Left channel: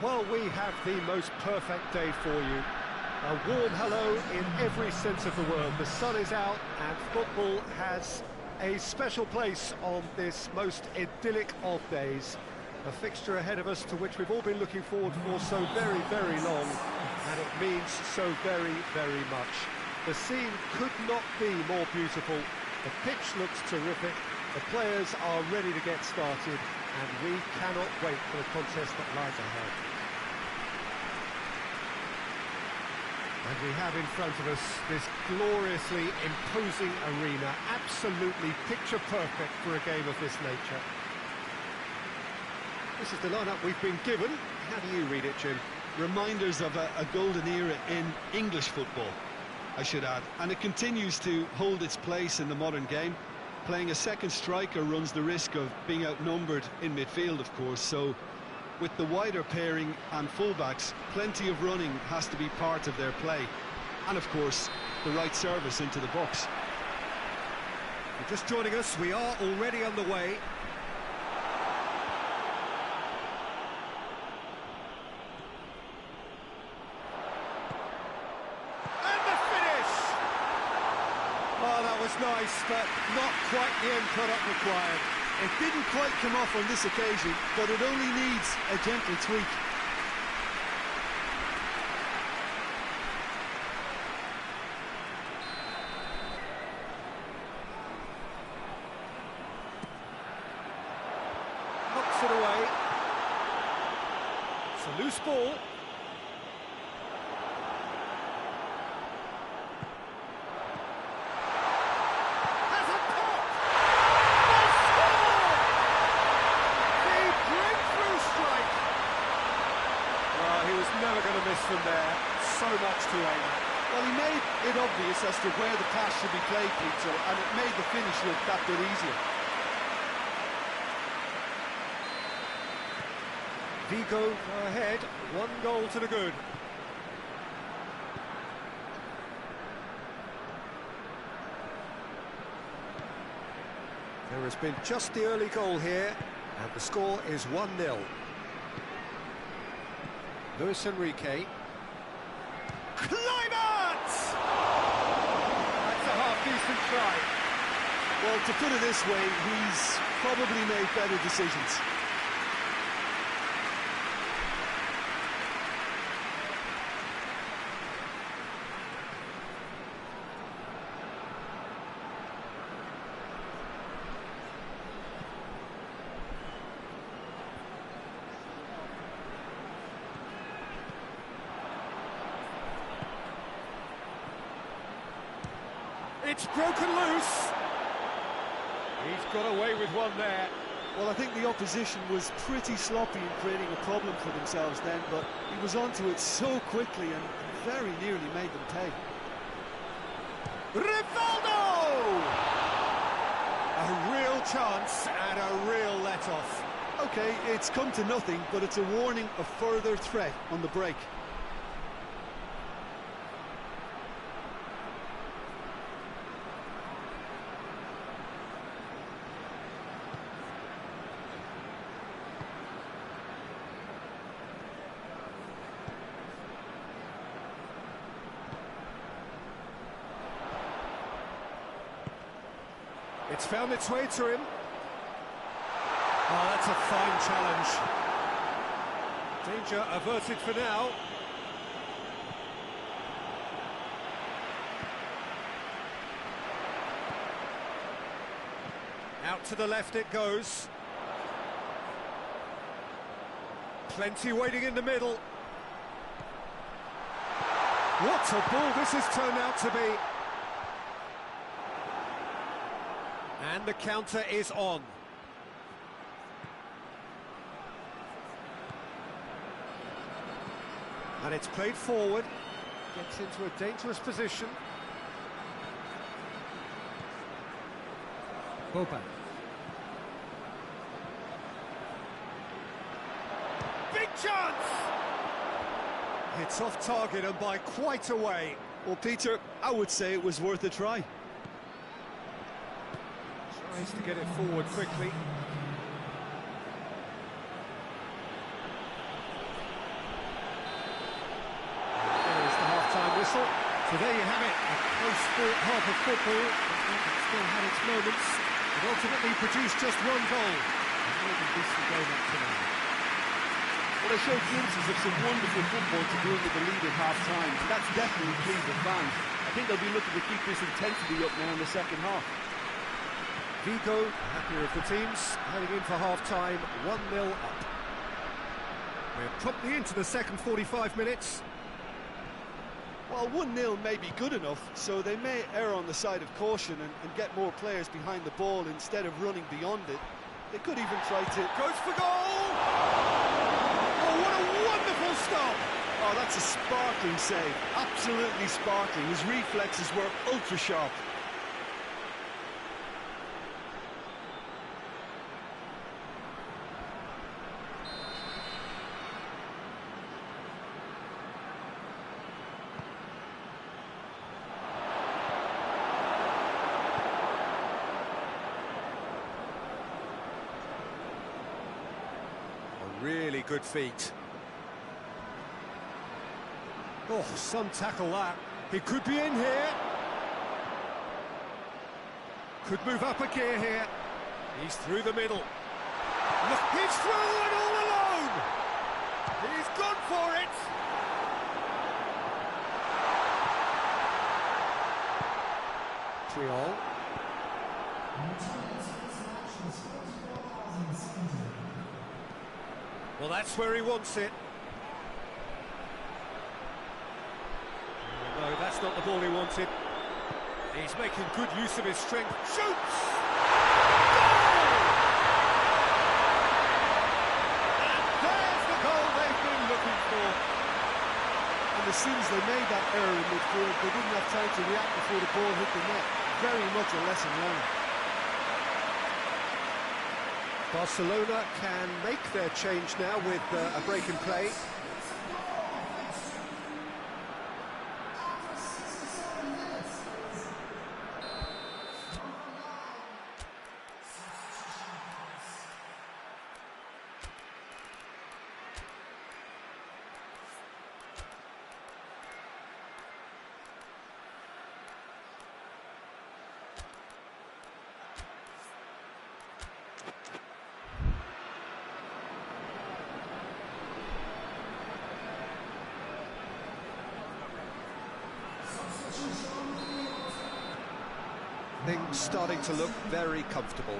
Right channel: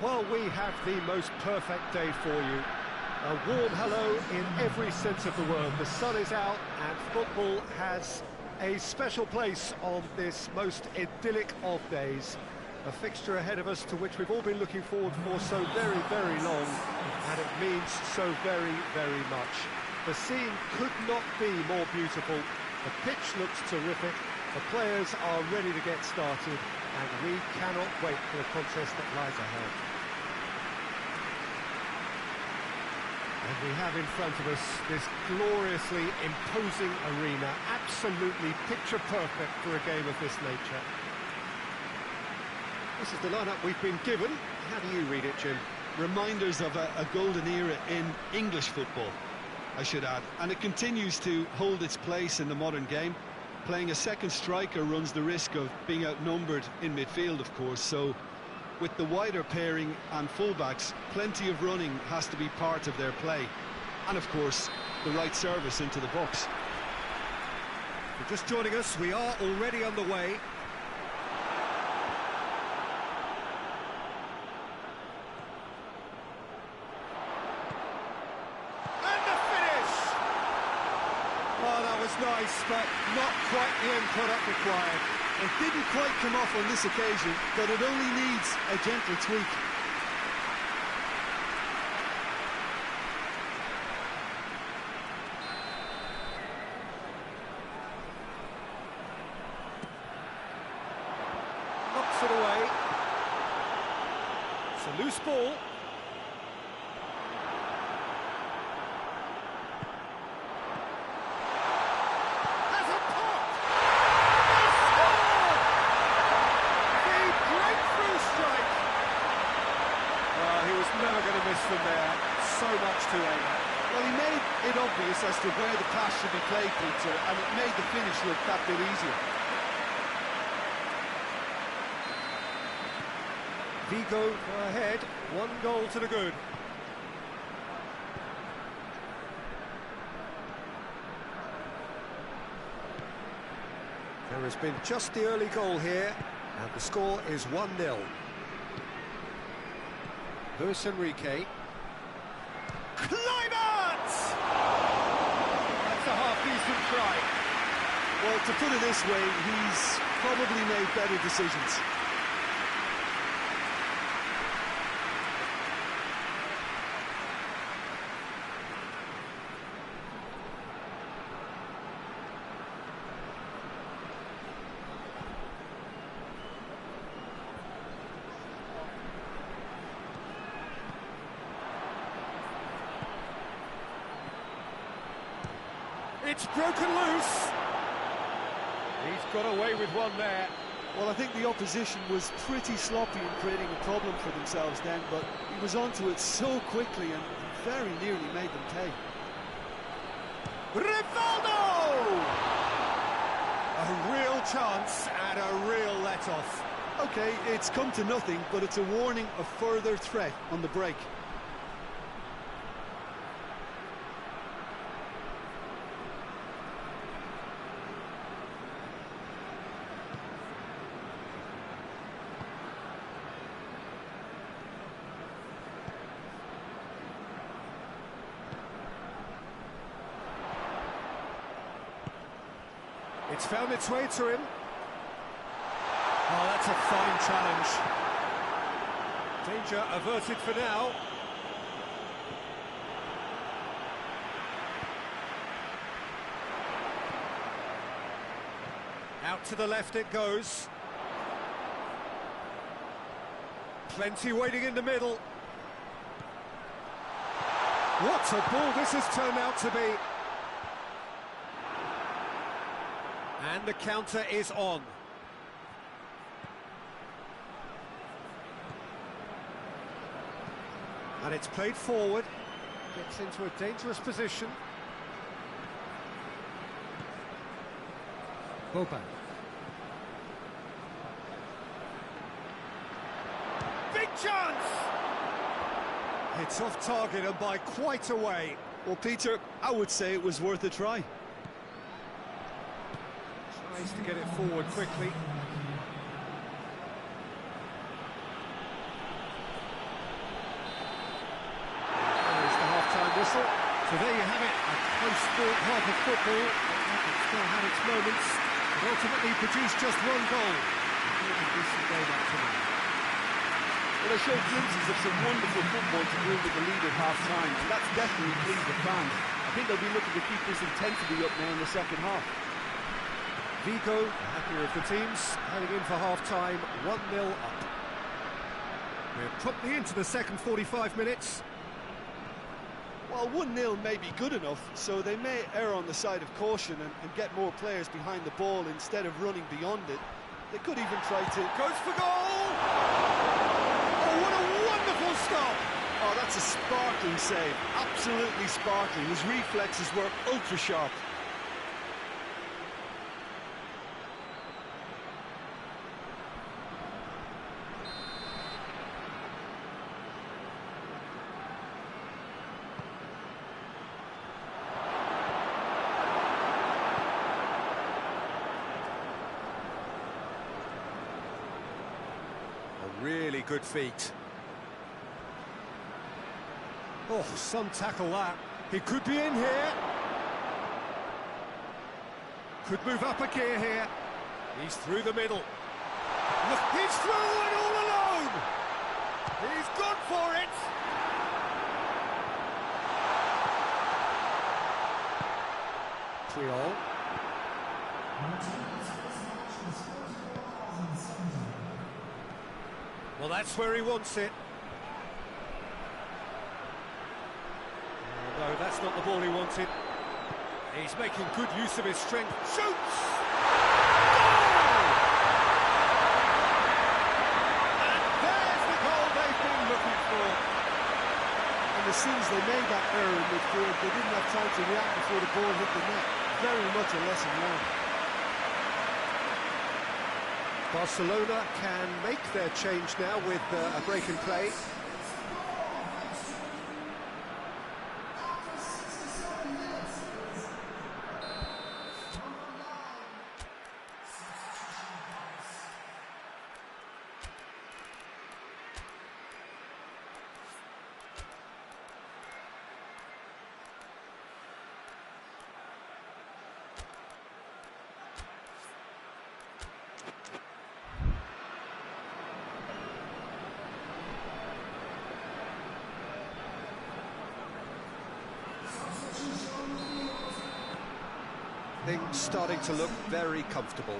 Well, we have the most perfect day for you. A warm hello in every sense of the word. The sun is out and football has a special place on this most idyllic of days. A fixture ahead of us to which we've all been looking forward for so very, very long, and it means so very, very much. The scene could not be more beautiful. The pitch looks terrific. The players are ready to get started, and we cannot wait for the contest that lies ahead. And we have in front of us this gloriously imposing arena, absolutely picture perfect for a game of this nature. This is the lineup we've been given. How do you read it, Jim? Reminders of a golden era in English football, I should add. And it continues to hold its place in the modern game. Playing a second striker runs the risk of being outnumbered in midfield, of course, so with the wider pairing and fullbacks, plenty of running has to be part of their play. And of course, the right service into the box. If you're just joining us, we are already on the way. And the finish! Oh, that was nice, but not quite the end product required. It didn't quite come off on this occasion, but it only needs a gentle tweak. Knocks it away. It's a loose ball. He was never going to miss from there. So much to aim at. Well, he made it obvious as to where the pass should be played, Peter, and it made the finish look that bit easier. VIGO go ahead, 1 goal to the good. There has been just the early goal here, and the score is 1-0. Luis Enrique. Kluivert! That's a half-decent try. Well, to put it this way, he's probably made better decisions. It's broken loose. He's got away with one there. Well, I think the opposition was pretty sloppy in creating a problem for themselves then, but he was onto it so quickly and very nearly made them pay. Rivaldo! A real chance and a real let-off. OK, it's come to nothing, but it's a warning of further threat on the break. It's found its way to him. Oh, that's a fine challenge. Danger averted for now. Out to the left it goes. Plenty waiting in the middle. What a ball this has turned out to be. And the counter is on. And it's played forward. Gets into a dangerous position. Boban. Big chance! It's off target and by quite a way. Well, Peter, I would say it was worth a try. Tries to get it forward quickly. half-time whistle. So there you have it, a close-fought half of football, but it still had its moments. It ultimately produced just one goal. More than decent game up to now. Well, they showed glimpses of some wonderful football to go with the lead at half-time, and that's definitely pleased the fans. I think they'll be looking to keep this intensity up now in the second half. VIGO, the happier of the teams, heading in for half-time, 1-0 up. We're promptly into the second 45 minutes. Well, 1-0 may be good enough, so they may err on the side of caution and get more players behind the ball instead of running beyond it. They could even try to... Goes for goal! Oh, what a wonderful stop! Oh, that's a sparkling save. Absolutely sparkling. His reflexes were ultra-sharp. Really good feet. Oh, some tackle that. He could be in here. Could move up a gear here. He's through the middle. Look, he's through and all alone. He's gone for it. Triol. Well, that's where he wants it. Oh, no, that's not the ball he wanted. He's making good use of his strength. Shoots! Goal! And there's the goal they've been looking for. And as soon as they made that error in midfield, they didn't have time to react before the ball hit the net. Very much a lesson learned. Barcelona can make their change now with a break in play. Things starting to look very comfortable.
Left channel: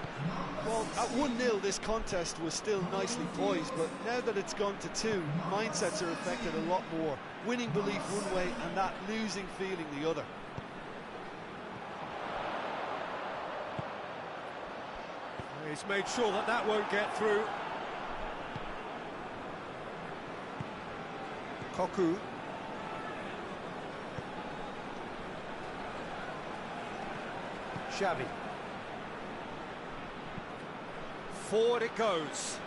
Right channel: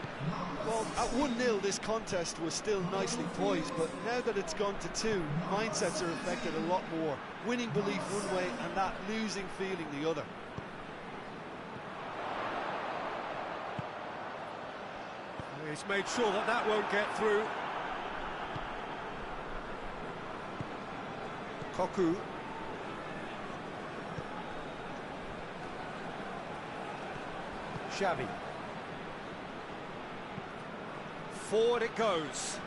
Well, at 1-0 this contest was still nicely poised, but now that it's gone to 2, mindsets are affected a lot more. Winning belief one way and that losing feeling the other. He's made sure that that won't get through. Koku. Xavi. Forward it goes.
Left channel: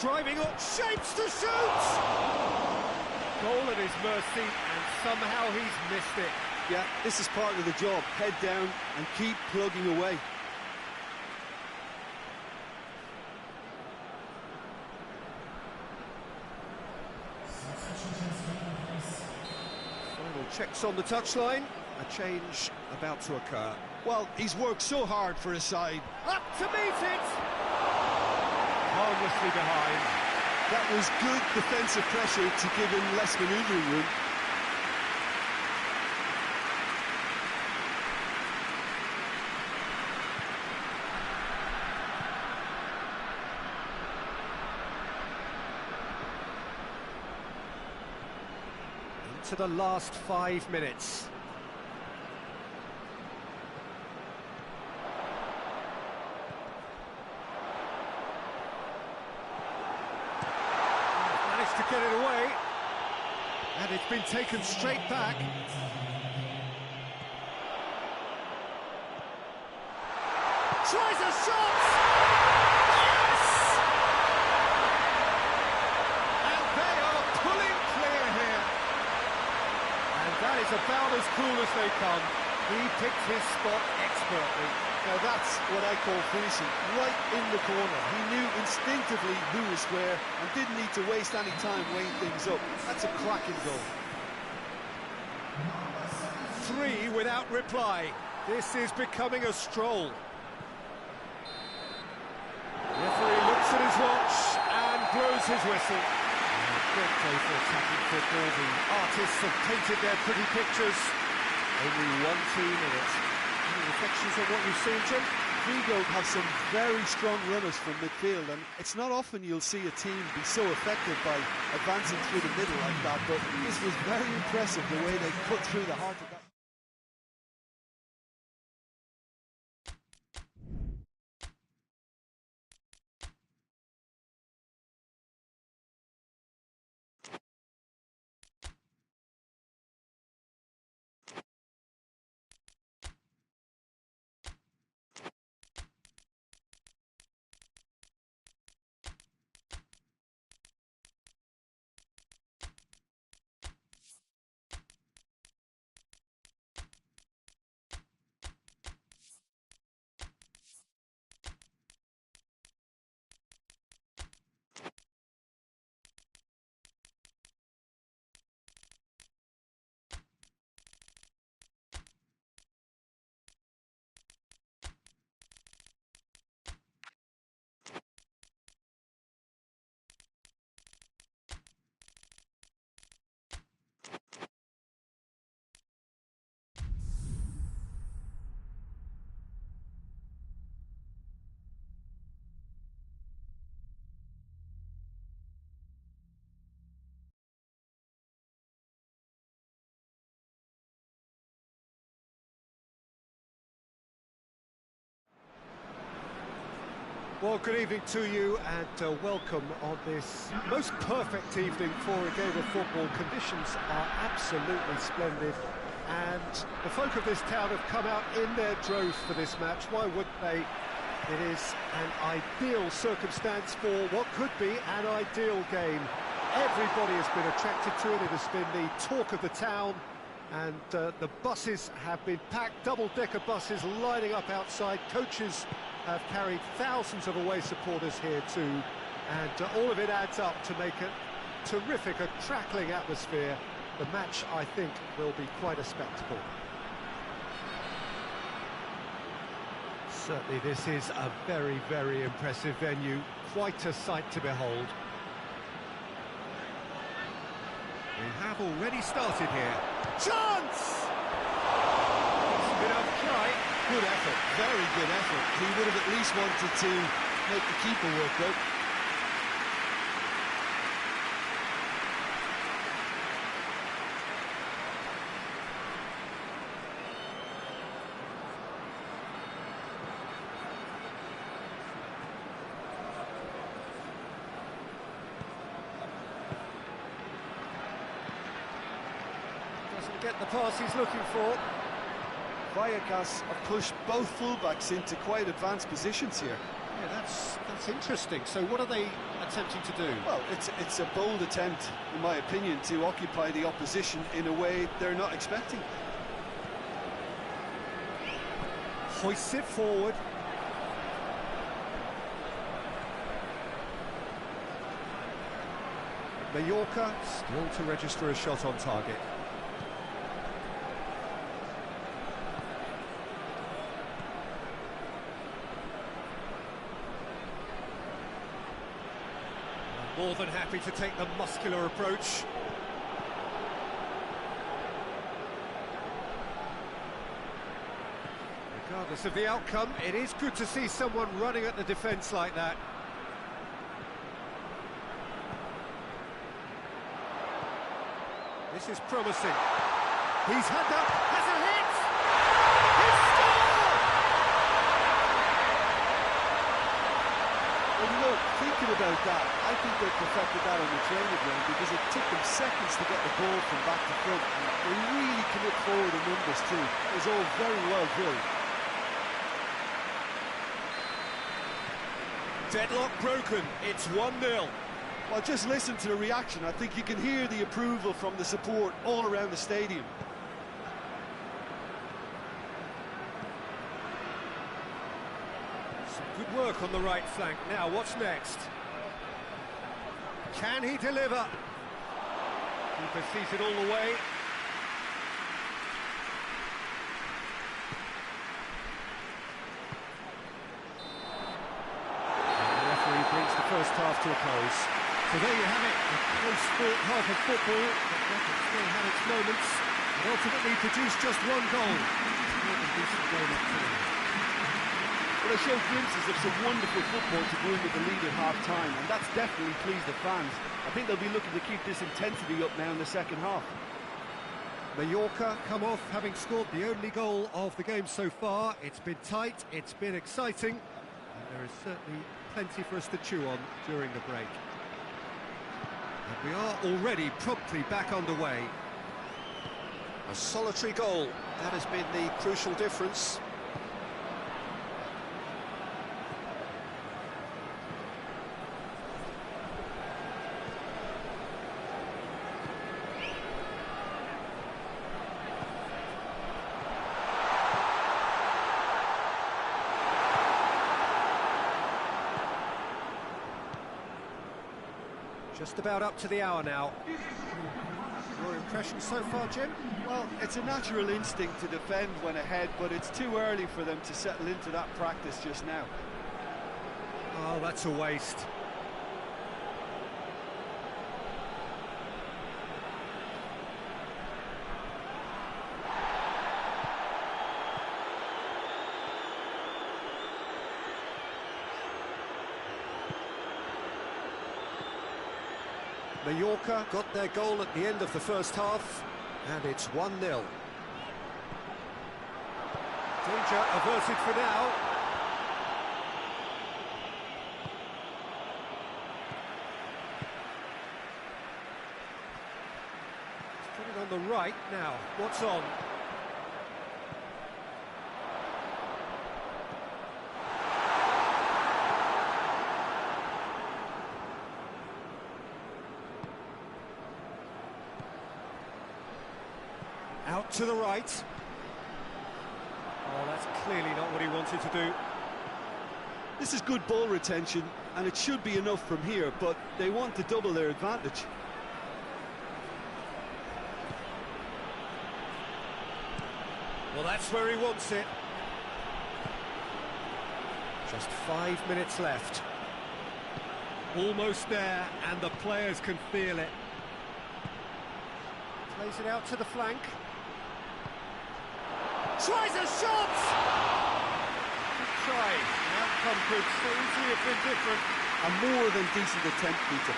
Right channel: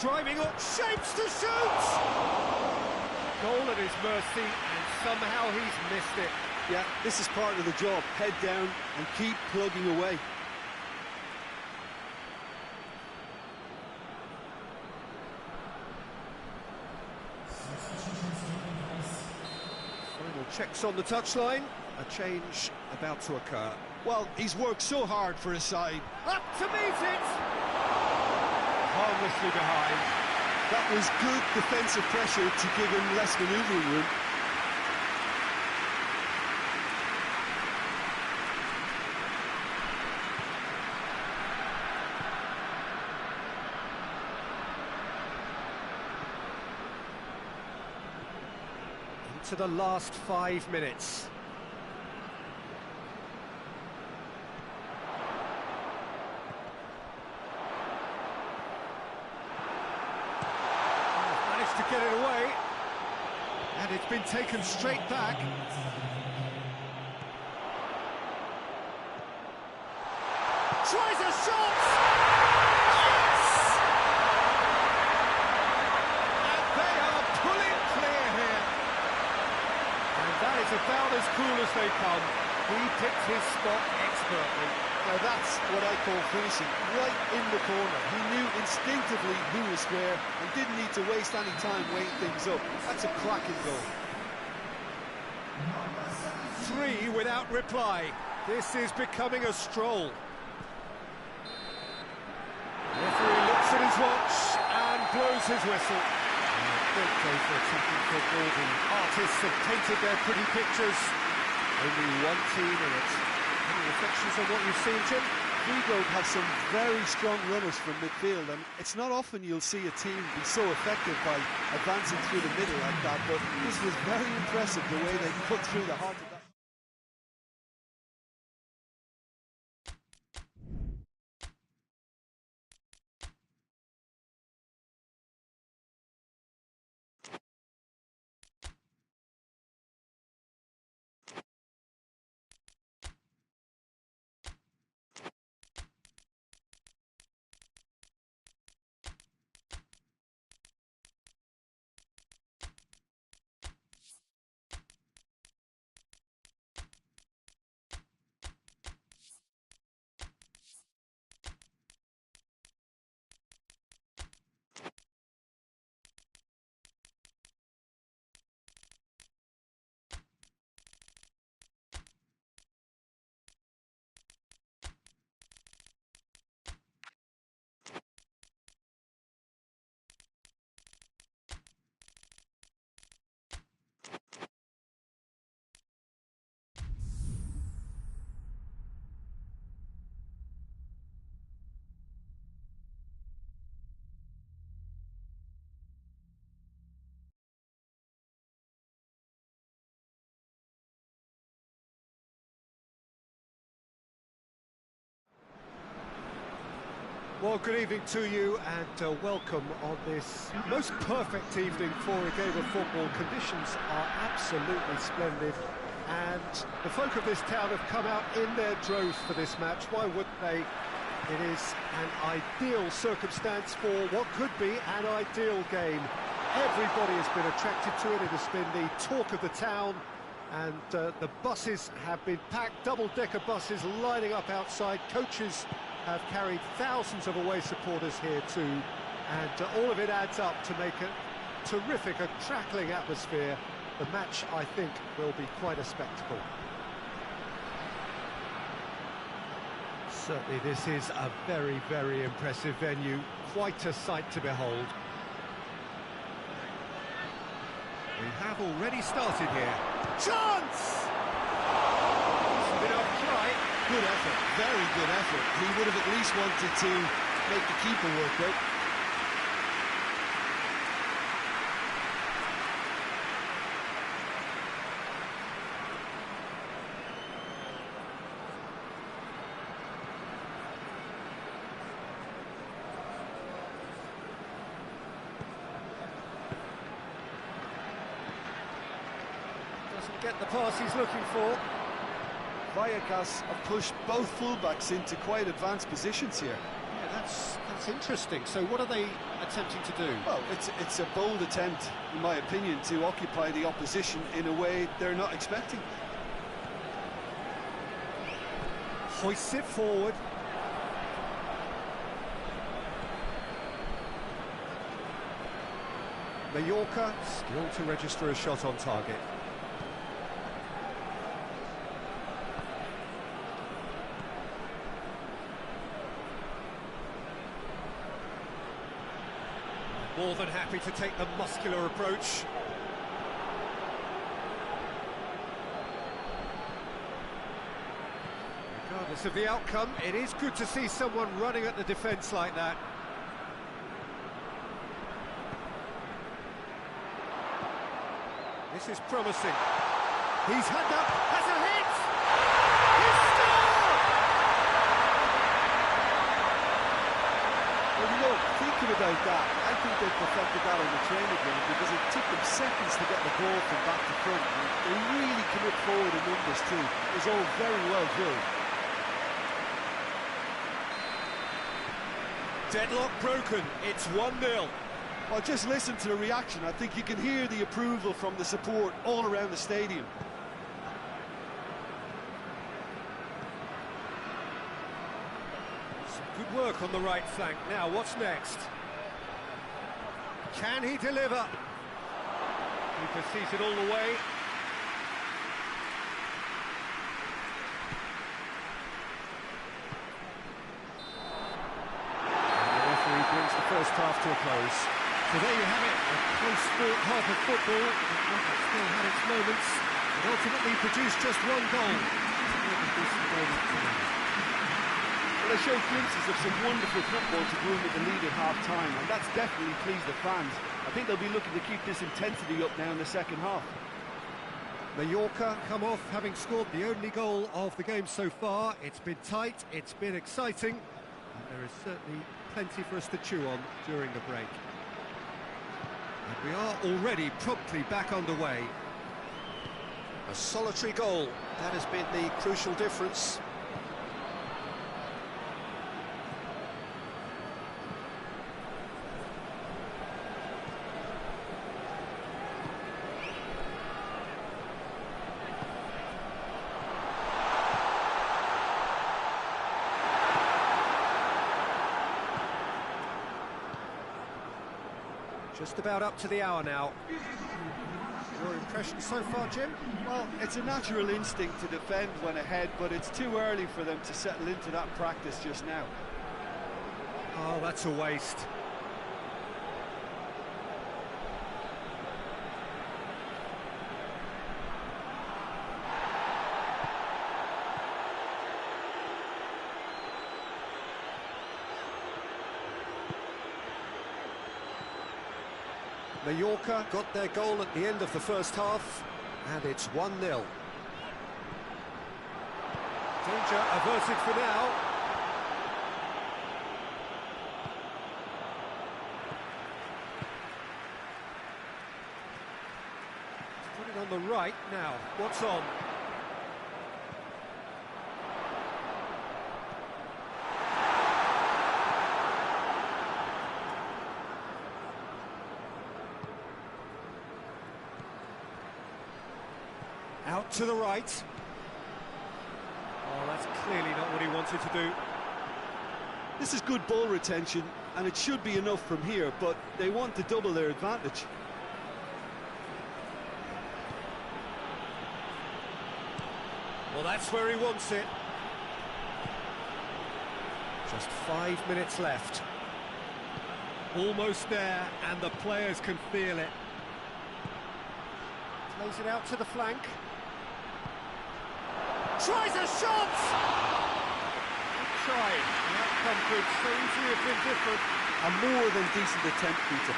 Driving up, shapes to shoot! Goal at his mercy, and somehow he's missed it. Yeah, this is part of the job. Head down and keep plugging away. Final checks on the touchline. A change about to occur. Well, he's worked so hard for his side. Up to meet it! Harmlessly behind. That was good defensive pressure to give him less manoeuvring room. To the last 5 minutes. Managed to get it away, and it's been taken straight back. Tries a shot! Yes! And they are pulling clear here. And that is about as cool as they come. He picked his spot expertly. Now that's what I call finishing, right in the corner. He knew instinctively who was where and didn't need to waste any time weighing things up. That's a cracking goal. 3 without reply. This is becoming a stroll. Referee looks at his watch and blows his whistle. Great day for attacking football. The artists have painted their pretty pictures. Only one team in it. Any reflections on what you've seen, Jim? VIGO have some very strong runners from midfield, and it's not often you'll see a team be so effective by advancing through the middle like that, but this was very impressive, the way they cut through the heart of that. Well, good evening to you and welcome on this most perfect evening for a game of football. Conditions are absolutely splendid and the folk of this town have come out in their droves for this match. Why wouldn't they? It is an ideal circumstance for what could be an ideal game. Everybody has been attracted to it. It has been the talk of the town, and the buses have been packed, double-decker buses lining up outside. Coaches have carried thousands of away supporters here too, and all of it adds up to make a terrific, a crackling atmosphere. The match, I think, will be quite a spectacle. Certainly this is a very, very impressive venue, quite a sight to behold. We have already started here. Chance! Decent enough try. Good effort, very good effort. He would have at least wanted to make the keeper work though. Doesn't get the pass he's looking for. VALLECANO have pushed both fullbacks into quite advanced positions here. Yeah, that's interesting. So what are they attempting to do? Well, it's a bold attempt, in my opinion, to occupy the opposition in a way they're not expecting. Hoists it forward. Mallorca still to register a shot on target. More than happy to take the muscular approach. Regardless of the outcome, it is good to see someone running at the defence like that. This is promising. He's had up, has a hit! He's scored! Well, you know, thinking about that, I think they perfected that on the training ground because it took them seconds to get the ball from back to front, and they really commit forward in numbers too. It was all very well drilled. Deadlock broken, it's 1-0. Well, just listen to the reaction. I think you can hear the approval from the support all around the stadium. Some good work on the right flank. Now, what's next? Can he deliver? Keeper sees it all the way. And the referee brings the first half to a close. So there you have it, a close-fought half of football, but one that still had its moments, and ultimately produced just one goal. It's more than decent game up to now. Well, they showed glimpses of some wonderful football to groom with the lead at half-time, and that's definitely pleased the fans. I think they'll be looking to keep this intensity up now in the second half. Mallorca come off having scored the only goal of the game so far. It's been tight, it's been exciting, and there is certainly plenty for us to chew on during the break. And we are already promptly back underway. A solitary goal, that has been the crucial difference. Just about up to the hour now. Your impression so far, Jim? Well, it's a natural instinct to defend when ahead, but it's too early for them to settle into that practice just now. Oh, that's a waste. Mallorca got their goal at the end of the first half, and it's 1-0. Danger averted for now. Let's put it on the right now. What's on? Out to the right. Oh, that's clearly not what he wanted to do. This is good ball retention, and it should be enough from here, but they want to double their advantage. Well, that's where he wants it. Just 5 minutes left. Almost there, and the players can feel it. Plays it out to the flank. Tries a shot! Good try. The outcome could so easily have been different. A more than decent attempt, Peter.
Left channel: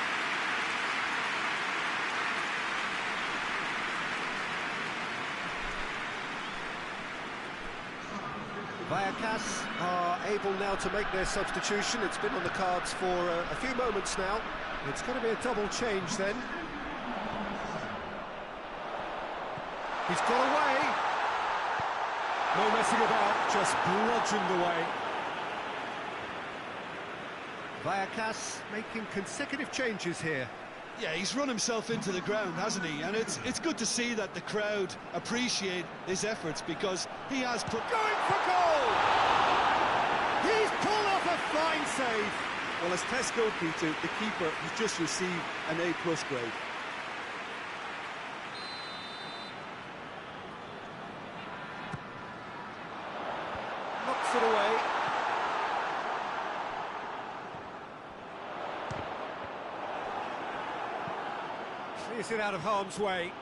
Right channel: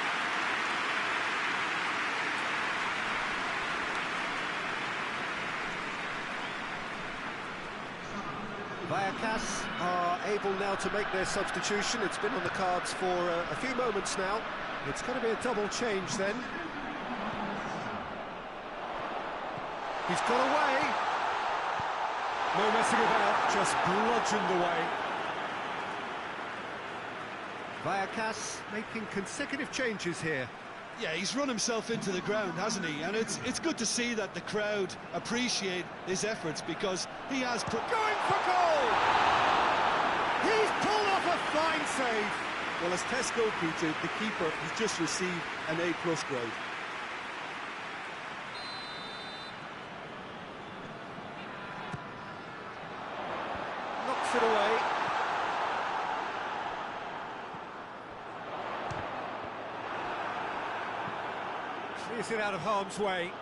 Vallecas are able now to make their substitution. It's been on the cards for a few moments now. It's going to be a double change then. He's got away. No messing about, just bludgeoned away. Vallecas making consecutive changes here. Yeah, he's run himself into the ground, hasn't he? And it's good to see that the crowd appreciate his efforts, because he has put... Going for goal! He's pulled off a fine save. Well, as tests go, Peter, the keeper has just received an A+ grade. Knocks it away. Clears it out of harm's way.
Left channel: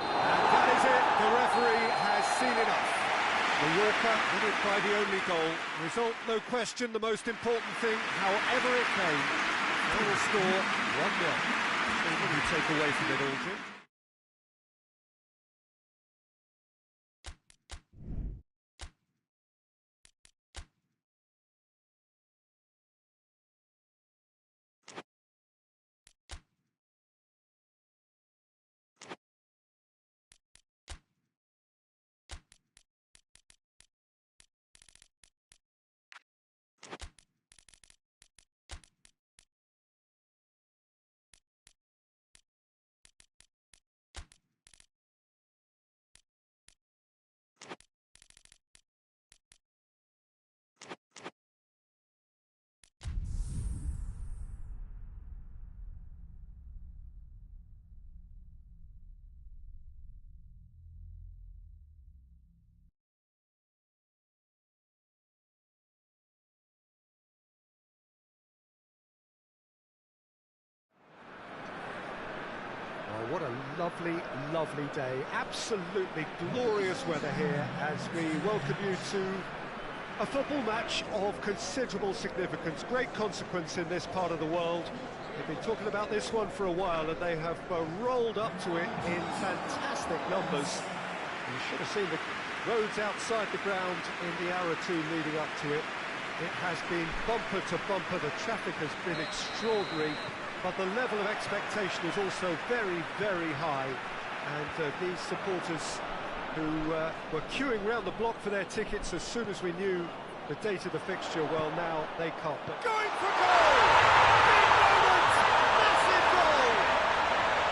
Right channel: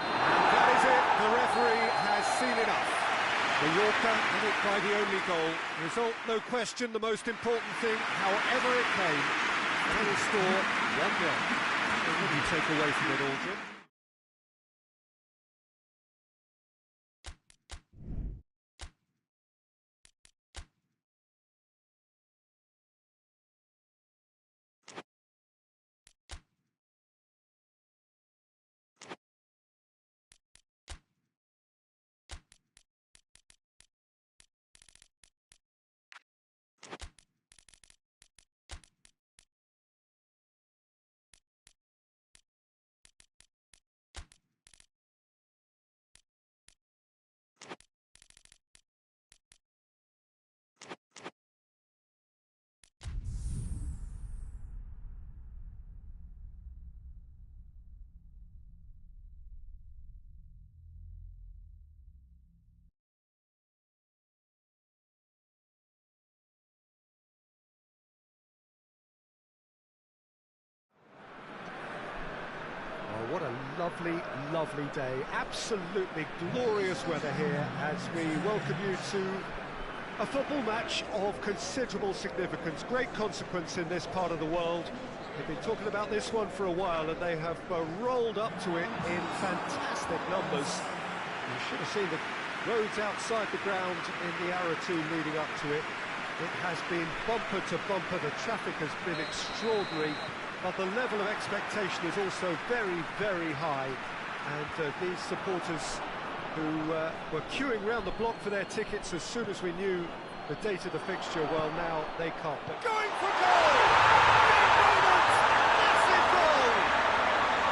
And that is it. The referee has seen enough. Mallorca win it by the only goal. Result, no question, the most important thing, however it came. Final score, 1-0. So what do you take away from it all, Jim? lovely, lovely day. Absolutely glorious weather here as we welcome you to a football match of considerable significance, great consequence in this part of the world. They've been talking about this one for a while, and they have rolled up to it in fantastic numbers. You should have seen the roads outside the ground in the hour or two leading up to it. It has been bumper to bumper. The traffic has been extraordinary, but the level of expectation is also very, very high. And these supporters who were queuing round the block for their tickets as soon as we knew the date of the fixture, well, now they can't. But going for goal! Big moment! Massive goal!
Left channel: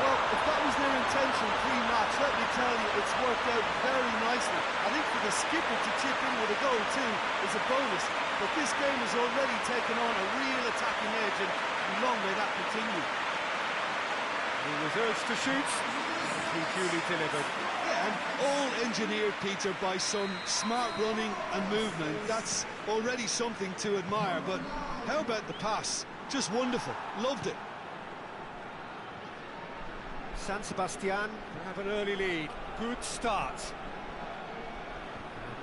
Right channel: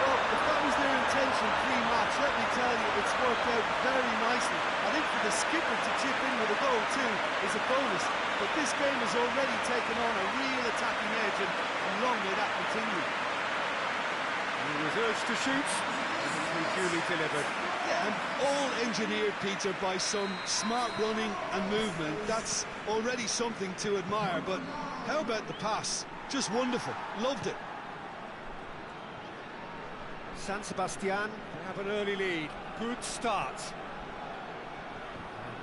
Well, if that was their intention pre-match, let me tell you, it's worked out very nicely. I think for the skipper to chip in with a goal too is a bonus, but this game has already taken on a real attacking edge, and long may that continue. He was urged to shoot, and he duly delivered. Yeah, and all engineered, Peter, by some smart running and movement. That's already something to admire, but how about the pass? Just wonderful. Loved it. San Sebastian have an early lead. Good start.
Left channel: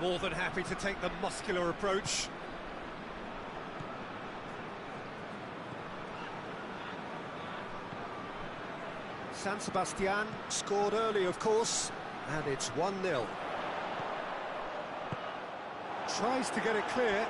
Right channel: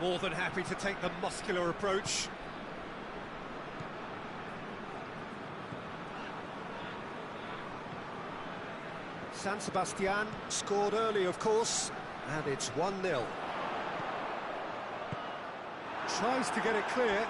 More than happy to take the muscular approach. San Sebastian scored early, of course, and it's 1-0. Tries to get it clear.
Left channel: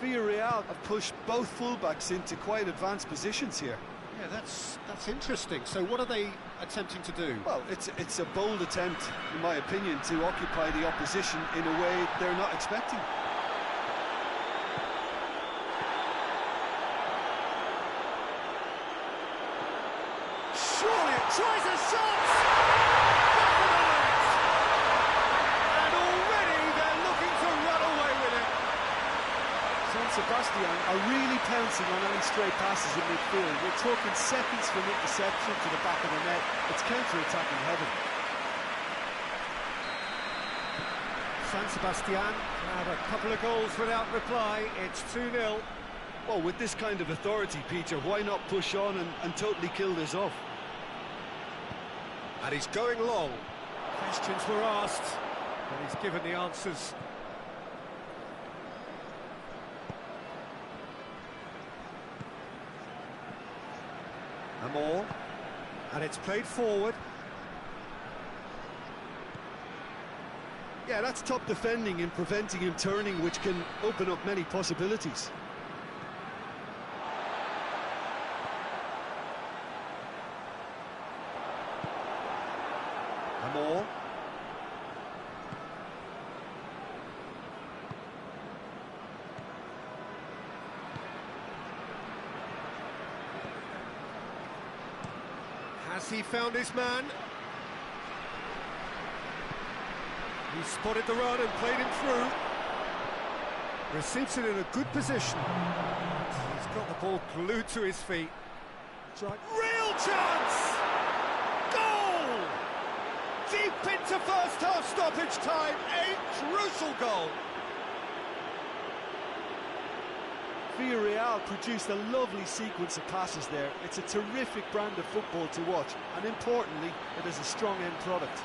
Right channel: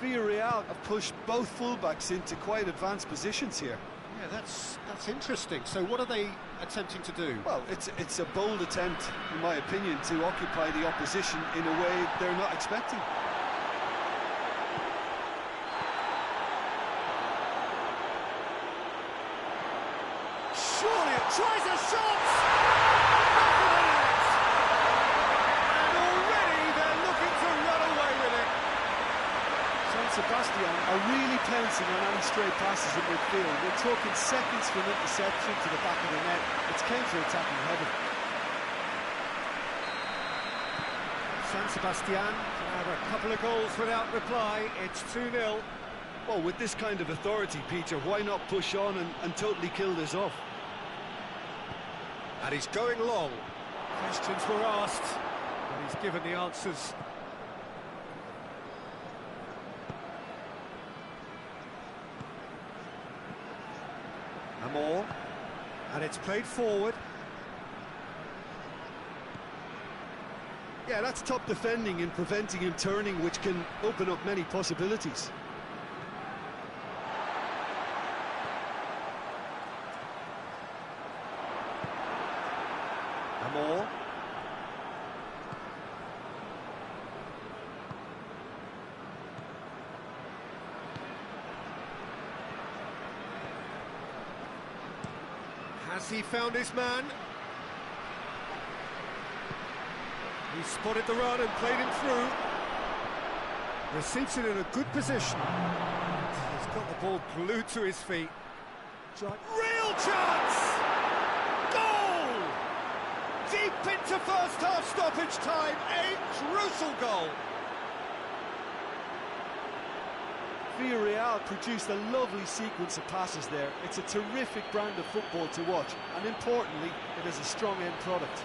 Villarreal have pushed both fullbacks into quite advanced positions here. Yeah, that's interesting. So what are they attempting to do? Well, it's a bold attempt, in my opinion, to occupy the opposition in a way they're not expecting. Surely it tries a shot! Back of the net! And already they're looking to run away with it. San Sebastian are really pouncing on any stray passes in midfield. We're talking seconds from interception to the back of the net. It's counter-attacking heaven. San Sebastian have a couple of goals without reply. It's 2-0. Well, with this kind of authority, Peter, why not push on and totally kill this off? And he's going long. Questions were asked, but he's given the answers. Amor, and it's played forward. Yeah, that's top defending and preventing him turning, which can open up many possibilities. Amor. Has he found his man? He spotted the run and played him through. Receives it in a good position. He's got the ball glued to his feet. Real chance! Goal! Deep into first half stoppage time. A crucial goal. Villarreal produced a lovely sequence of passes there. It's a terrific brand of football to watch, and importantly, it is a strong end product.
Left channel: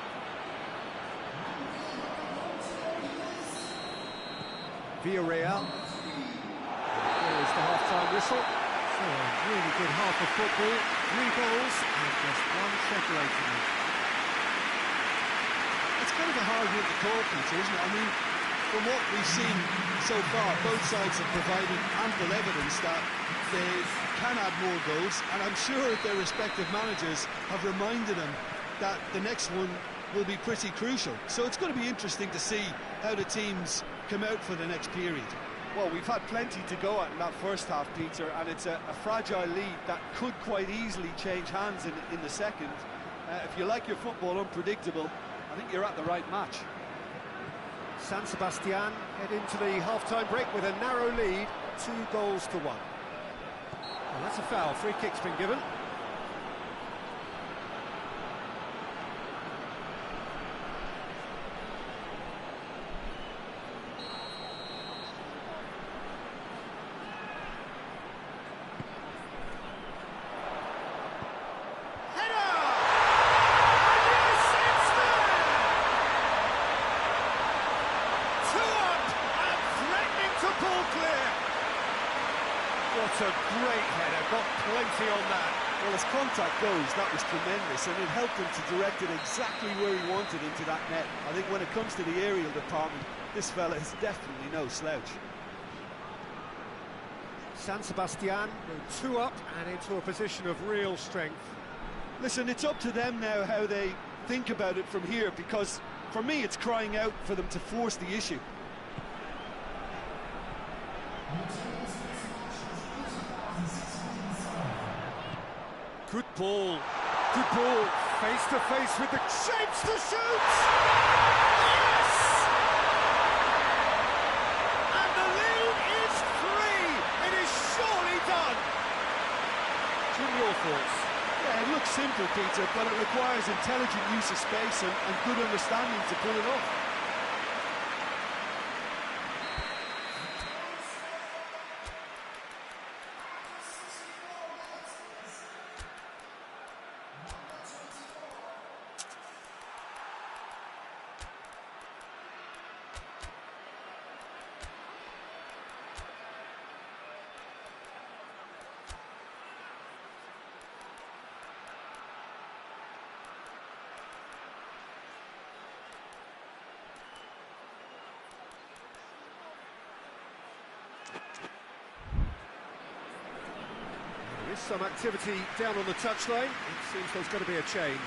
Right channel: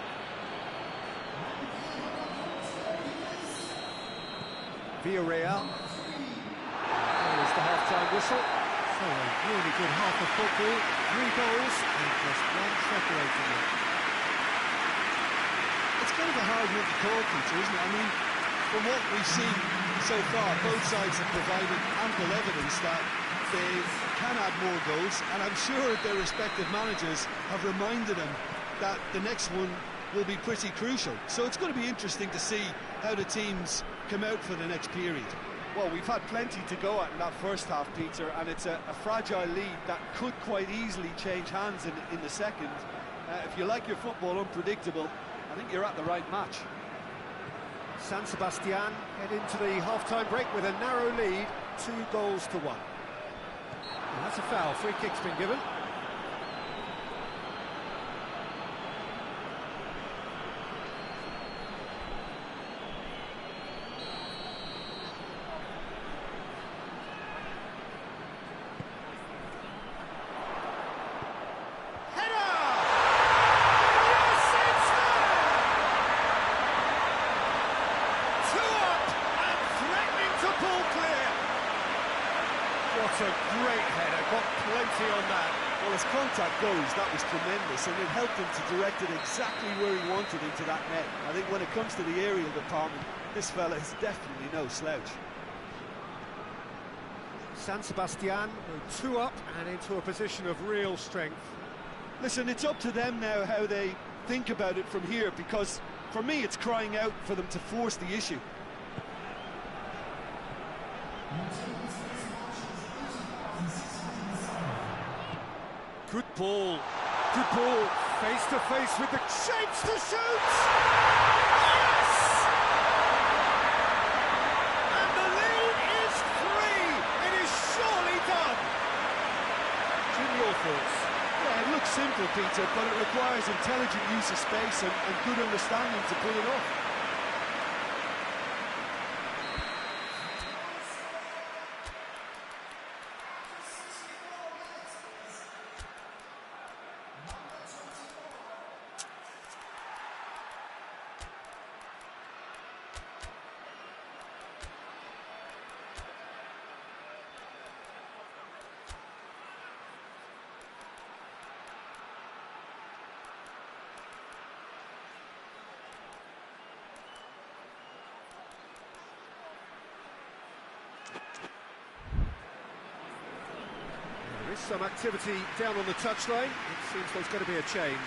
Villarreal. There is the half-time whistle. So a really good half of football. 3 goals and just one separating them. It's kind of a hard one to call, Peter, isn't it? I mean, from what we've seen so far, both sides have provided ample evidence that they can add more goals, and I'm sure their respective managers have reminded them that the next one will be pretty crucial. So it's going to be interesting to see how the teams come out for the next period. Well, we've had plenty to go at in that first half, Peter, and it's a fragile lead that could quite easily change hands in the second. If you like your football unpredictable, I think you're at the right match. San Sebastian head into the half-time break with a narrow lead, 2-1. Well, that's a foul. Free kick's been given. a great header, got plenty on that. Well, as contact goes, that was tremendous, and it helped him to direct it exactly where he wanted into that net. I think when it comes to the aerial department, this fella is definitely no slouch. San Sebastian go 2 up and into a position of real strength. Listen, it's up to them now how they think about it from here, because for me it's crying out for them to force the issue. Good ball, face to face with the shapes to shoot! Yes! And the lead is 3! It is surely done! Jim, your thoughts? Yeah, it looks simple, Peter, but it requires intelligent use of space and good understanding to pull it off. There is some activity down on the touchline. It seems there's going to be a change.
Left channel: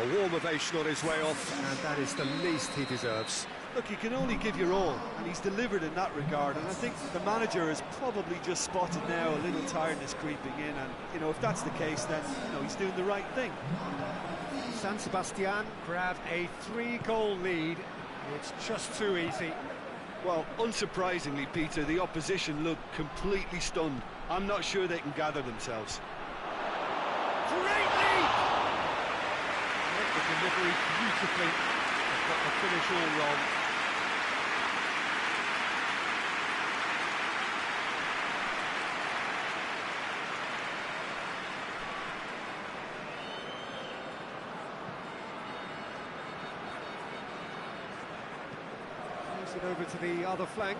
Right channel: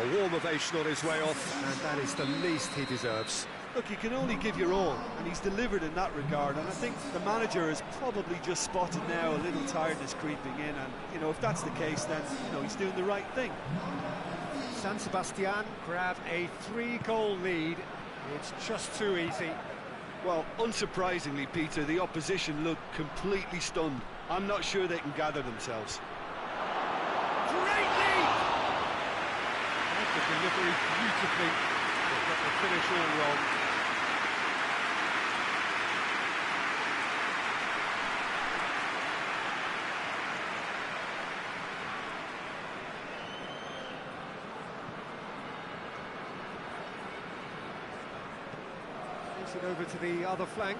A warm ovation on his way off, and that is the least he deserves. Look, you can only give your all, and he's delivered in that regard, and I think the manager has probably just spotted now a little tiredness creeping in, and, you know, if that's the case, then, you know, he's doing the right thing. San Sebastian grab a 3-goal lead. It's just too easy. Well, unsurprisingly, Peter, the opposition look completely stunned. I'm not sure they can gather themselves. Great lead! Read the delivery beautifully. They've got the finish all wrong. Plays it over to the other flank.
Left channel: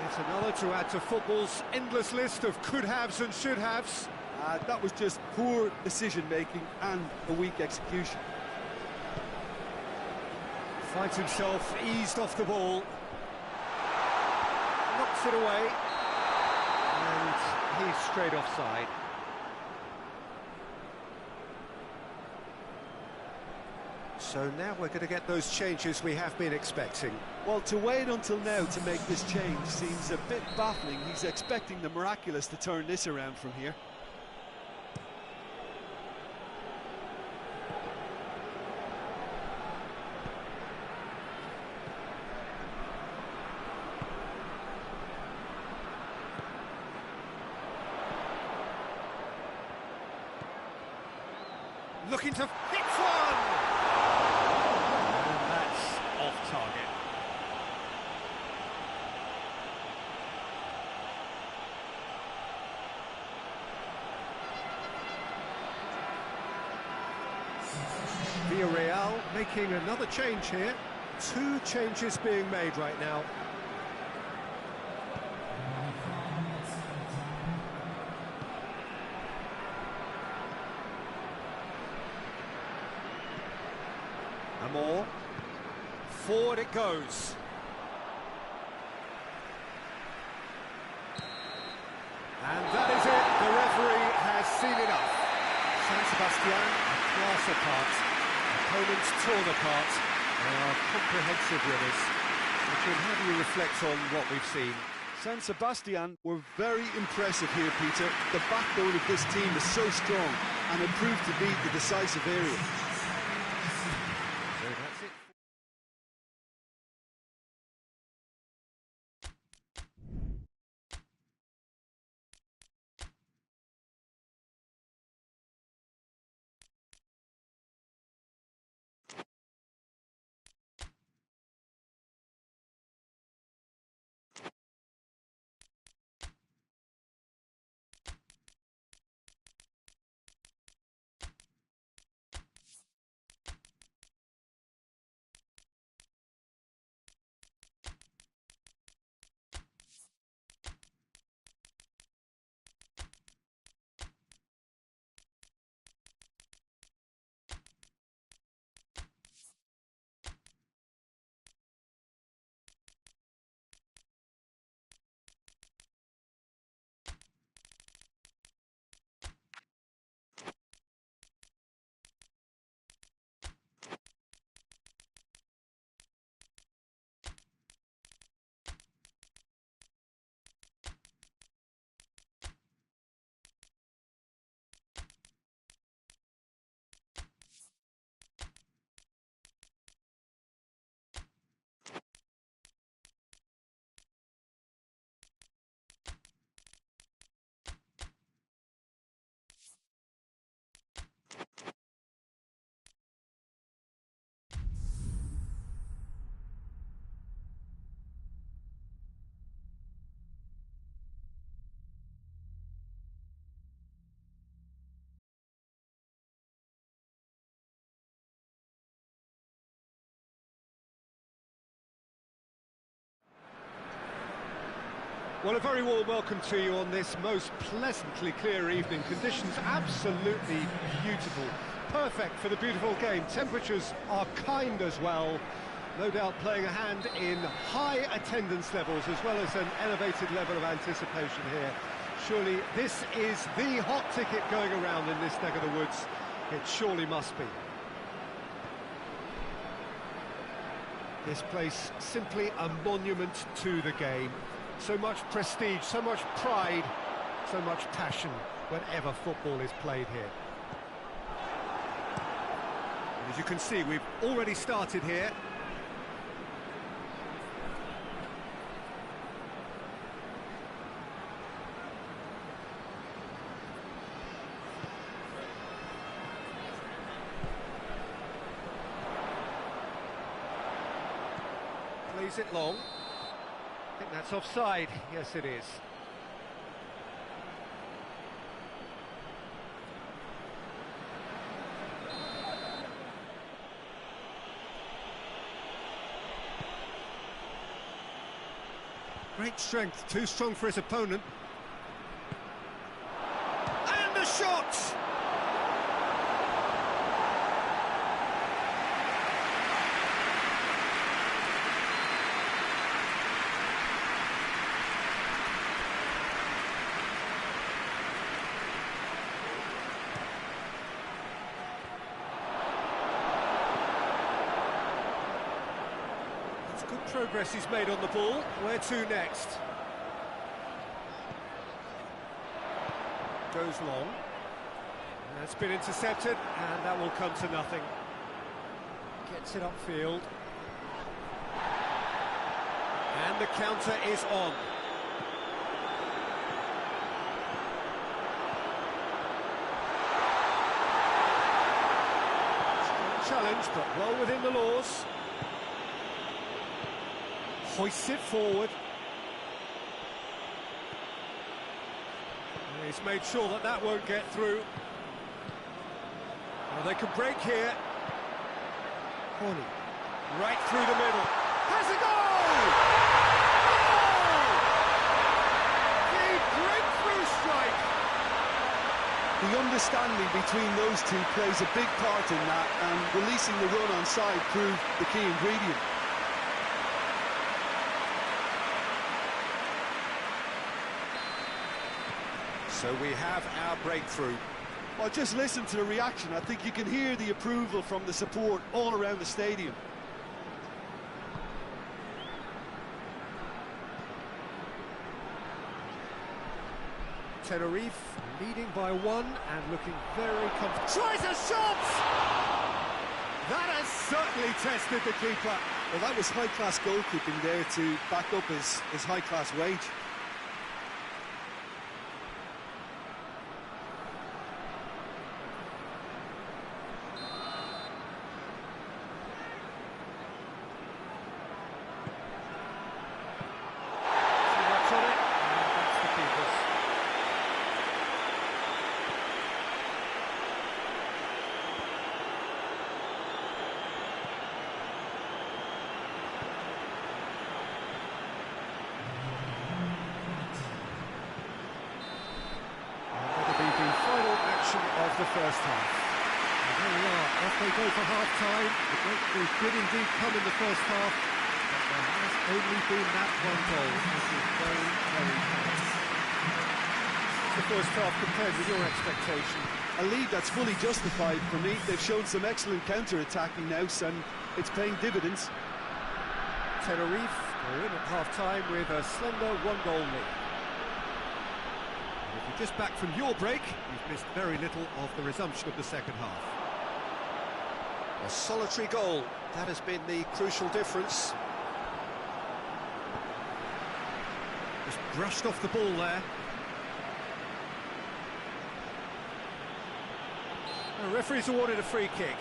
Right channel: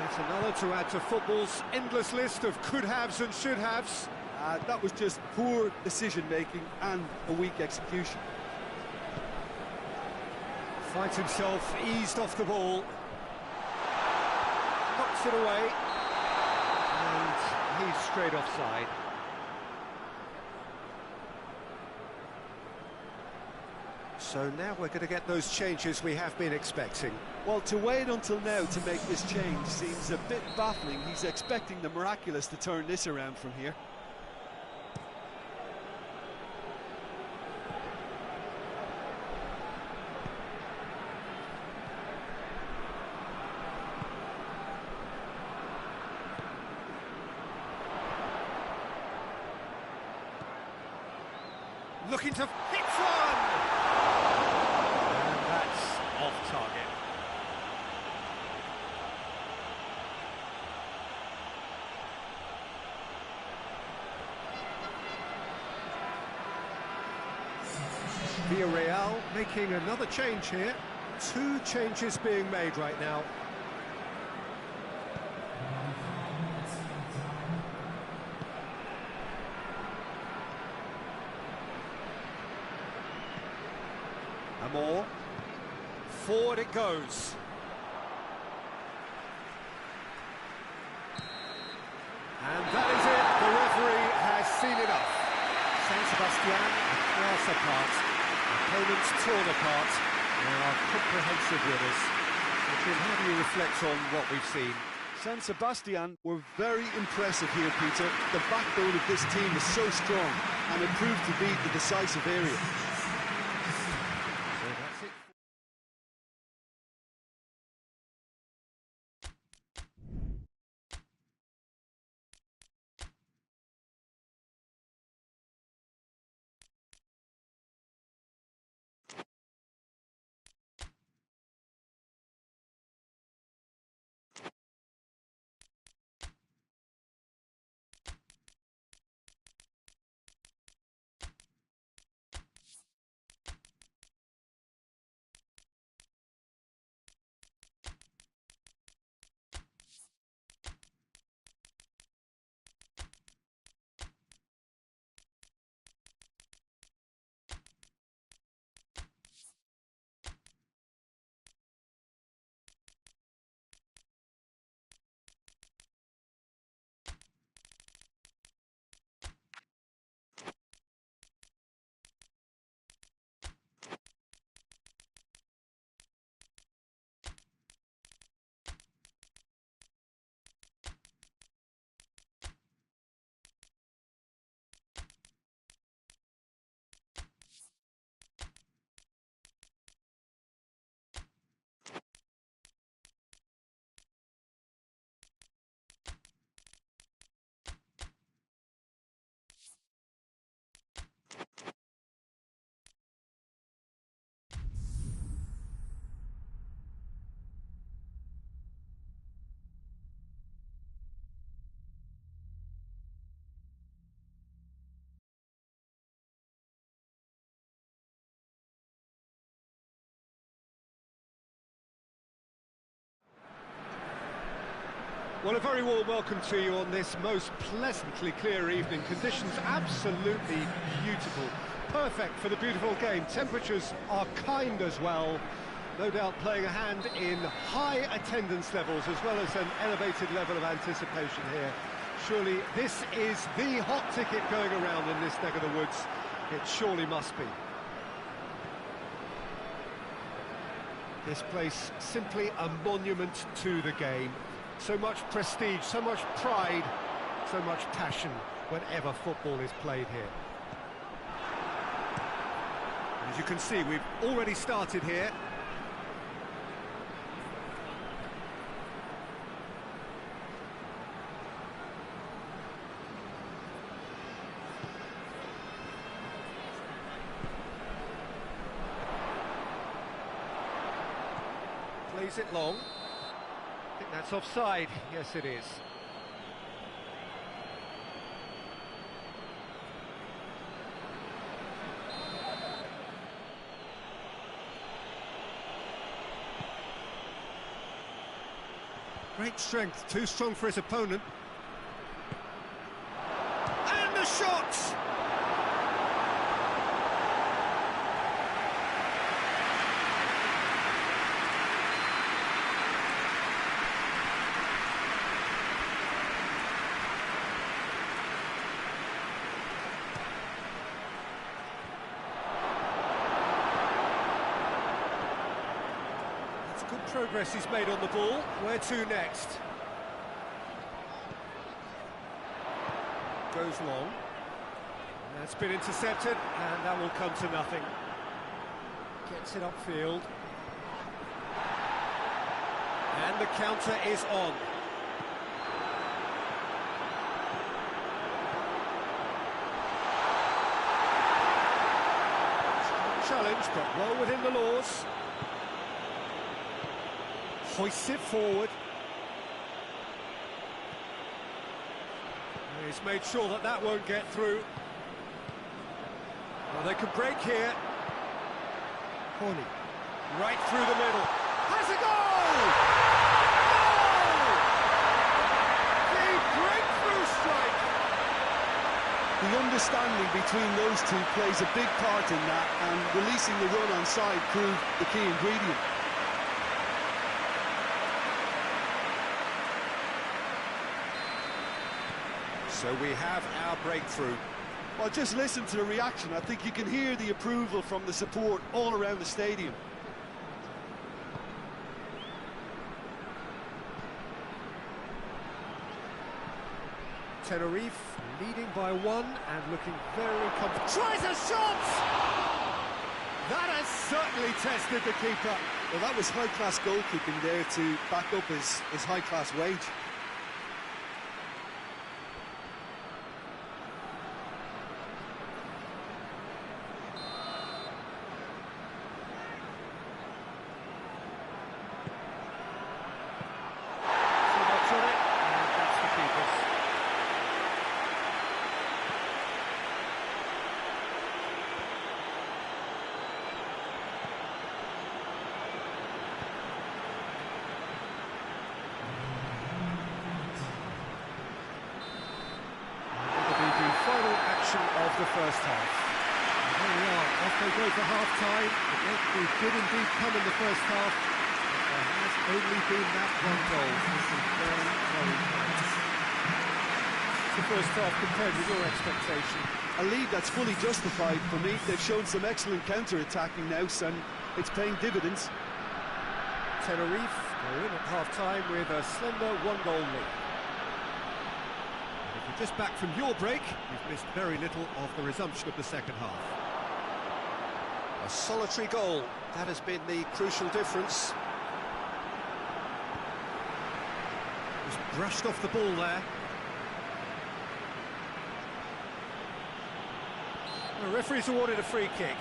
Yet another to add to football's endless list of could-haves and should-haves. That was just poor decision-making and a weak execution. Finds himself eased off the ball. Knocks it away. And he's straight offside. So now we're going to get those changes we have been expecting. Well, to wait until now to make this change seems a bit baffling. He's expecting the miraculous to turn this around from here. Looking to hit one! And that's off target. Villarreal making another change here. 2 changes being made right now. More. Forward it goes. And that is it. The referee has seen enough. San Sebastian a class apart. Opponents torn apart. They are comprehensive winners. So, Jim, how do you reflect on what we've seen? San Sebastian were very impressive here, Peter. The backbone of this team is so strong, and it proved to be the decisive area. So that's it. Well, a very warm welcome to you on this most pleasantly clear evening. Conditions absolutely beautiful. Perfect for the beautiful game. Temperatures are kind as well. No doubt playing a hand in high attendance levels as well as an elevated level of anticipation here. Surely this is the hot ticket going around in this neck of the woods. It surely must be. This place simply a monument to the game. So much prestige, so much pride, so much passion whenever football is played here. And as you can see, we've already started here. Plays it long. I think that's offside. Yes, it is. Great strength, too strong for his opponent. And the shot! Good progress he's made on the ball. Where to next? Goes long. And that's been intercepted, and that will come to nothing. Gets it upfield. And the counter is on. Strong challenge, but well within the laws. Hoists it forward. And he's made sure that that won't get through. Well, they can break here. Corny. Right through the middle. Has a goal! Goal! The breakthrough strike! The understanding between those two plays a big part in that, and releasing the run on side proved the key ingredient. So we have our breakthrough. Well, just listen to the reaction. I think you can hear the approval from the support all around the stadium. Tenerife leading by 1 and looking very comfortable. Tries a shot! That has certainly tested the keeper. Well, that was high-class goalkeeping there to back up his high-class wage. On it, and that's the keeper's. And that'll be the final action of the first half. And there we are, off they go for half-time. The breakthrough did indeed come in the first half. There has only been that one goal. This is very, very close. It's the first half compared with your expectation. A lead that's fully justified for me. They've shown some excellent counter-attacking now, and it's paying dividends. Tenerife go in at half-time with a slender one-goal lead. And if you're just back from your break, you've missed very little of the resumption of the second half. A solitary goal, that has been the crucial difference. Just brushed off the ball there. The referee's awarded a free kick.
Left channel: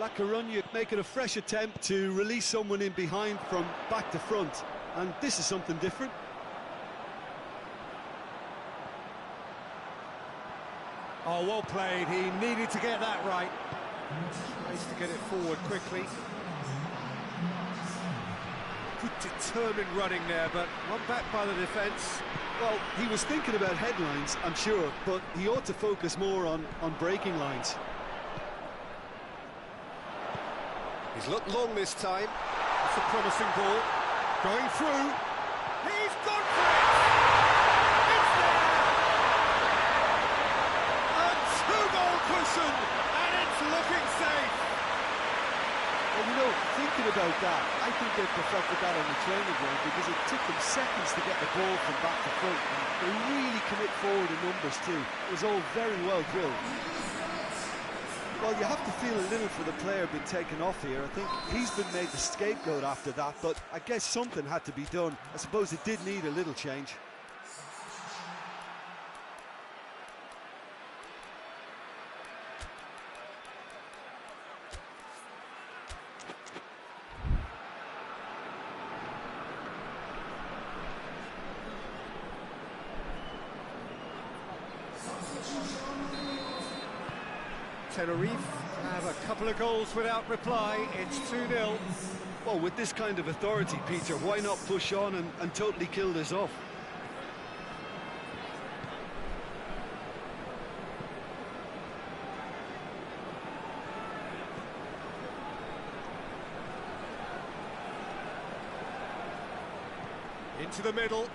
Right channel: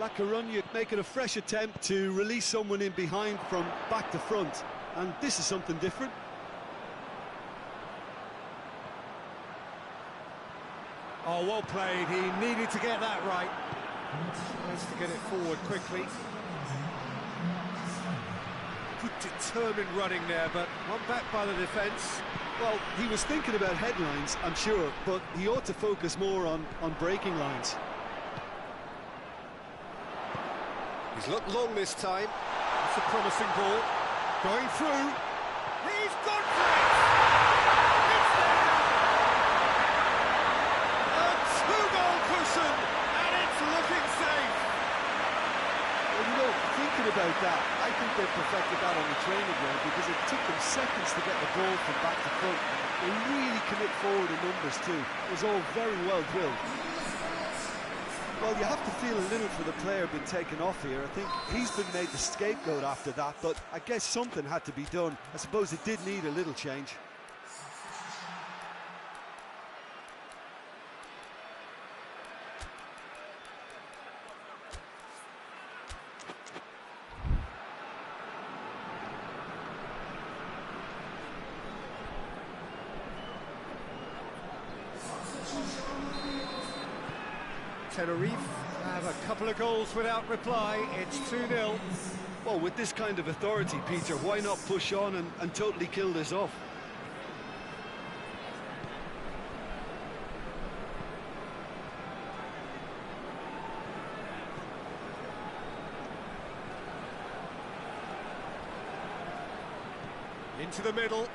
La Coruña making a fresh attempt to release someone in behind from back to front, and this is something different. Oh, well played. He needed to get that right. Tries to get it forward quickly. Good determined running there, but one back by the defence. Well, he was thinking about headlines, I'm sure, but he ought to focus more on breaking lines. He's looked long this time. That's a promising ball. Going through. He's gone for it! It's there! A two-goal cushion, and it's looking safe. Well, you know, thinking about that, I think they perfected that on the training ground because it took them seconds to get the ball from back to front. And they really commit forward in numbers too. It was all very well drilled. Well, you have to feel a little for the player being taken off here. I think he's been made the scapegoat after that, but I guess something had to be done. I suppose it did need a little change. Tenerife have a couple of goals without reply. It's 2-0. Well, with this kind of authority, Peter, why not push on and totally kill this off? Into the middle.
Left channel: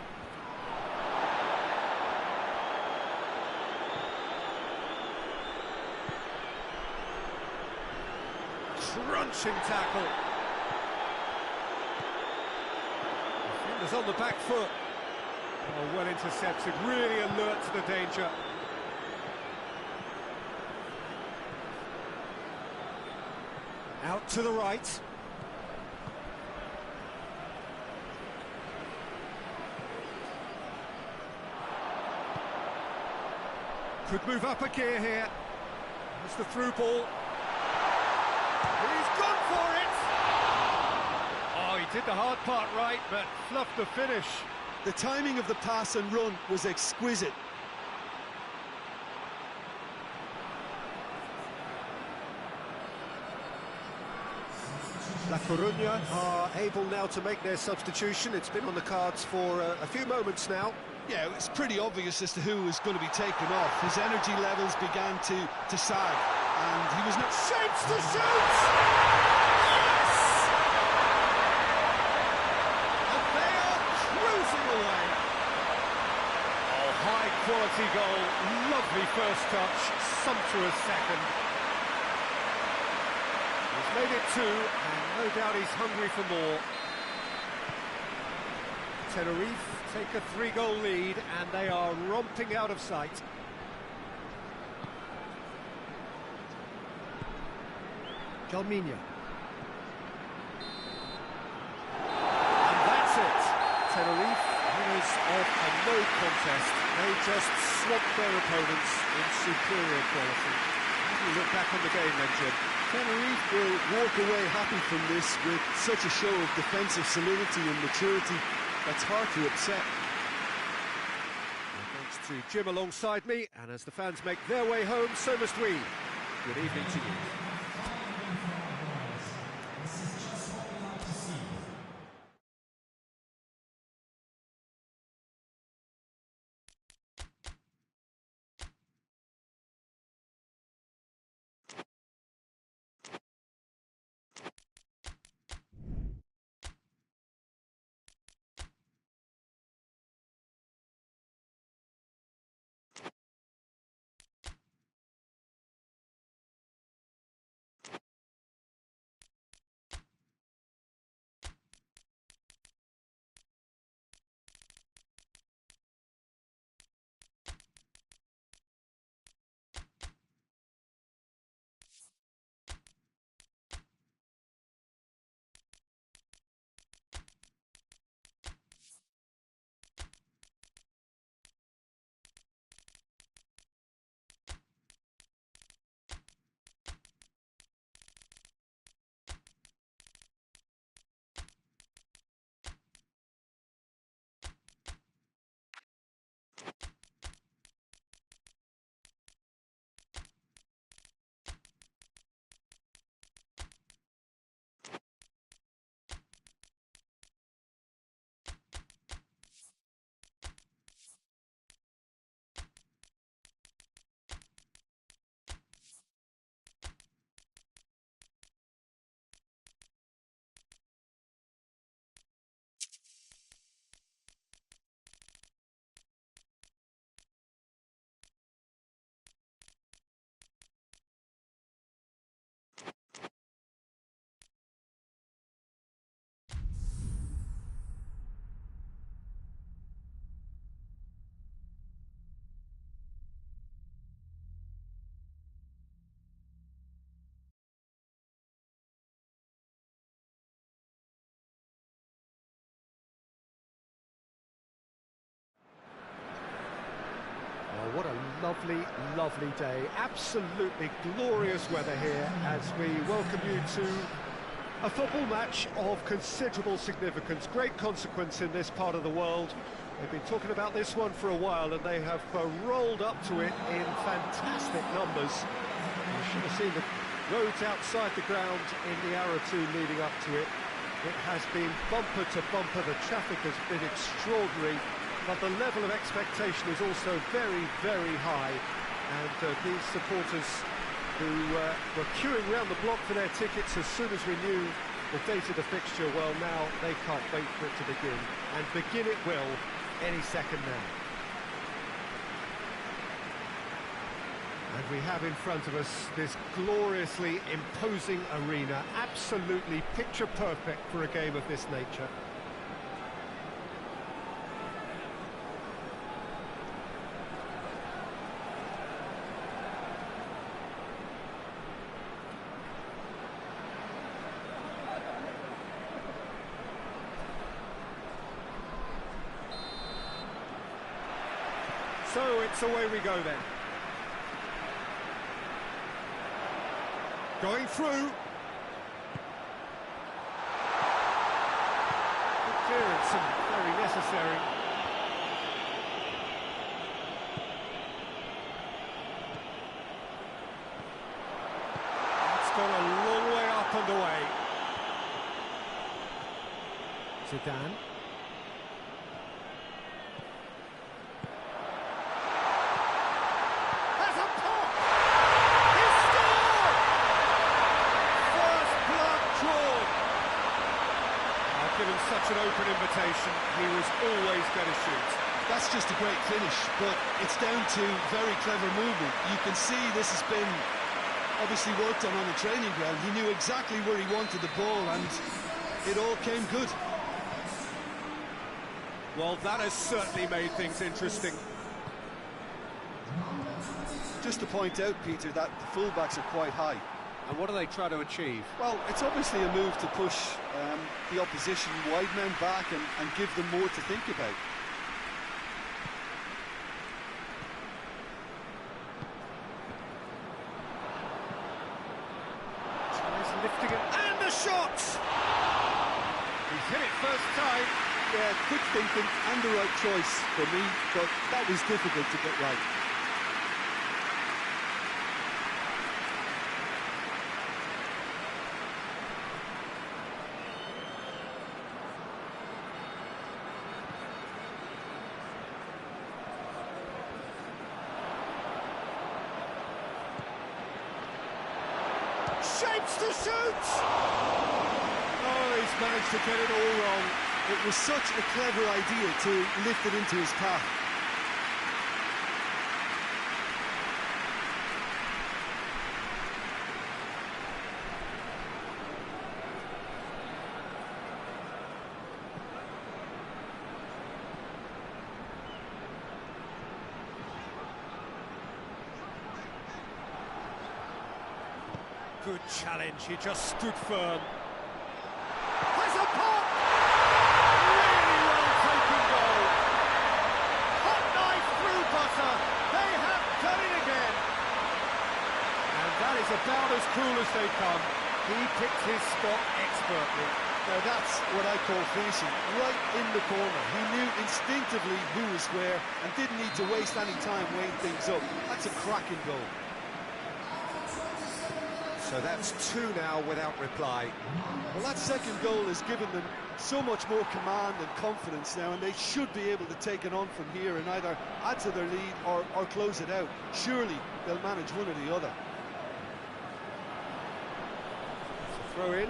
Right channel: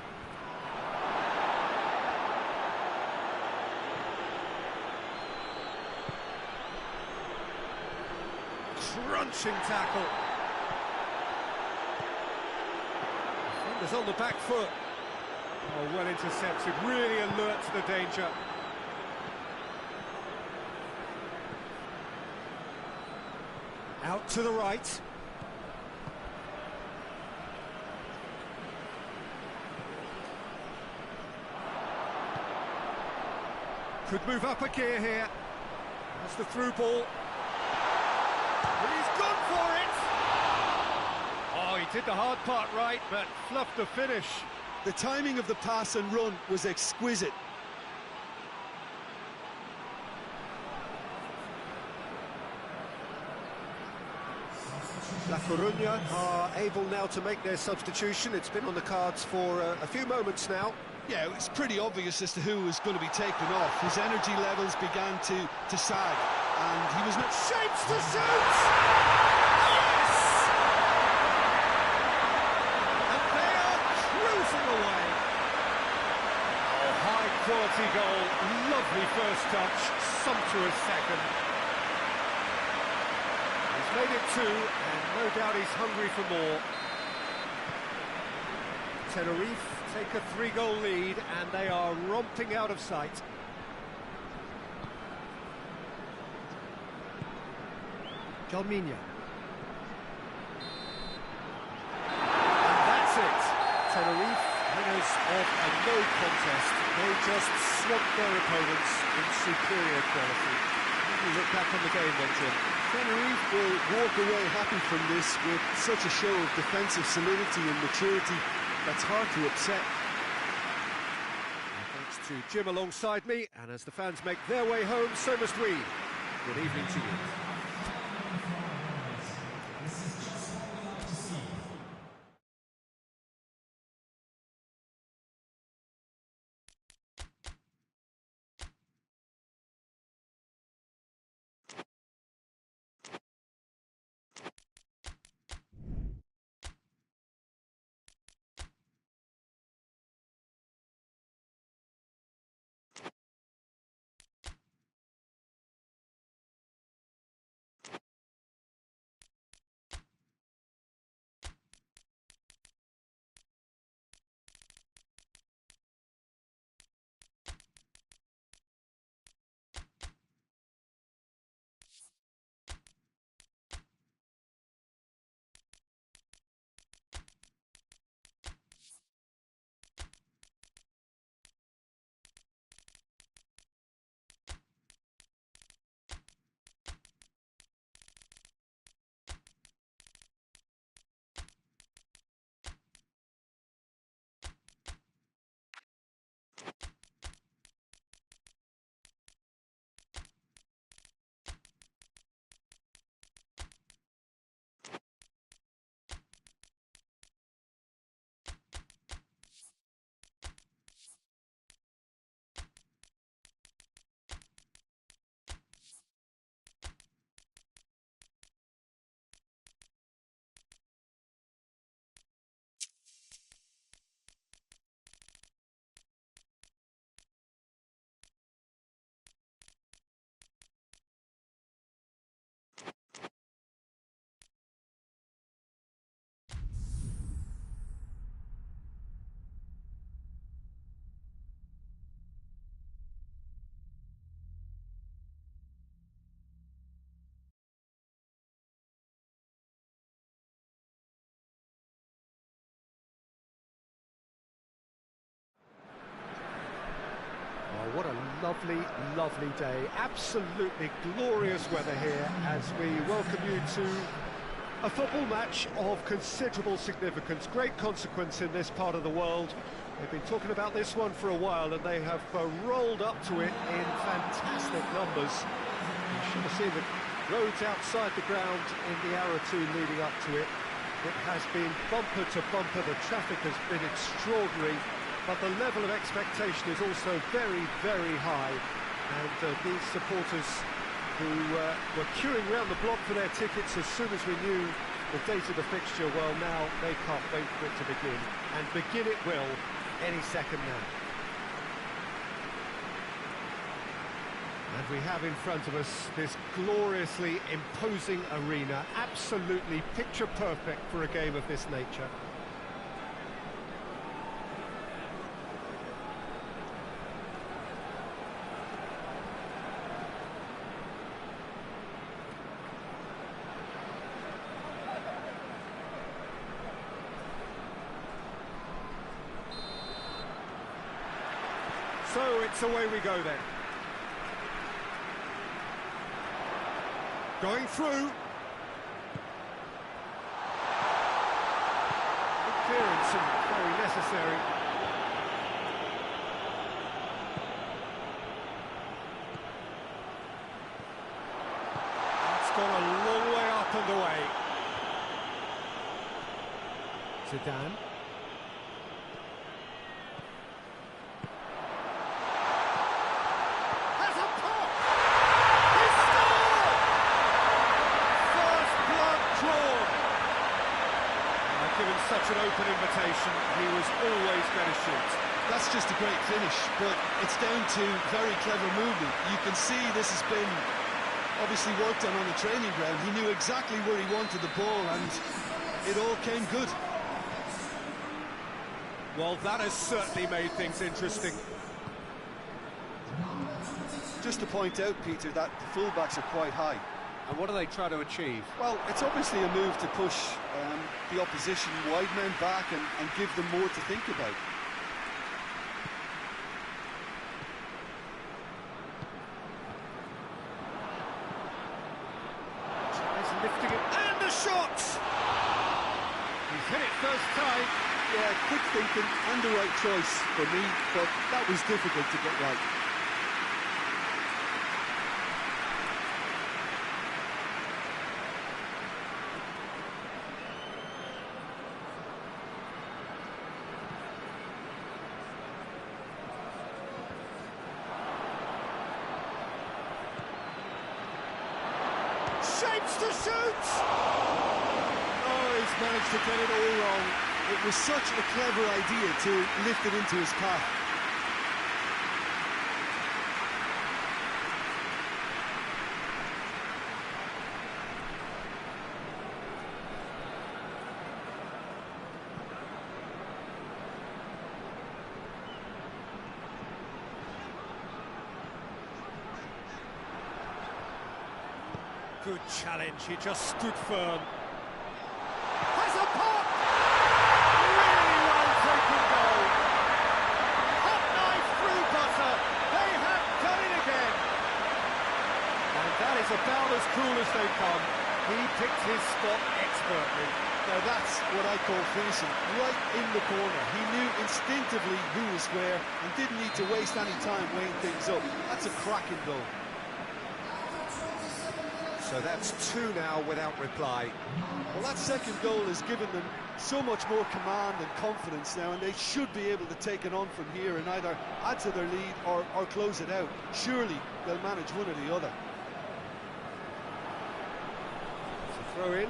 Crunching tackle. Defender's on the back foot. Oh, well intercepted, really alert to the danger. Out to the right. Could move up a gear here. That's the through ball. He's gone for it! Oh, he did the hard part right, but fluffed the finish. The timing of the pass and run was exquisite. La Coruña are able now to make their substitution. It's been on the cards for a few moments now. Yeah, it's pretty obvious as to who was going to be taken off. His energy levels began to sag, and he was not... Shapes to shoot! Yes! And they are cruising away. Oh, high-quality goal. Lovely first touch, sumptuous second. He's made it 2, and no doubt he's hungry for more. Tenerife take a 3-goal lead, and they are romping out of sight. Jalminha. And that's it. Tenerife, winners of a no contest. They just swamped their opponents in superior quality. How do you look back on the game then, Jim? Tenerife will walk away happy from this with such a show of defensive solidity and maturity that's hard to upset. Well, thanks to Jim alongside me, and as the fans make their way home, so must we. Good evening to you. lovely, lovely day. Absolutely glorious weather here as we welcome you to a football match of considerable significance, great consequence in this part of the world. They've been talking about this one for a while, and they have rolled up to it in fantastic numbers. You should have seen the roads outside the ground in the hour or two leading up to it. It has been bumper to bumper, the traffic has been extraordinary, but the level of expectation is also very, very high. And these supporters who were queuing around the block for their tickets as soon as we knew the date of the fixture, well, now they can't wait for it to begin. And begin it will any second now. And we have in front of us this gloriously imposing arena, absolutely picture perfect for a game of this nature. So it's away we go then. Going through. Good clearance and very necessary. It's gone a long way up and away. Zidane. Given such an open invitation, he was always going to shoot. That's just a great finish, but it's down to very clever movement. You can see this has been obviously worked on the training ground. He knew exactly where he wanted the ball, and it all came good. Well, that has certainly made things interesting. Just to point out, Peter, that the fullbacks are quite high. And what do they try to achieve? Well, it's obviously a move to push the opposition wide men back and give them more to think about. Tries lifting it, and the shot! He's hit it first time. Yeah, quick thinking and the right choice for me, but that was difficult to get right. Shapes to shoot! Oh, he's managed to get it all wrong. It was such a clever idea to lift it into his path. Good challenge, he just stood firm. Has a pop! Really well taken goal. Hot knife through butter. They have done it again. And that is about as cool as they come. He picked his spot expertly. Now that's what I call finishing, right in the corner. He knew instinctively who was where and didn't need to waste any time weighing things up. That's a cracking goal. So that's two now without reply. Well, that second goal has given them so much more command and confidence now, and they should be able to take it on from here and either add to their lead or close it out. Surely they'll manage one or the other. It's a throw in.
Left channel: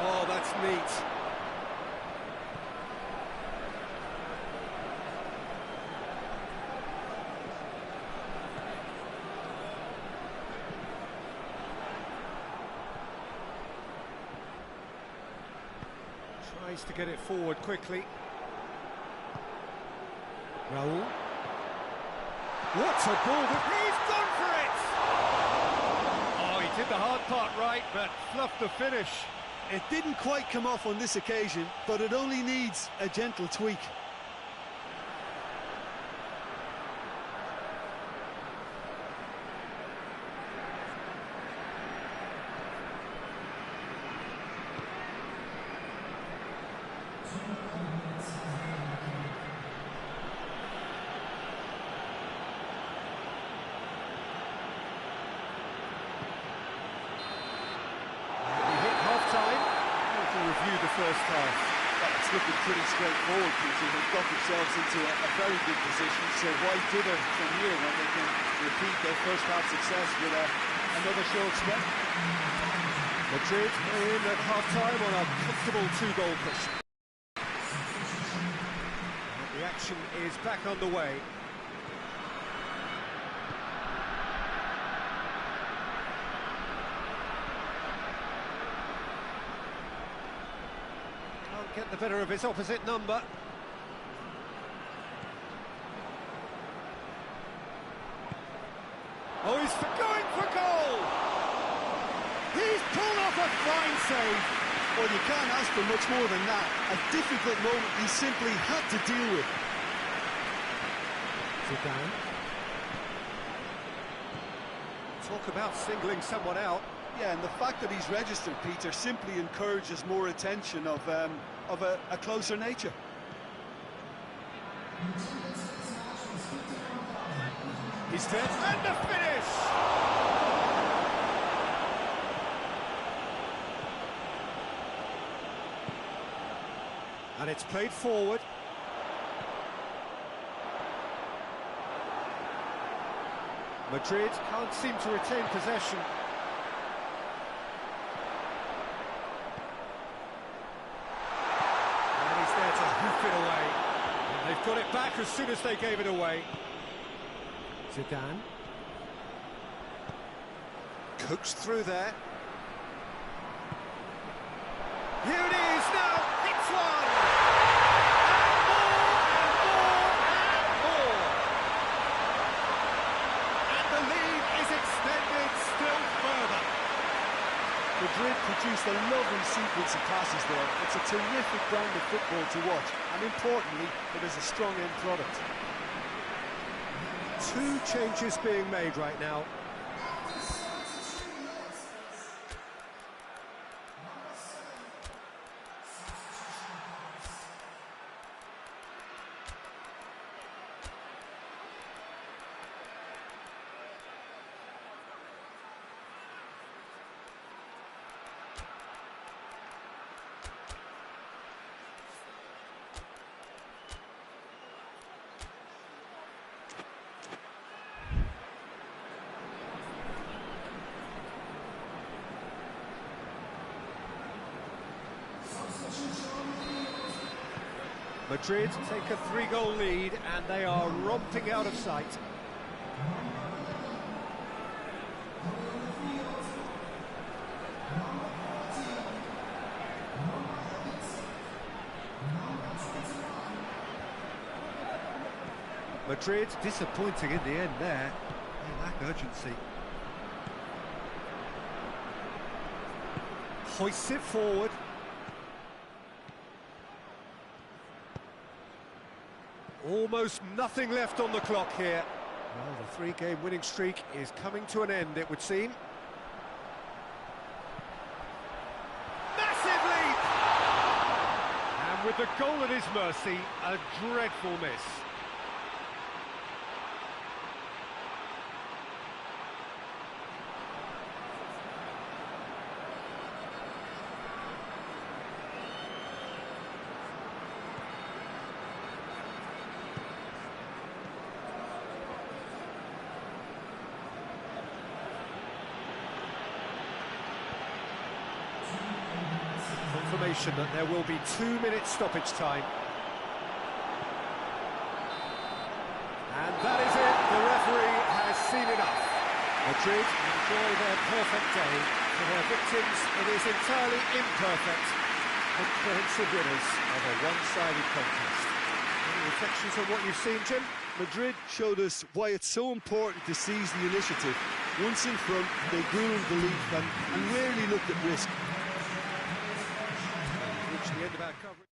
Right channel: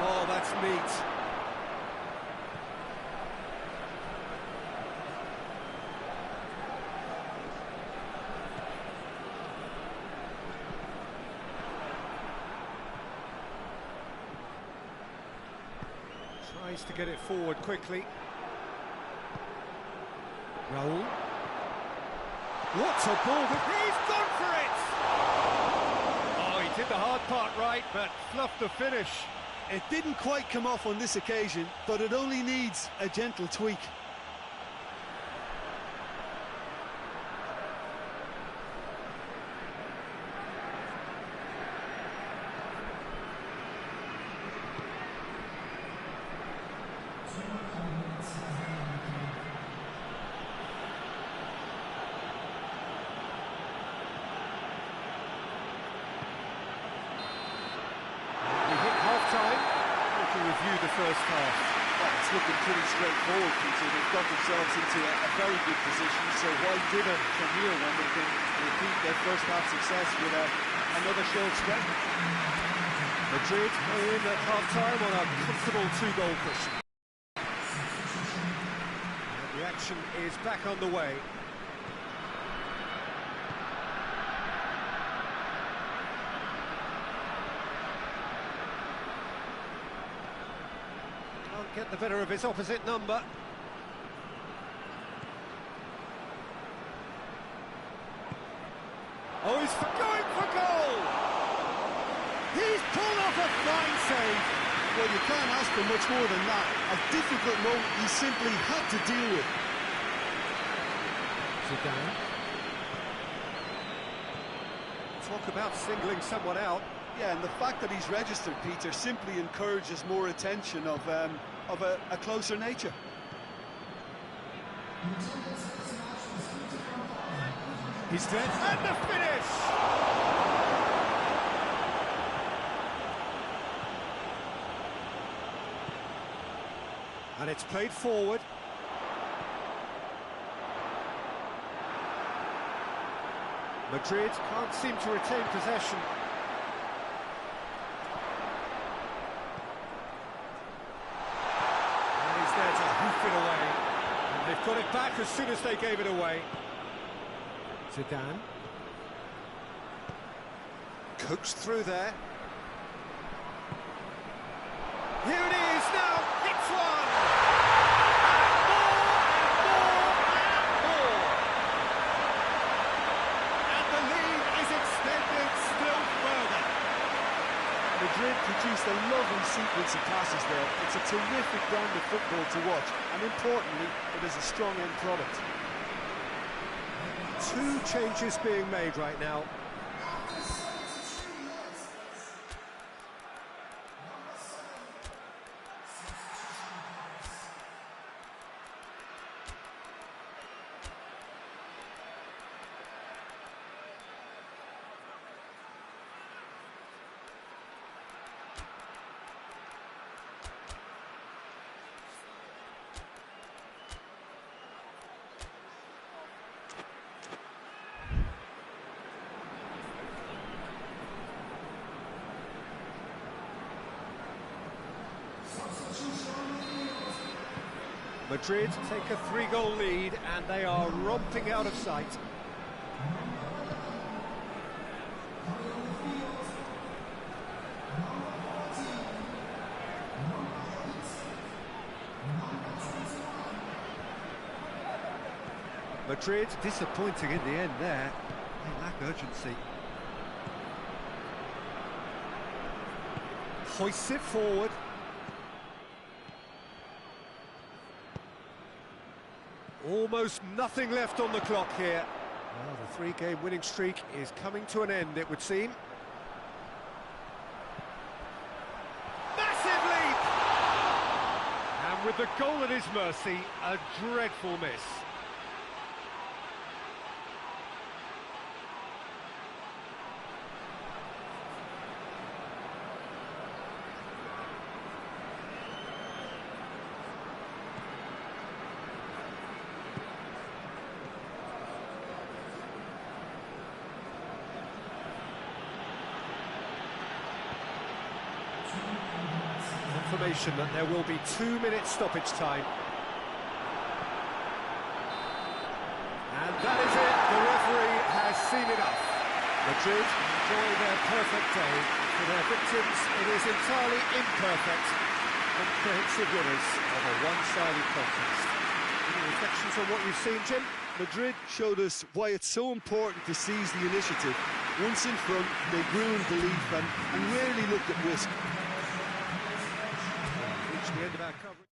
Oh, that's neat. Tries to get it forward quickly. Raul. What a ball! He's gone for it! Oh, he did the hard part right, but fluffed the finish. It didn't quite come off on this occasion, but it only needs a gentle tweak. Half-time, to review the first half. Well, it's looking pretty straightforward, Peter. They've got themselves into a very good position, so why dither from here when they can repeat their first half success with another show of strength? Madrid are in at half-time on a comfortable two-goal cushion. The action is back underway. Can't get the better of his opposite number. Oh, he's going for goal! He's pulled off a fine save. Well, you can't ask for much more than that. A difficult moment he simply had to deal with. Zidane. Talk about singling someone out. Yeah, and the fact that he's registered, Peter, simply encourages more attention of a closer nature. He's dead. And the finish! And it's played forward. Madrid can't seem to retain possession. And he's there to hoof it away. And they've got it back as soon as they gave it away. Zidane. Coaxed through there. Here it is now, hits one! And more, and more, and more! And the lead is extended still further. Madrid produced a lovely sequence of passes there. It's a terrific brand of football to watch, and importantly, it is a strong end product. Two changes being made right now. Madrid take a three-goal lead and they are romping out of sight. Madrid disappointing in the end there. They lack urgency. Hoists it forward. Almost nothing left on the clock here. Well, the three-game winning streak is coming to an end, it would seem. Massive leap! And with the goal at his mercy, a dreadful miss. Confirmation that there will be 2 minutes stoppage time. And that is it, the referee has seen enough. Madrid enjoy their perfect day. For their victims, it is entirely imperfect. Comprehensive winners of a one-sided contest. Any reflections on what you've seen, Jim? Madrid showed us why it's so important to seize the initiative. Once in front, they grew in belief and rarely looked at risk. reached the end of our coverage.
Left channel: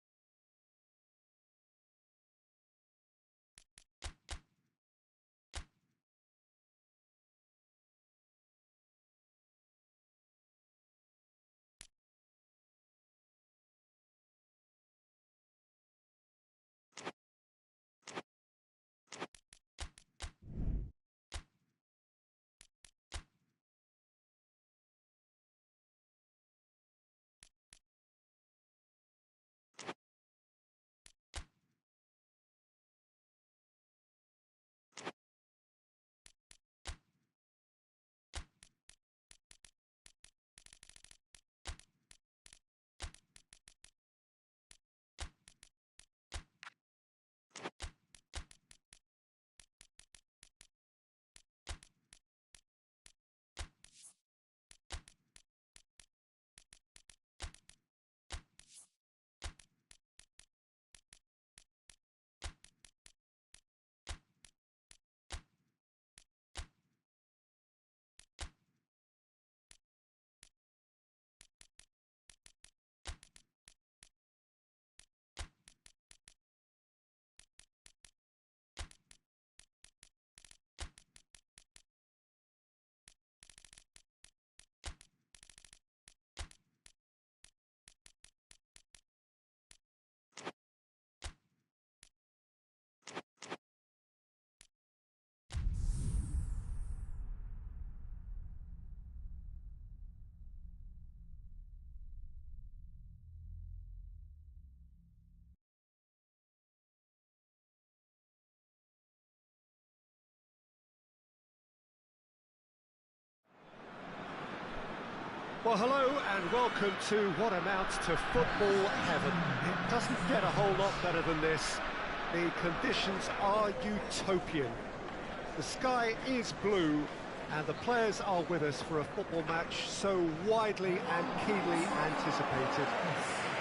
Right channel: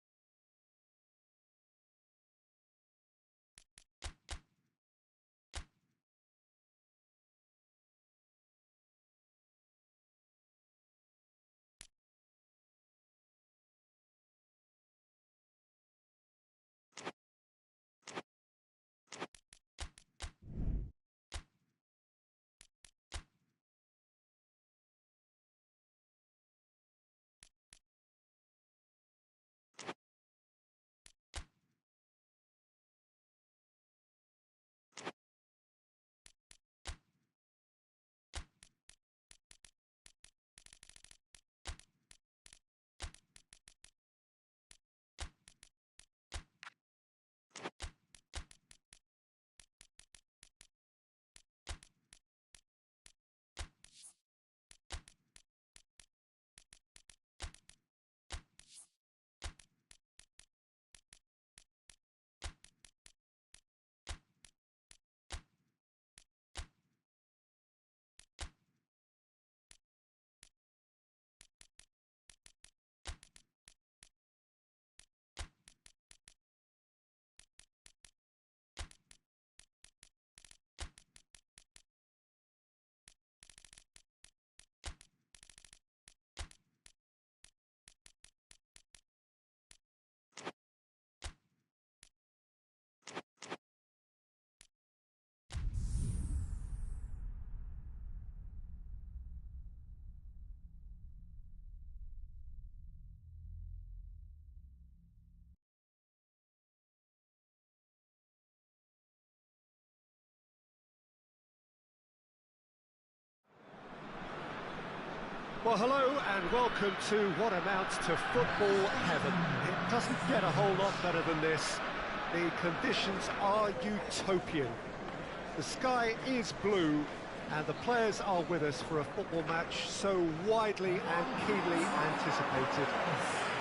Well, hello and welcome to what amounts to football heaven. It doesn't get a whole lot better than this. The conditions are utopian. The sky is blue and the players are with us for a football match so widely and keenly anticipated.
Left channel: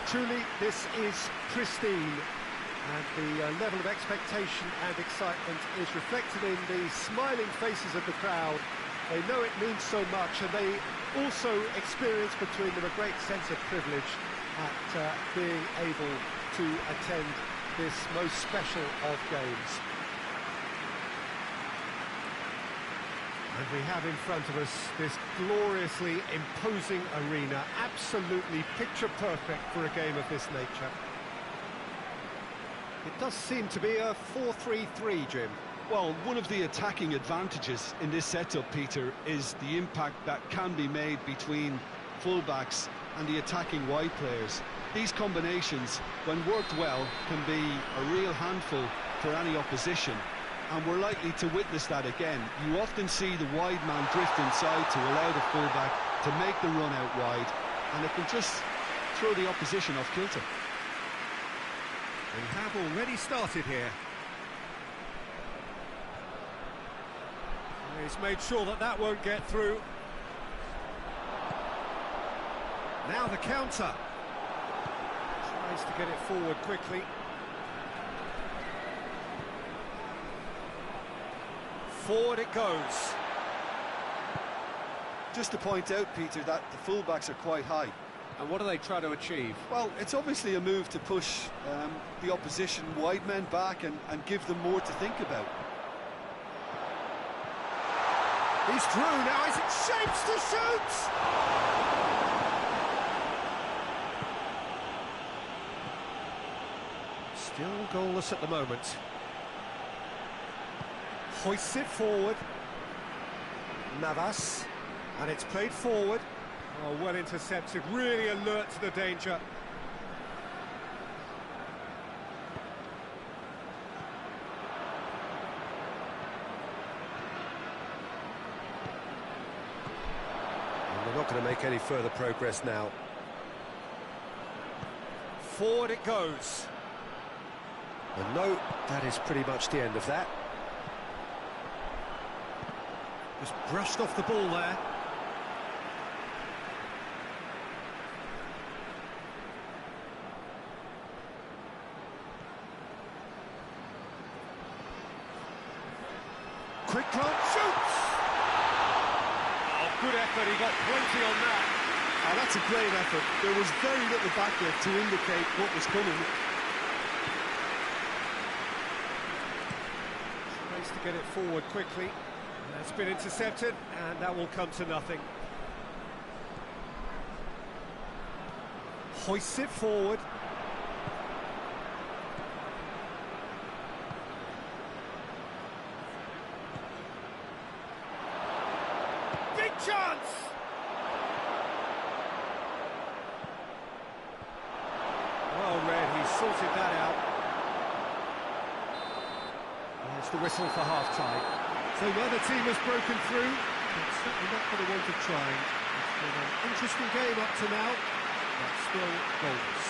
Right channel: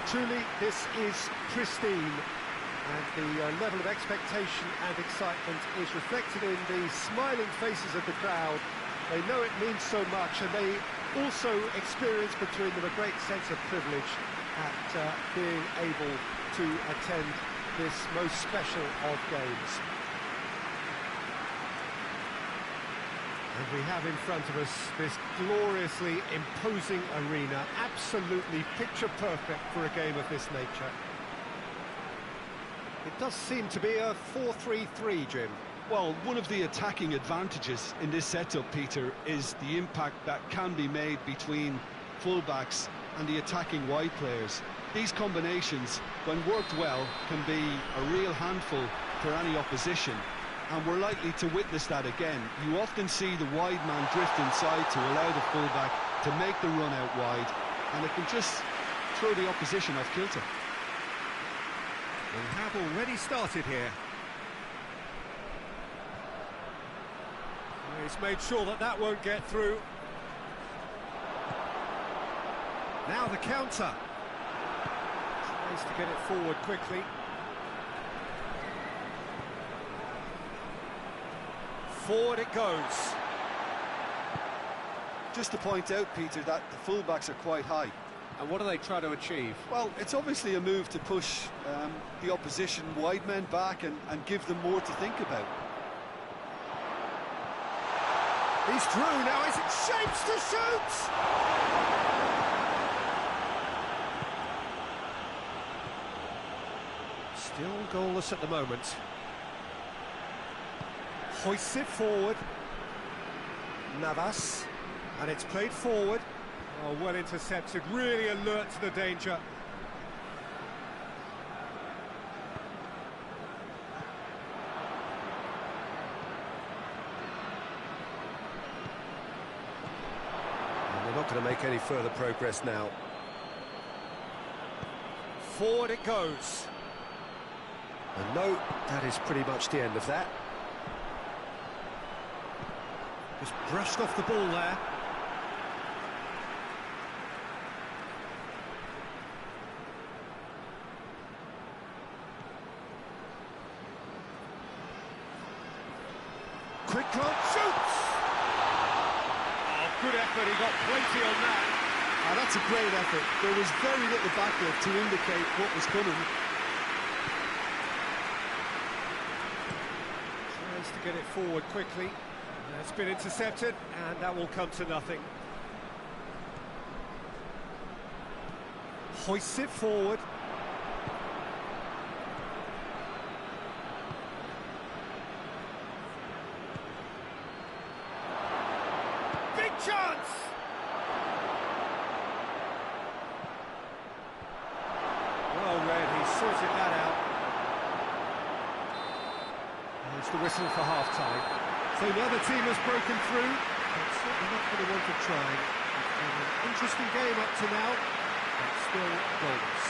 Truly, this is pristine, and the level of expectation and excitement is reflected in the smiling faces of the crowd. They know it means so much, and they also experience between them a great sense of privilege at being able to attend this most special of games. And we have in front of us this gloriously imposing arena, absolutely picture perfect for a game of this nature. It does seem to be a 4-3-3, Jim. Well, one of the attacking advantages in this setup, Peter, is the impact that can be made between fullbacks and the attacking wide players. These combinations, when worked well, can be a real handful for any opposition, and we're likely to witness that again. You often see the wide man drift inside to allow the fullback to make the run out wide, and it can just throw the opposition off kilter. We have already started here. He's made sure that that won't get through. Now the counter. Tries to get it forward quickly. Forward it goes. Just to point out, Peter, that the fullbacks are quite high. And what do they try to achieve? Well, it's obviously a move to push the opposition wide men back and give them more to think about. He's through, now is it shapes to shoot! Still goalless at the moment. Hoists it forward. Navas. And it's played forward. Oh, well intercepted, really alert to the danger. They're not going to make any further progress now. Forward it goes. And no, that is pretty much the end of that. Just brushed off the ball there. Quick glance, shoots! Good effort, he got plenty on that. That's a great effort. There was very little backlift to indicate what was coming. Tries to get it forward quickly. That's been intercepted, and that will come to nothing. Hoists it forward. Big chance! Well read, he sorted that out. There's the whistle for half-time. So the other team has broken through, but certainly not for the want of trying. It's been an interesting game up to now, but still goals.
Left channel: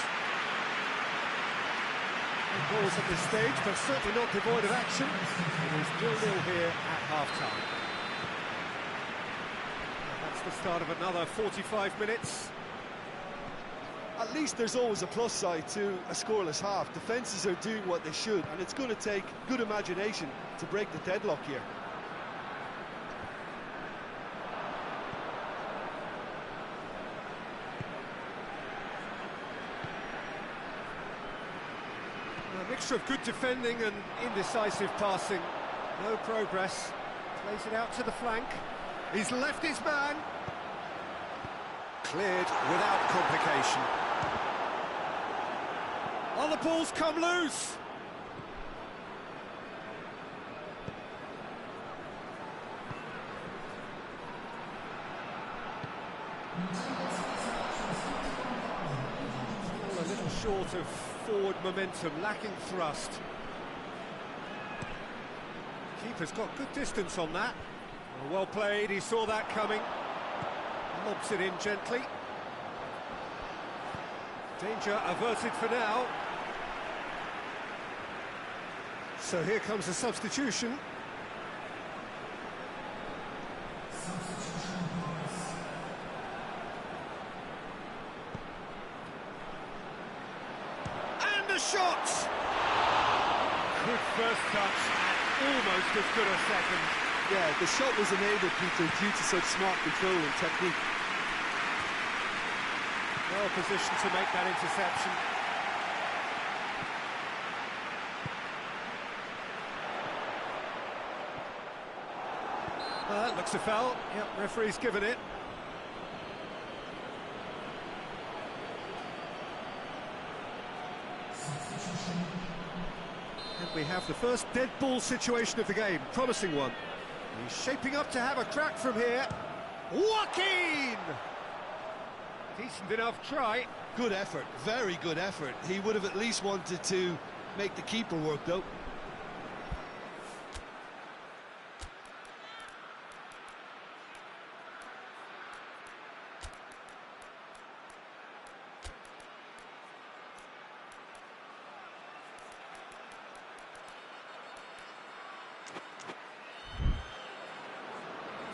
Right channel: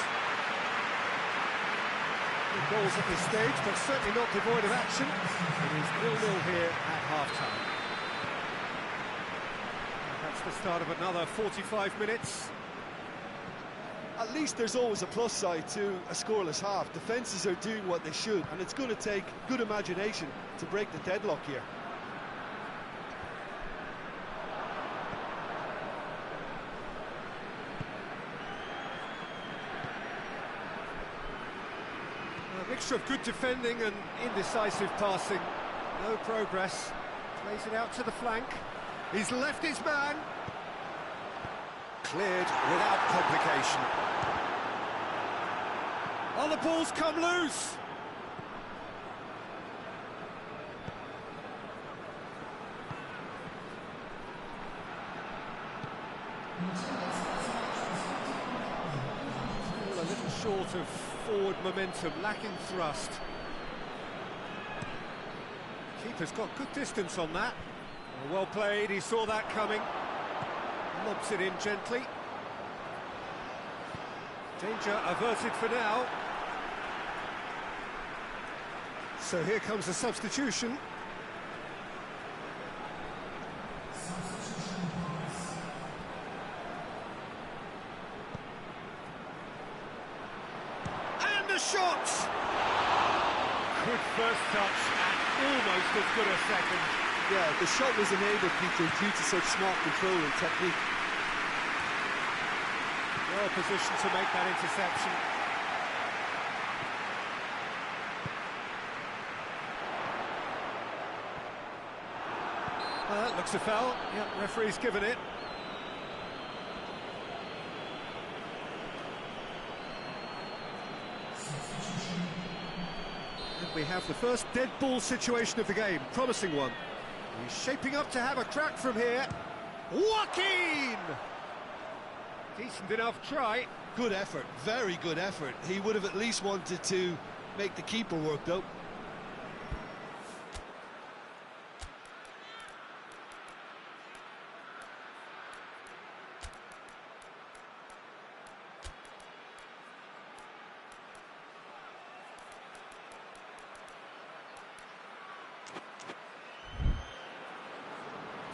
No goals at this stage, but certainly not devoid of action. It is 0-0 here at half-time. That's the start of another 45 minutes. At least there's always a plus side to a scoreless half. Defences are doing what they should, and it's going to take good imagination to break the deadlock here. A mixture of good defending and indecisive passing. No progress. Plays it out to the flank. He's left his man. Cleared without complication. Oh, the ball's come loose. It's all a little short of forward momentum, lacking thrust. Keeper's got good distance on that. Well played, he saw that coming. Lobs it in gently. Danger averted for now. So here comes a substitution. And a shot! Good first touch and almost as good a second. Yeah, the shot was enabled, Peter, due to such smart control and technique. Well positioned to make that interception. Well, that looks a foul. Yep, referee's given it. And we have the first dead ball situation of the game. Promising one. He's shaping up to have a crack from here. Joaquin! Decent enough try. Good effort, very good effort. He would have at least wanted to make the keeper work, though.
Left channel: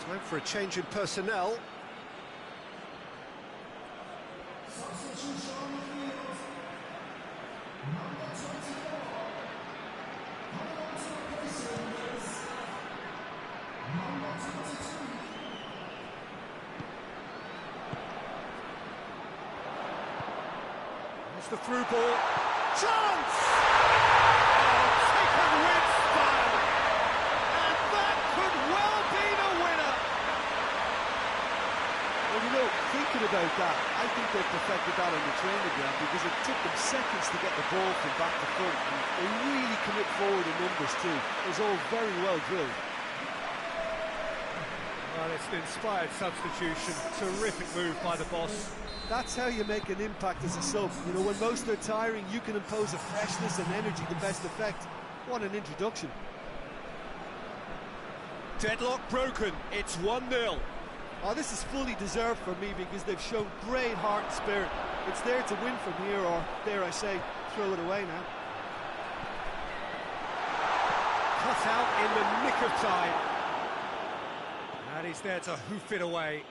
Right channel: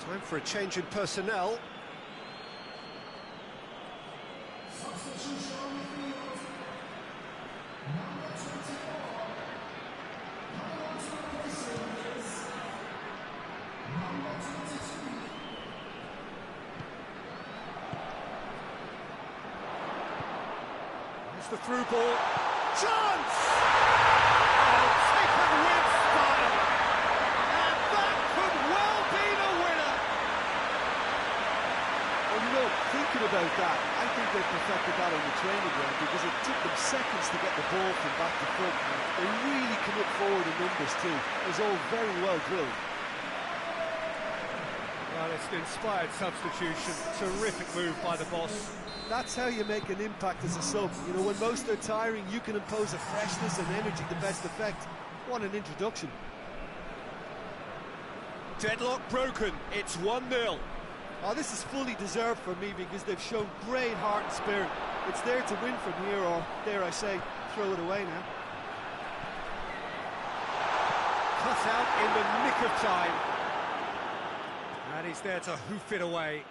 Time for a change in personnel. There's the through ball. Chance! Oh, taken with style. And that could well be the winner. Well, you know, thinking about that, I think they perfected that on the training ground because it took them seconds to get the ball from back to front, and they really commit forward in numbers too. It was all very well drilled. Well, it's an inspired substitution. Terrific move by the boss. That's how you make an impact as a sub. You know, when most are tiring, you can impose a freshness and energy to best effect. What an introduction. Deadlock broken. It's 1-0. Oh, this is fully deserved for me because they've shown great heart and spirit. It's there to win from here, or, dare I say, throw it away now. Cut out in the nick of time. And he's there to hoof it away.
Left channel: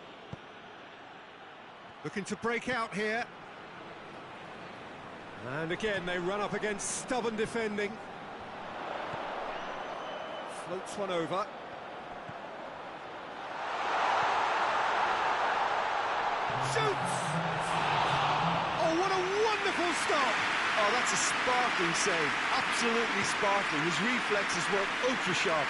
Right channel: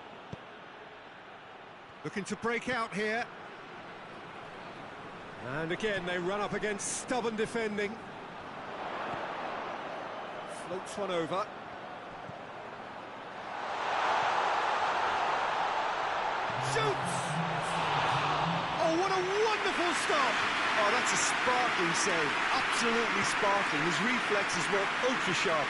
Looking to break out here. And again, they run up against stubborn defending. Floats one over. shoots! Oh, what a wonderful stop! Oh, that's a sparkling save, absolutely sparkling. His reflexes were ultra sharp.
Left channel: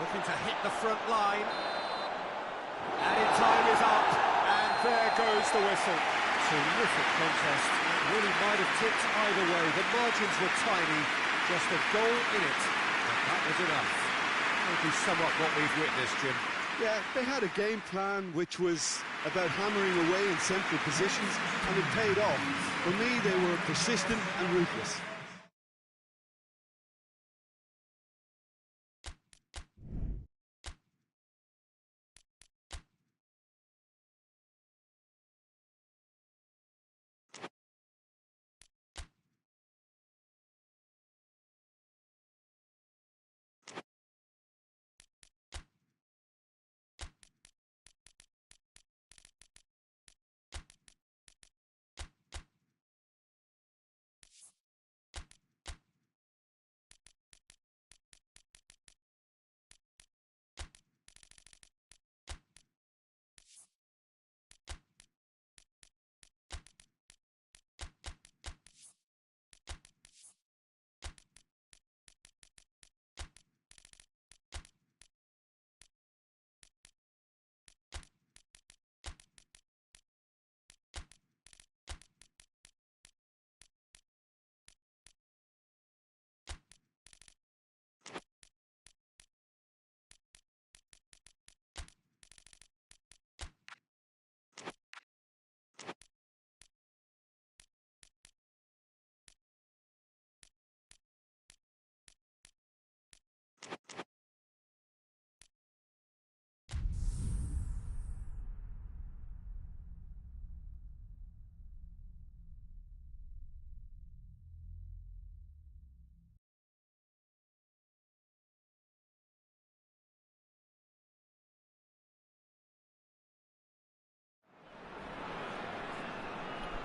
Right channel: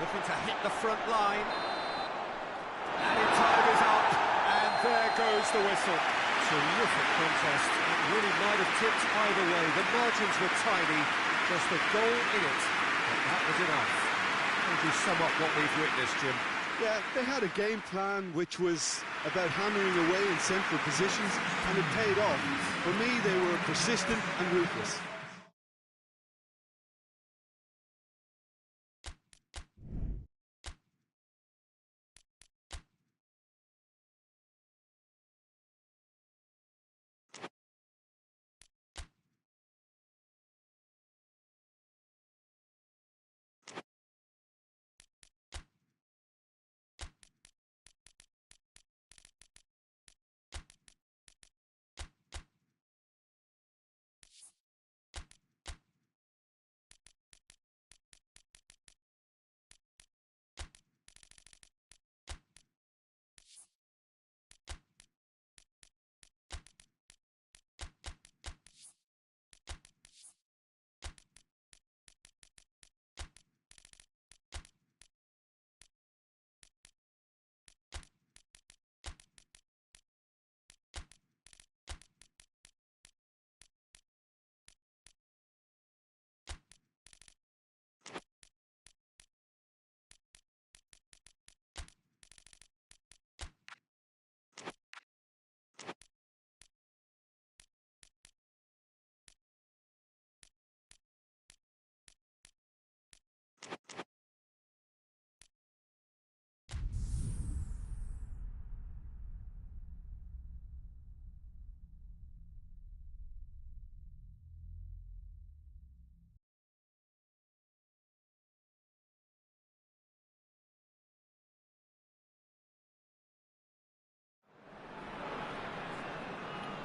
Looking to hit the front line. Added time is up, and there goes the whistle. Terrific contest. It really might have tipped either way. The margins were tiny, just a goal in it, but that was enough. How would you sum up what we've witnessed, Jim? Yeah, they had a game plan which was about hammering away in central positions, and it paid off. For me, they were persistent and ruthless.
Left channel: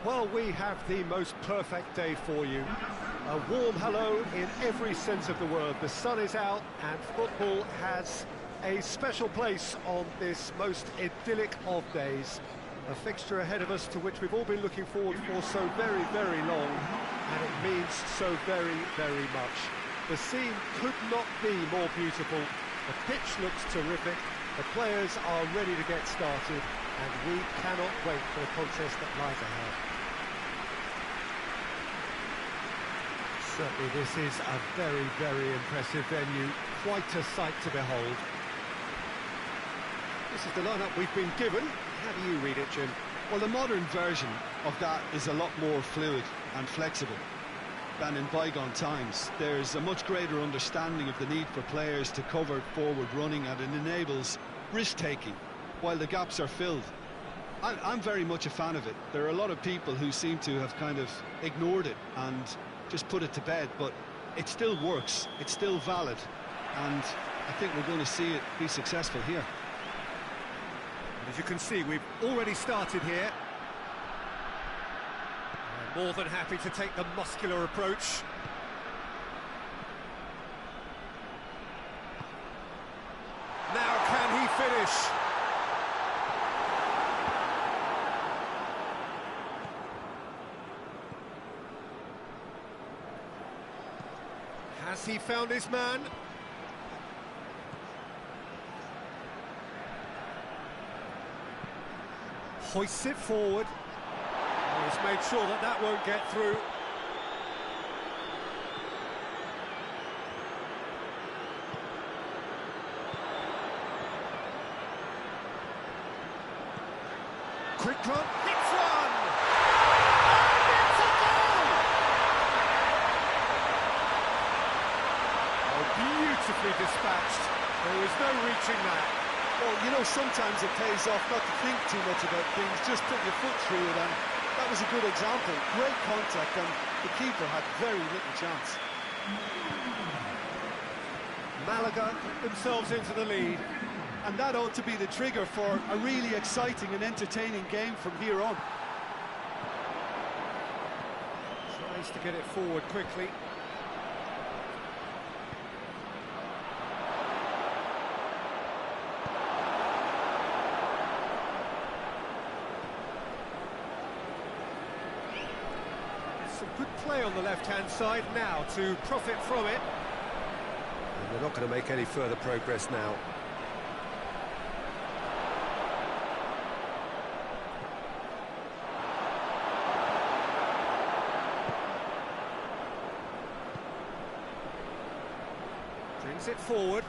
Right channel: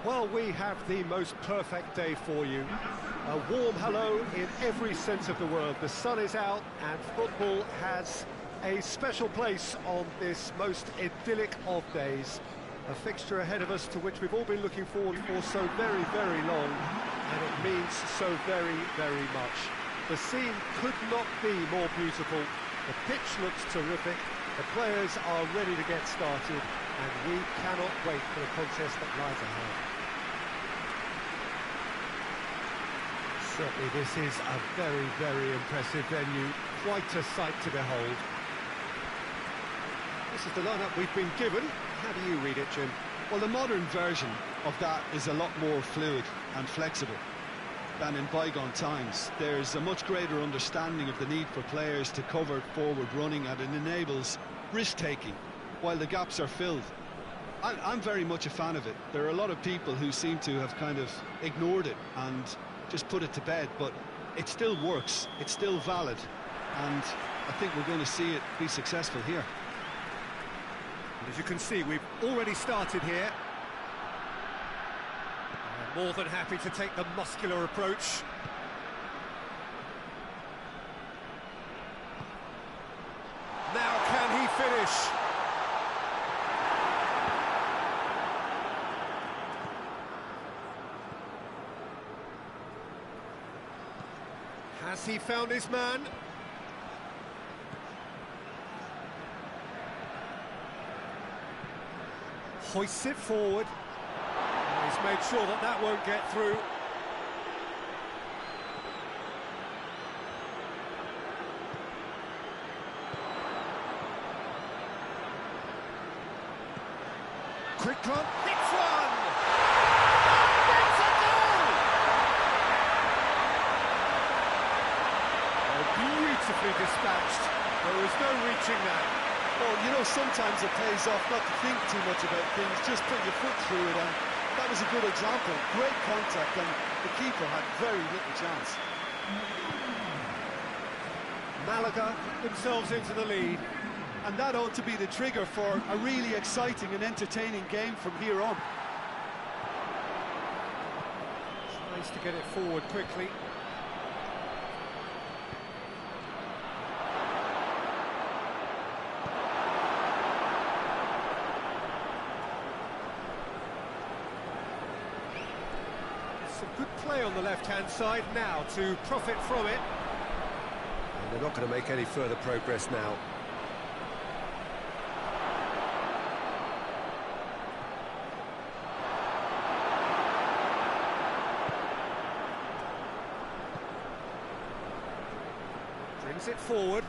Well, we have the most perfect day for you. A warm hello in every sense of the word. The sun is out and football has a special place on this most idyllic of days. A fixture ahead of us to which we've all been looking forward for so very, very long, and it means so very, very much. The scene could not be more beautiful. The pitch looks terrific. The players are ready to get started, and we cannot wait for the contest that lies ahead. Certainly this is a very, very impressive venue, quite a sight to behold. This is the lineup we've been given. How do you read it, Jim? Well, the modern version of that is a lot more fluid and flexible than in bygone times. There's a much greater understanding of the need for players to cover forward running, and it enables risk-taking while the gaps are filled. I'm very much a fan of it. There are a lot of people who seem to have kind of ignored it and just put it to bed, but it still works, it's still valid, and I think we're going to see it be successful here. As you can see, we've already started here. They're more than happy to take the muscular approach. Now can he finish? Has he found his man? Hoists it forward. And he's made sure that that won't get through. Quick run, hits one! And it's a goal! Oh, beautifully dispatched. There was no reaching that. Well, you know, sometimes it pays off not to think too much about things, just put your foot through it, and that was a good example. Great contact, and the keeper had very little chance. Malaga themselves into the lead. And that ought to be the trigger for a really exciting and entertaining game from here on. Tries to get it forward quickly. Some good play on the left-hand side now to profit from it. And they're not going to make any further progress now. Brings it forward.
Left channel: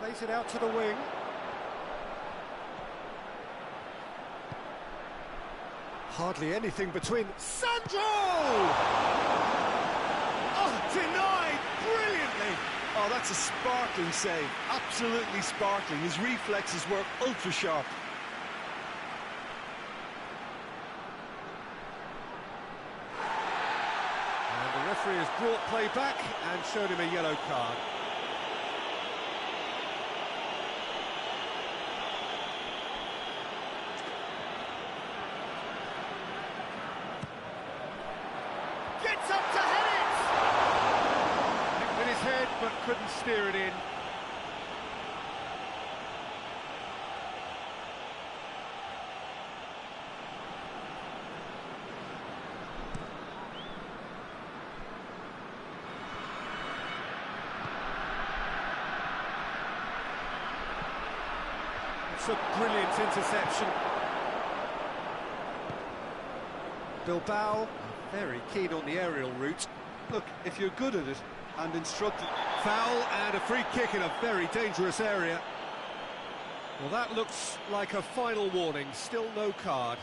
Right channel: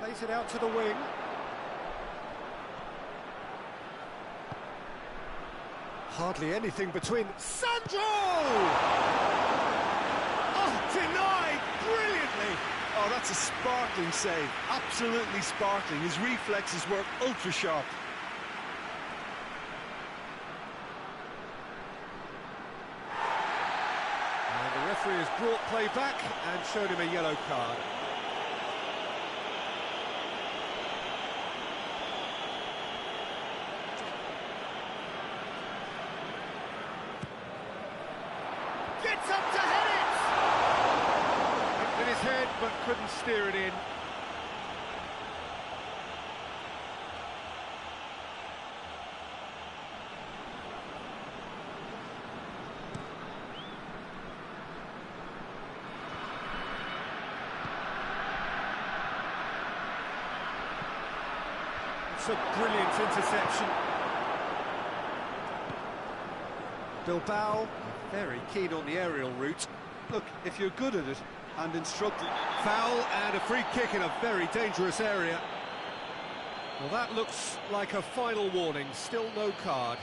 Plays it out to the wing. Hardly anything between. Sandro! Oh, denied brilliantly. Oh, that's a sparkling save. Absolutely sparkling. His reflexes were ultra sharp. And the referee has brought play back and showed him a yellow card. Gets up to head it! Hit with his head, but couldn't steer it in. It's a brilliant interception. Bilbao are very keen on the aerial route. Look, if you're good at it and instructed... Foul and a free kick in a very dangerous area. Well, that looks like a final warning. Still no card.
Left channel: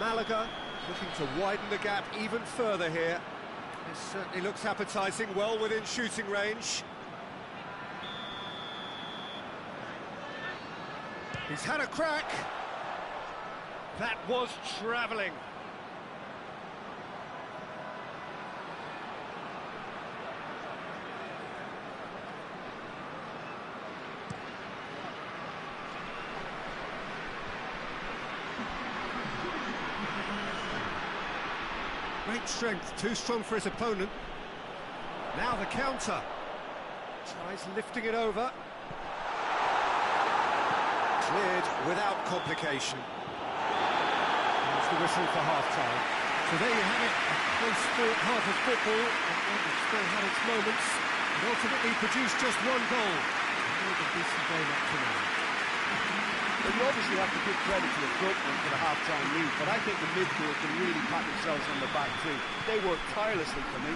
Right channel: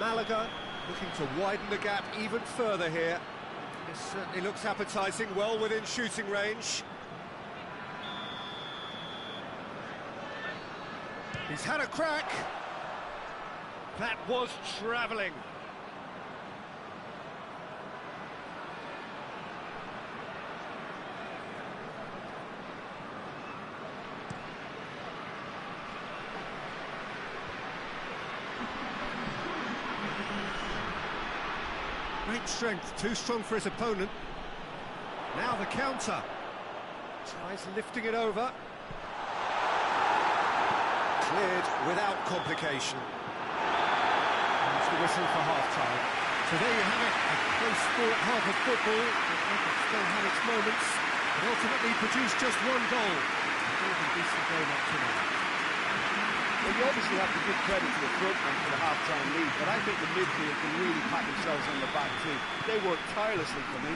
Malaga looking to widen the gap even further here. This certainly looks appetising, well within shooting range. He's had a crack. That was travelling. Great strength, too strong for his opponent. Now the counter. Tries lifting it over. Cleared without complication. There's the whistle for half-time. So there you have it, a close-fought half of football that still had its moments, but ultimately produced just one goal. A more than decent game up to now. Well, you obviously have to give credit to the front men for the half-time lead, but I think the midfield can really pat themselves on the back too. They worked tirelessly for me.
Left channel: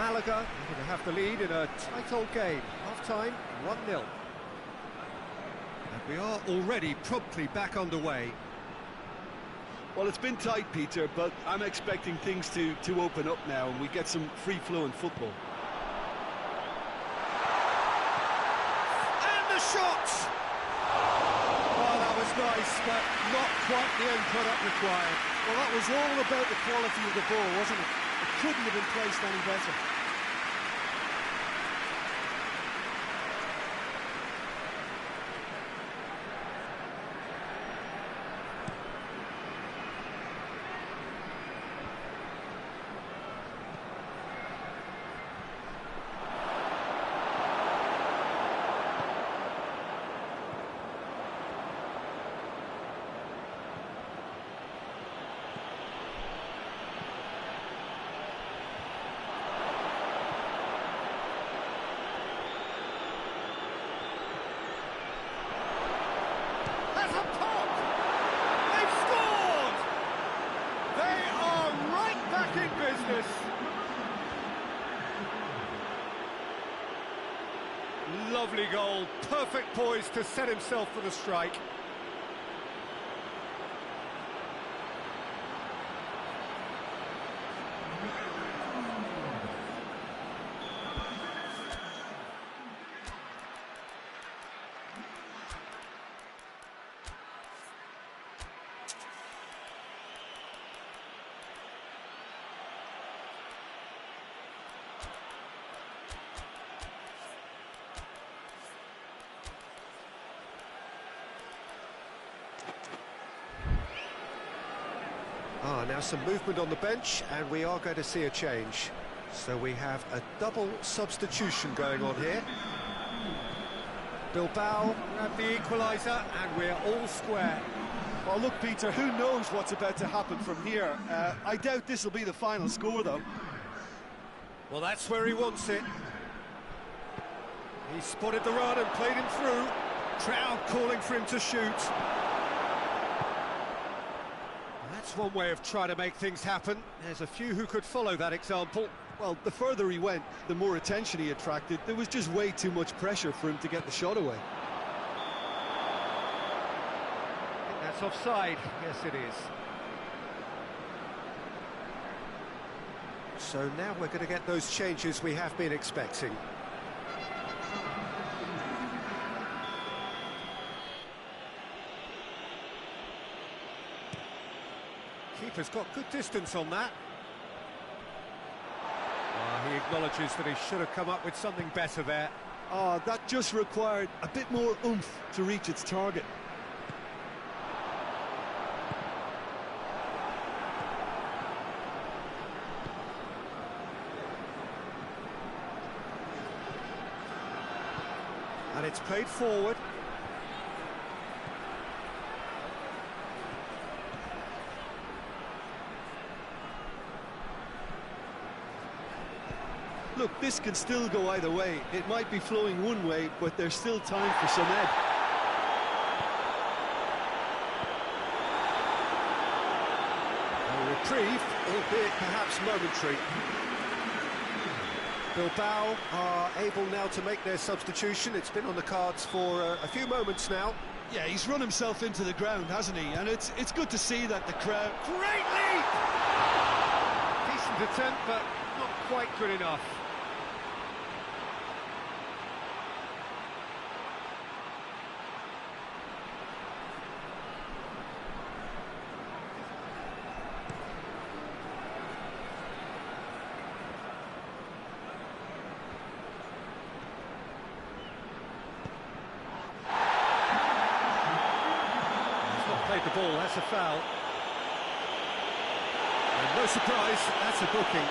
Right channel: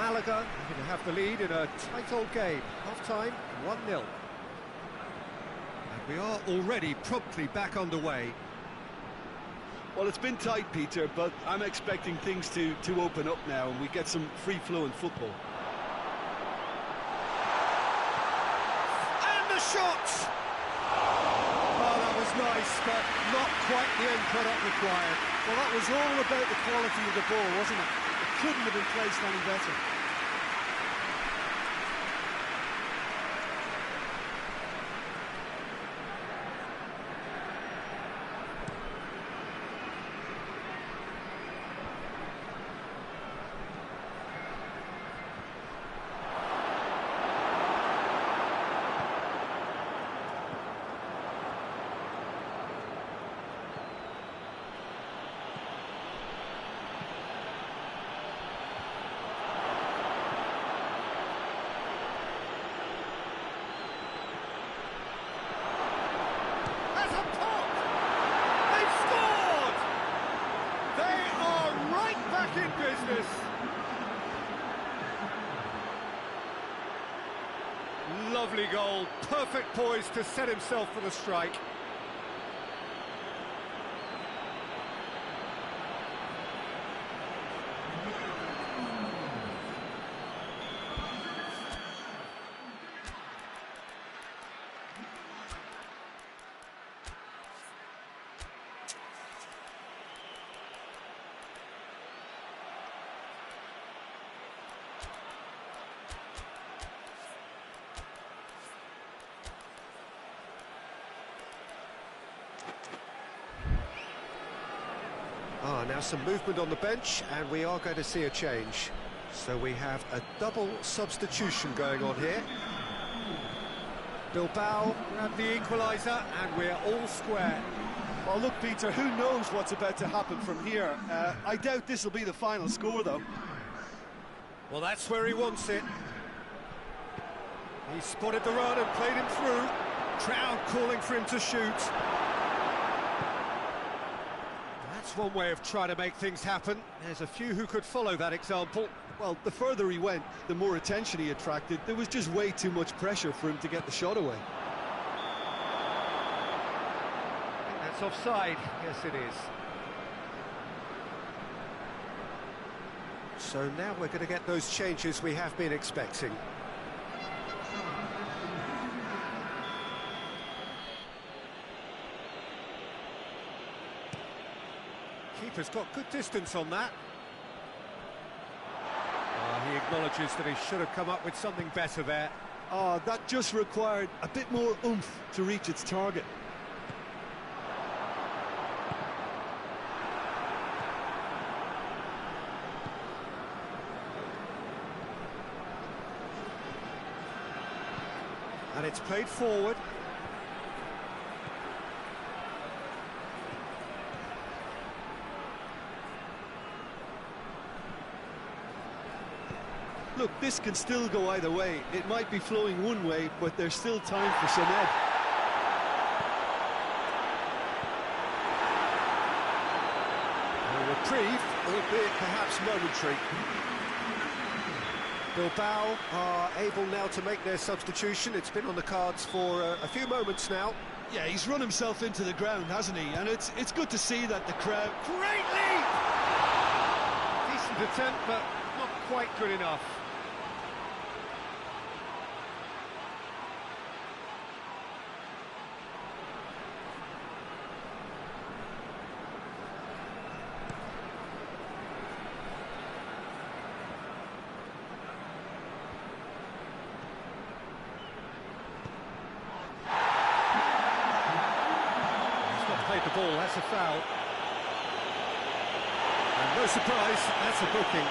Malaga looking to have the lead in a tight old game. Half-time, 1-0. And we are already promptly back underway. Well, it's been tight, Peter, but I'm expecting things to open up now and we get some free-flowing football. And the shot! Oh, that was nice, but not quite the end product required. Well, that was all about the quality of the ball, wasn't it? It couldn't have been placed any better. Has a pop! They've scored! They are right back in business. Lovely goal, perfect poise to set himself for the strike. Now some movement on the bench, and we are going to see a change. So we have a double substitution going on here. Bilbao grab the equaliser, and we're all square. Well, look, Peter, who knows what's about to happen from here? I doubt this will be the final score, though. Well, that's where he wants it. He spotted the run and played him through. Crowd calling for him to shoot. That's one way of trying to make things happen. There's a few who could follow that example. Well, the further he went, the more attention he attracted. There was just way too much pressure for him to get the shot away. I think that's offside. Yes, it is. So now we're going to get those changes we have been expecting. Keeper's got good distance on that. He acknowledges that he should have come up with something better there. That just required a bit more oomph to reach its target. And it's played forward. Look, this can still go either way. It might be flowing one way, but there's still time for some ebb. A reprieve, albeit perhaps momentary. Bilbao are able now to make their substitution. It's been on the cards for a few moments now. Yeah, he's run himself into the ground, hasn't he? And it's good to see that the crowd... Great leap! Decent attempt, but not quite good enough. Played the ball, that's a foul. And no surprise, that's a booking.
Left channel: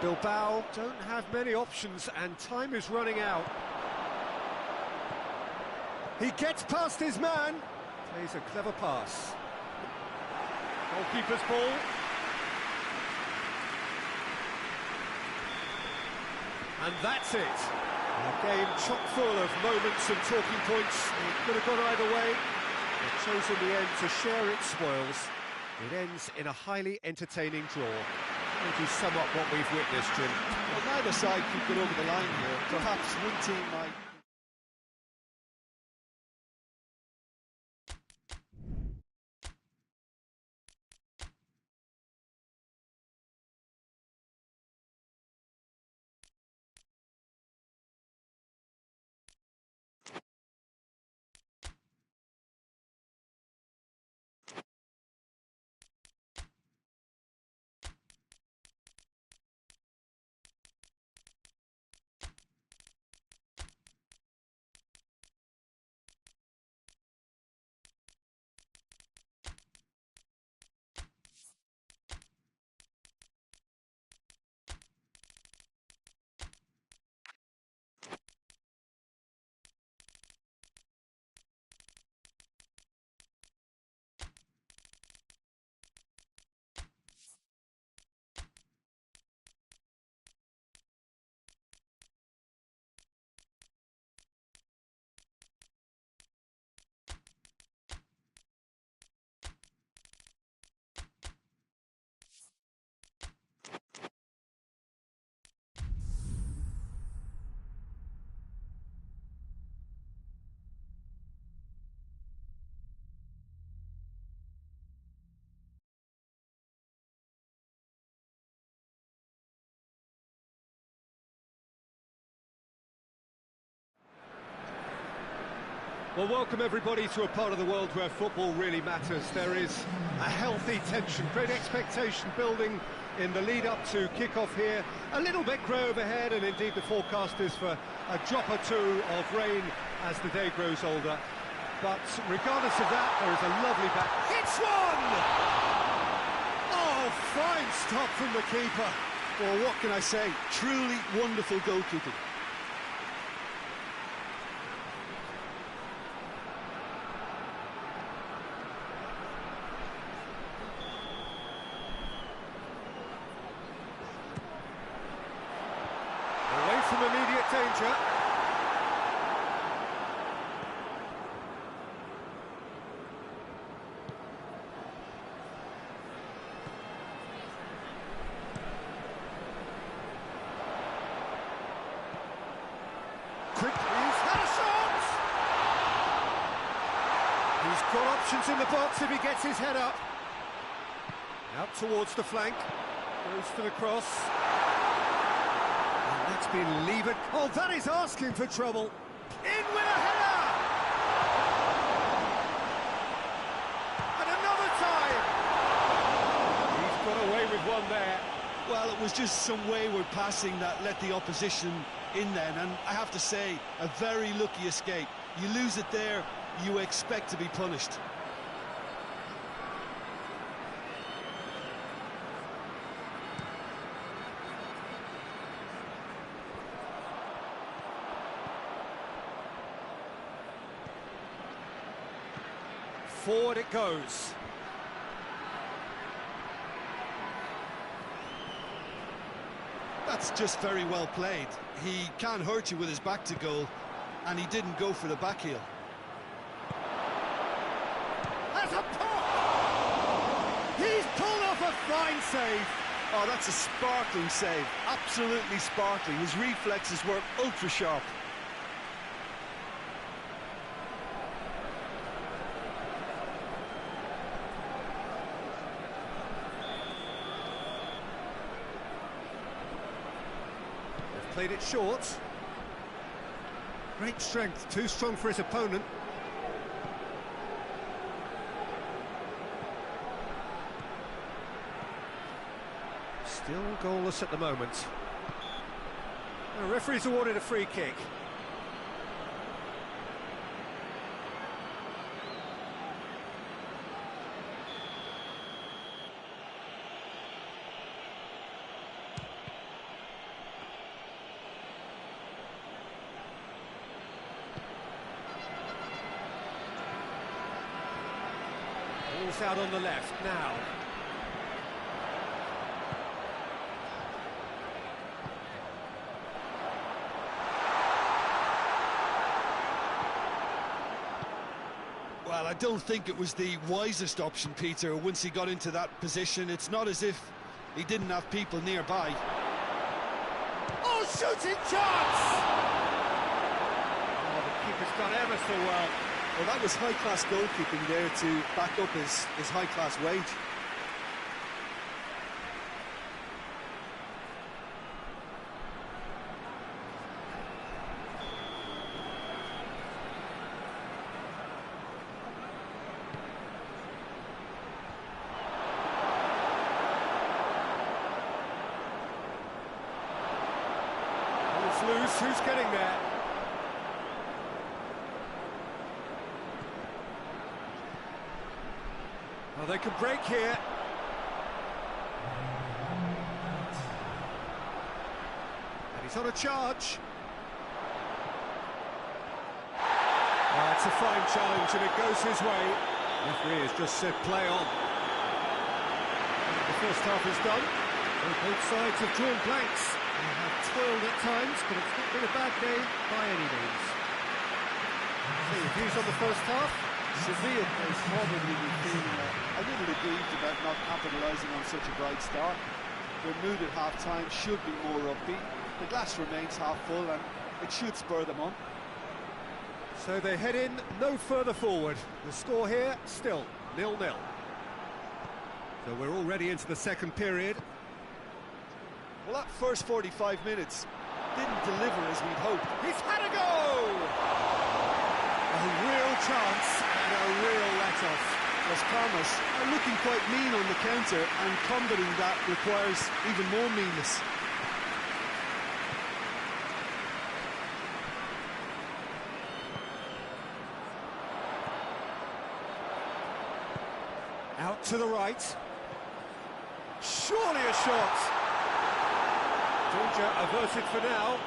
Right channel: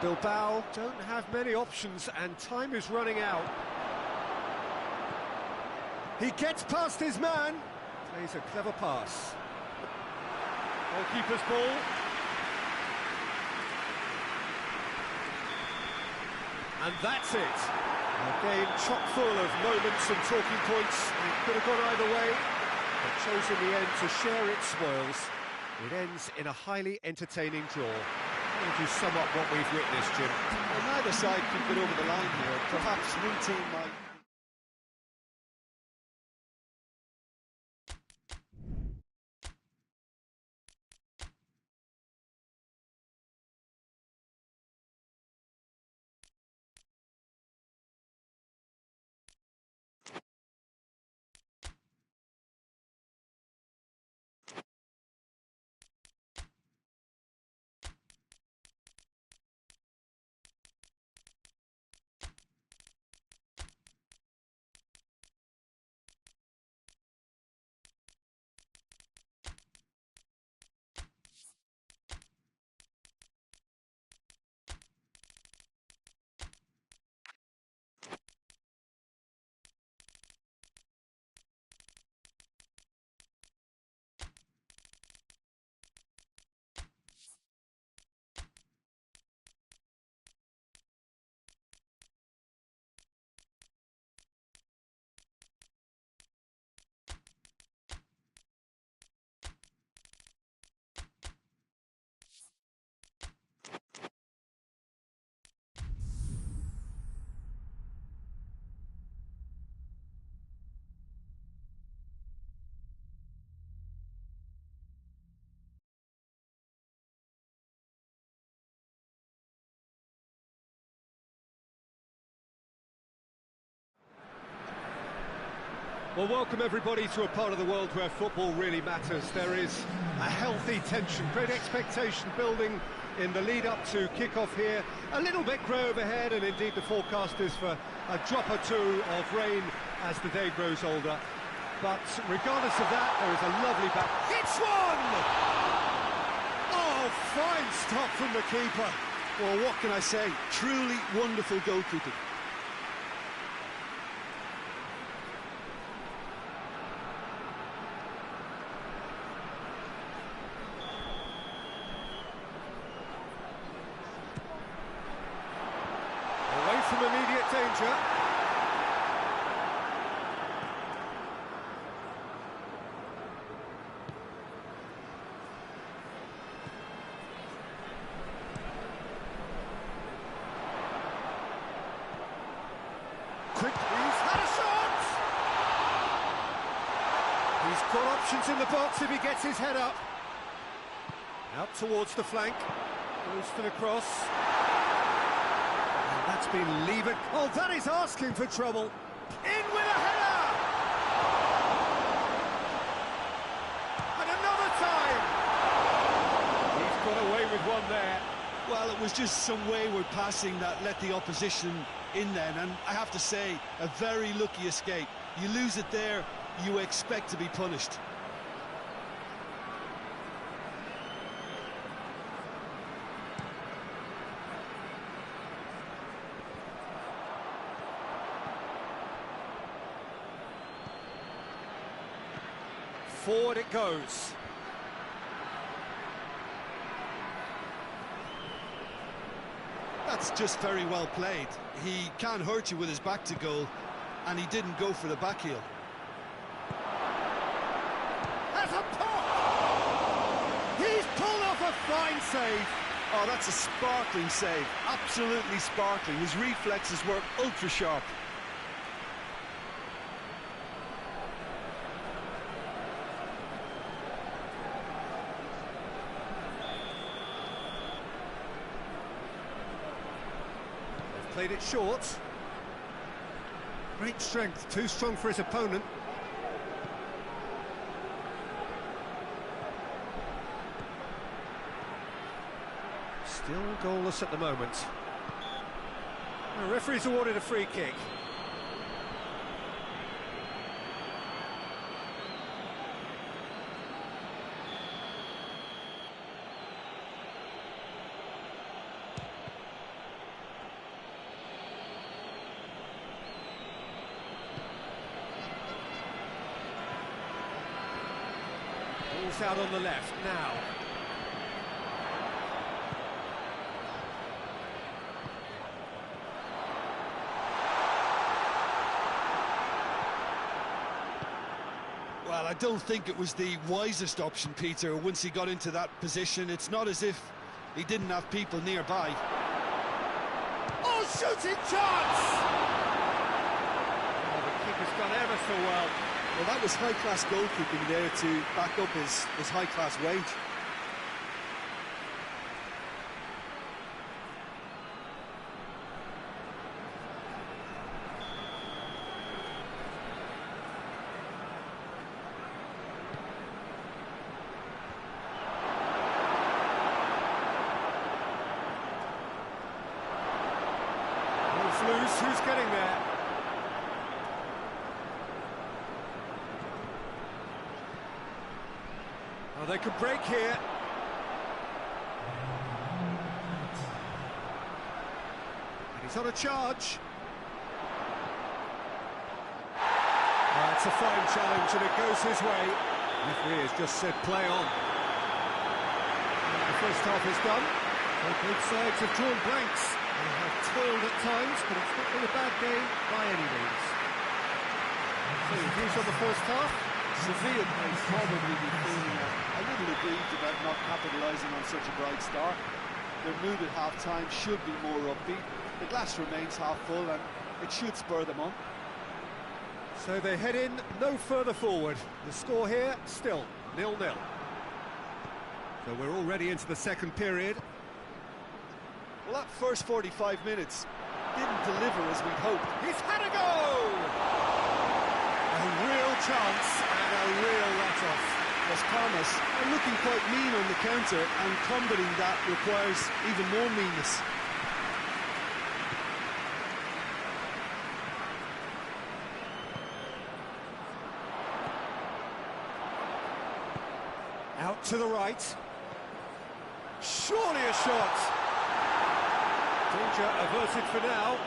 Bilbao don't have many options, and time is running out. He gets past his man, plays a clever pass. Goalkeeper's ball. And that's it. A game chock full of moments and talking points. It could have gone either way, but chose in the end to share its spoils. It ends in a highly entertaining draw. How would you sum up what we've witnessed, Jim? Well, neither side could get over the line here. Perhaps one team might... Well, welcome everybody to a part of the world where football really matters. There is a healthy tension, great expectation building in the lead-up to kick-off here. A little bit grey overhead, and indeed the forecast is for a drop or two of rain as the day grows older. But regardless of that, there is a lovely back. It's one! Oh, fine stop from the keeper. Well, what can I say? Truly wonderful goalkeeping. Away from immediate danger. Quick, he's had a shot! He's got options in the box if he gets his head up. Out towards the flank, goes for the cross. And that's been levered. Oh, that is asking for trouble. In with a header! And another time! He's got away with one there. Well, it was just some wayward passing that let the opposition in then, and I have to say, a very lucky escape. You lose it there, you expect to be punished. Forward it goes. That's just very well played. He can't hurt you with his back to goal, and he didn't go for the back heel. Has a pop! He's pulled off a fine save. Oh, that's a sparkling save. Absolutely sparkling. His reflexes were ultra sharp. Played it short. Great strength, too strong for his opponent. Still goalless at the moment. The referee's awarded a free kick. Ball's out on the left now. Well, I don't think it was the wisest option, Peter, once he got into that position. It's not as if he didn't have people nearby. Oh, shooting chance! Oh, the keeper's done ever so well. Well, that was high-class goalkeeping there to back up his high-class wage. Ball's loose, who's getting there? Oh, they could break here. And he's on a charge. It's a fine challenge and it goes his way. Referee has just said play on. And the first half is done. So both sides have drawn blanks. They have toiled at times, but it's not been a bad game by any means. So your views on the first half? Sevilla may probably be feeling a little aggrieved about not capitalising on such a bright start. Their mood at half-time should be more upbeat. The glass remains half full and it should spur them on. So they head in no further forward. The score here, still 0-0. So we're already into the second period. Well, that first 45 minutes didn't deliver as we'd hoped. He's had a go! A real chance and a real let-off. Las Palmas are looking quite mean on the counter, and combating that requires even more meanness. Out to the right. Surely a shot. Danger averted for now.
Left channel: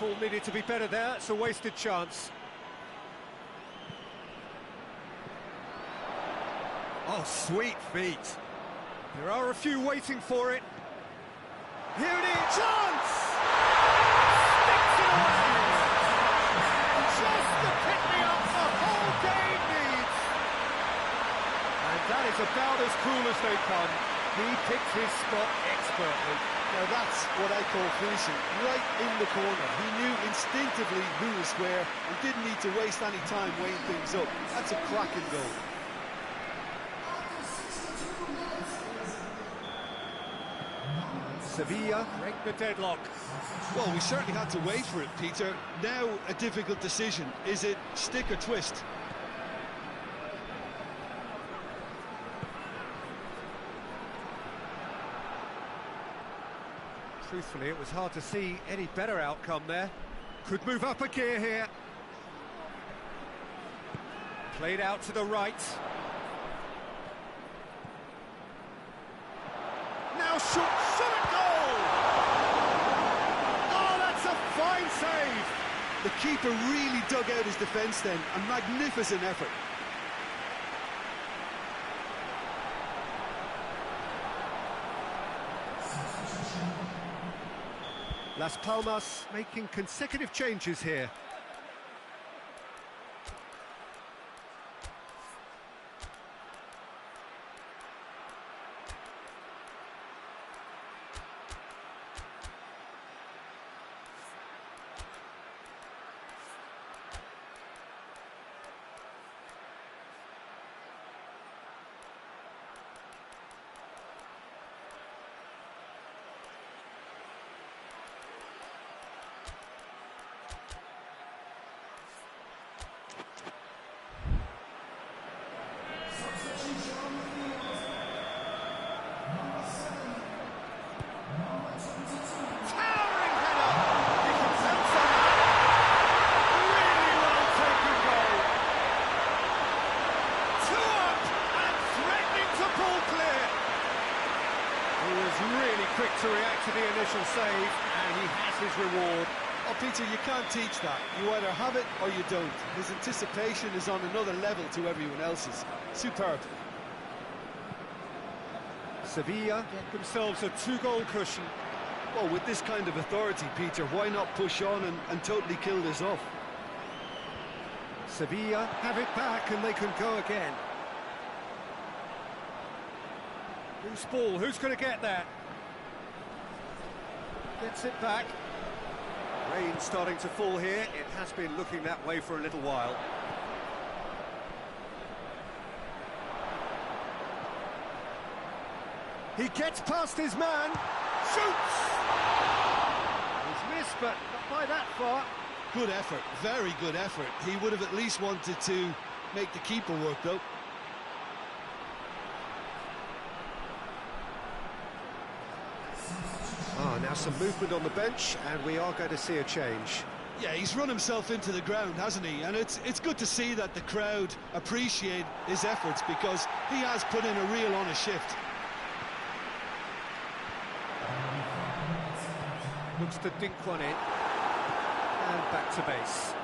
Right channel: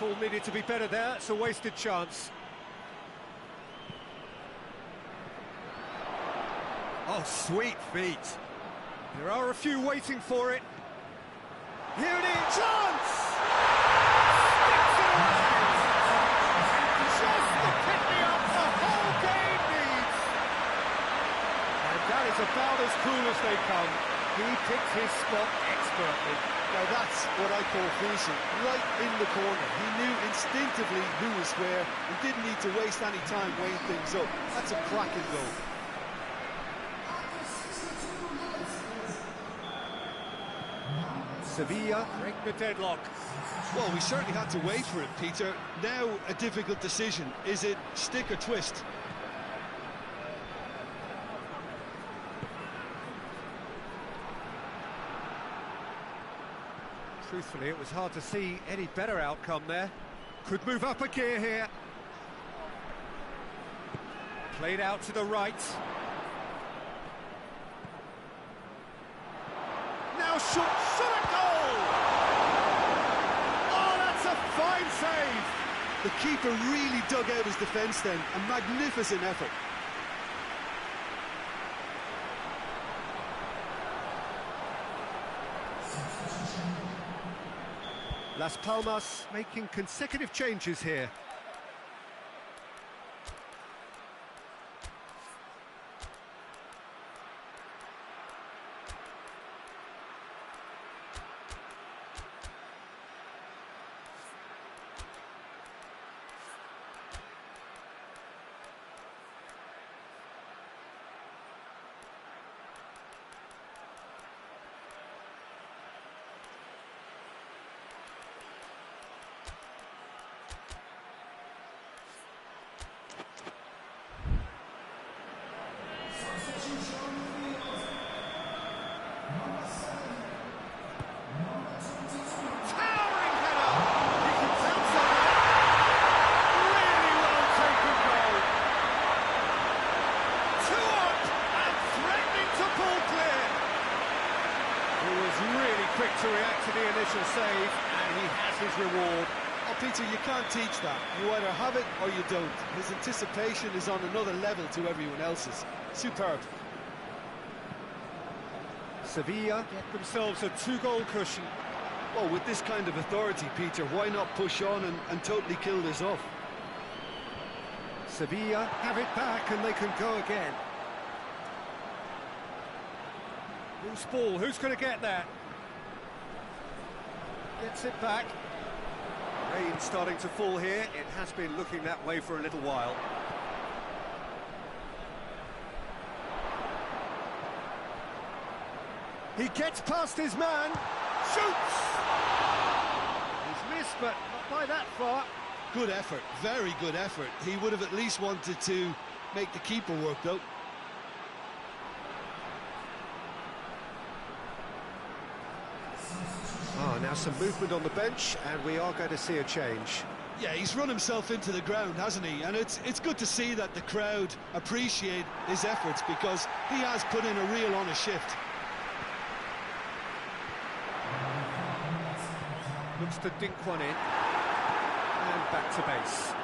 Ball needed to be better there. It's a wasted chance. Oh, sweet feet. There are a few waiting for it. Here it is. Chance! Sticks it away! Just the pick-me-up the whole game needs. And that is about as cool as they come. He picked his spot expertly. Now that's what I call finishing, right in the corner. He knew instinctively who was where and didn't need to waste any time weighing things up. That's a cracking goal. Sevilla break the deadlock. Well, we certainly had to wait for it, Peter. Now a difficult decision. Is it stick or twist? Truthfully, it was hard to see any better outcome there. Could move up a gear here. Played out to the right. Now shot at goal! Oh, that's a fine save! The keeper really dug out his defence then. A magnificent effort. Las Palmas making consecutive changes here. Really quick to react to the initial save, and he has his reward. Oh, Peter, you can't teach that. You either have it or you don't. His anticipation is on another level to everyone else's. Superb. Sevilla get themselves a two-goal cushion. Well, with this kind of authority, Peter, why not push on and totally kill this off? Sevilla have it back and they can go again. Loose ball, who's going to get that? Gets it back. Rain starting to fall here. It has been looking that way for a little while. He gets past his man. Shoots! He's missed, but not by that far. Good effort, very good effort. He would have at least wanted to make the keeper work, though. Now some movement on the bench, and we are going to see a change. Yeah, he's run himself into the ground, hasn't he? And it's good to see that the crowd appreciate his efforts, because he has put in a real honest shift. Looks to dink one in. And back to base.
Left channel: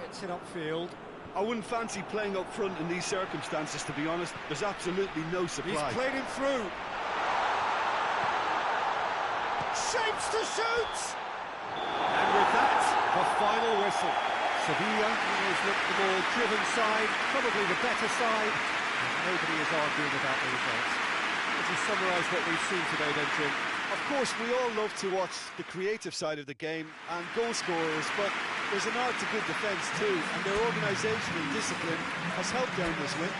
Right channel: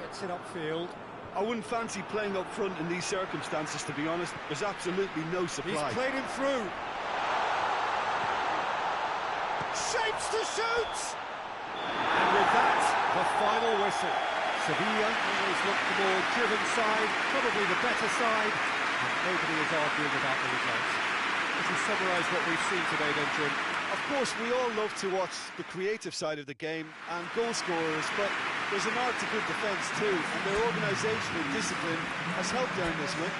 Gets it upfield. I wouldn't fancy playing up front in these circumstances, to be honest. There's absolutely no supply. He's played him through. Shapes to shoot! And with that, the final whistle. Sevilla always looked the more driven side, probably the better side, and nobody is arguing about the results. Would you summarise what we've seen today then, Jim? Of course, we all love to watch the creative side of the game and goal scorers, but there's an art to good defence too, and their organisation and discipline has helped earn this win.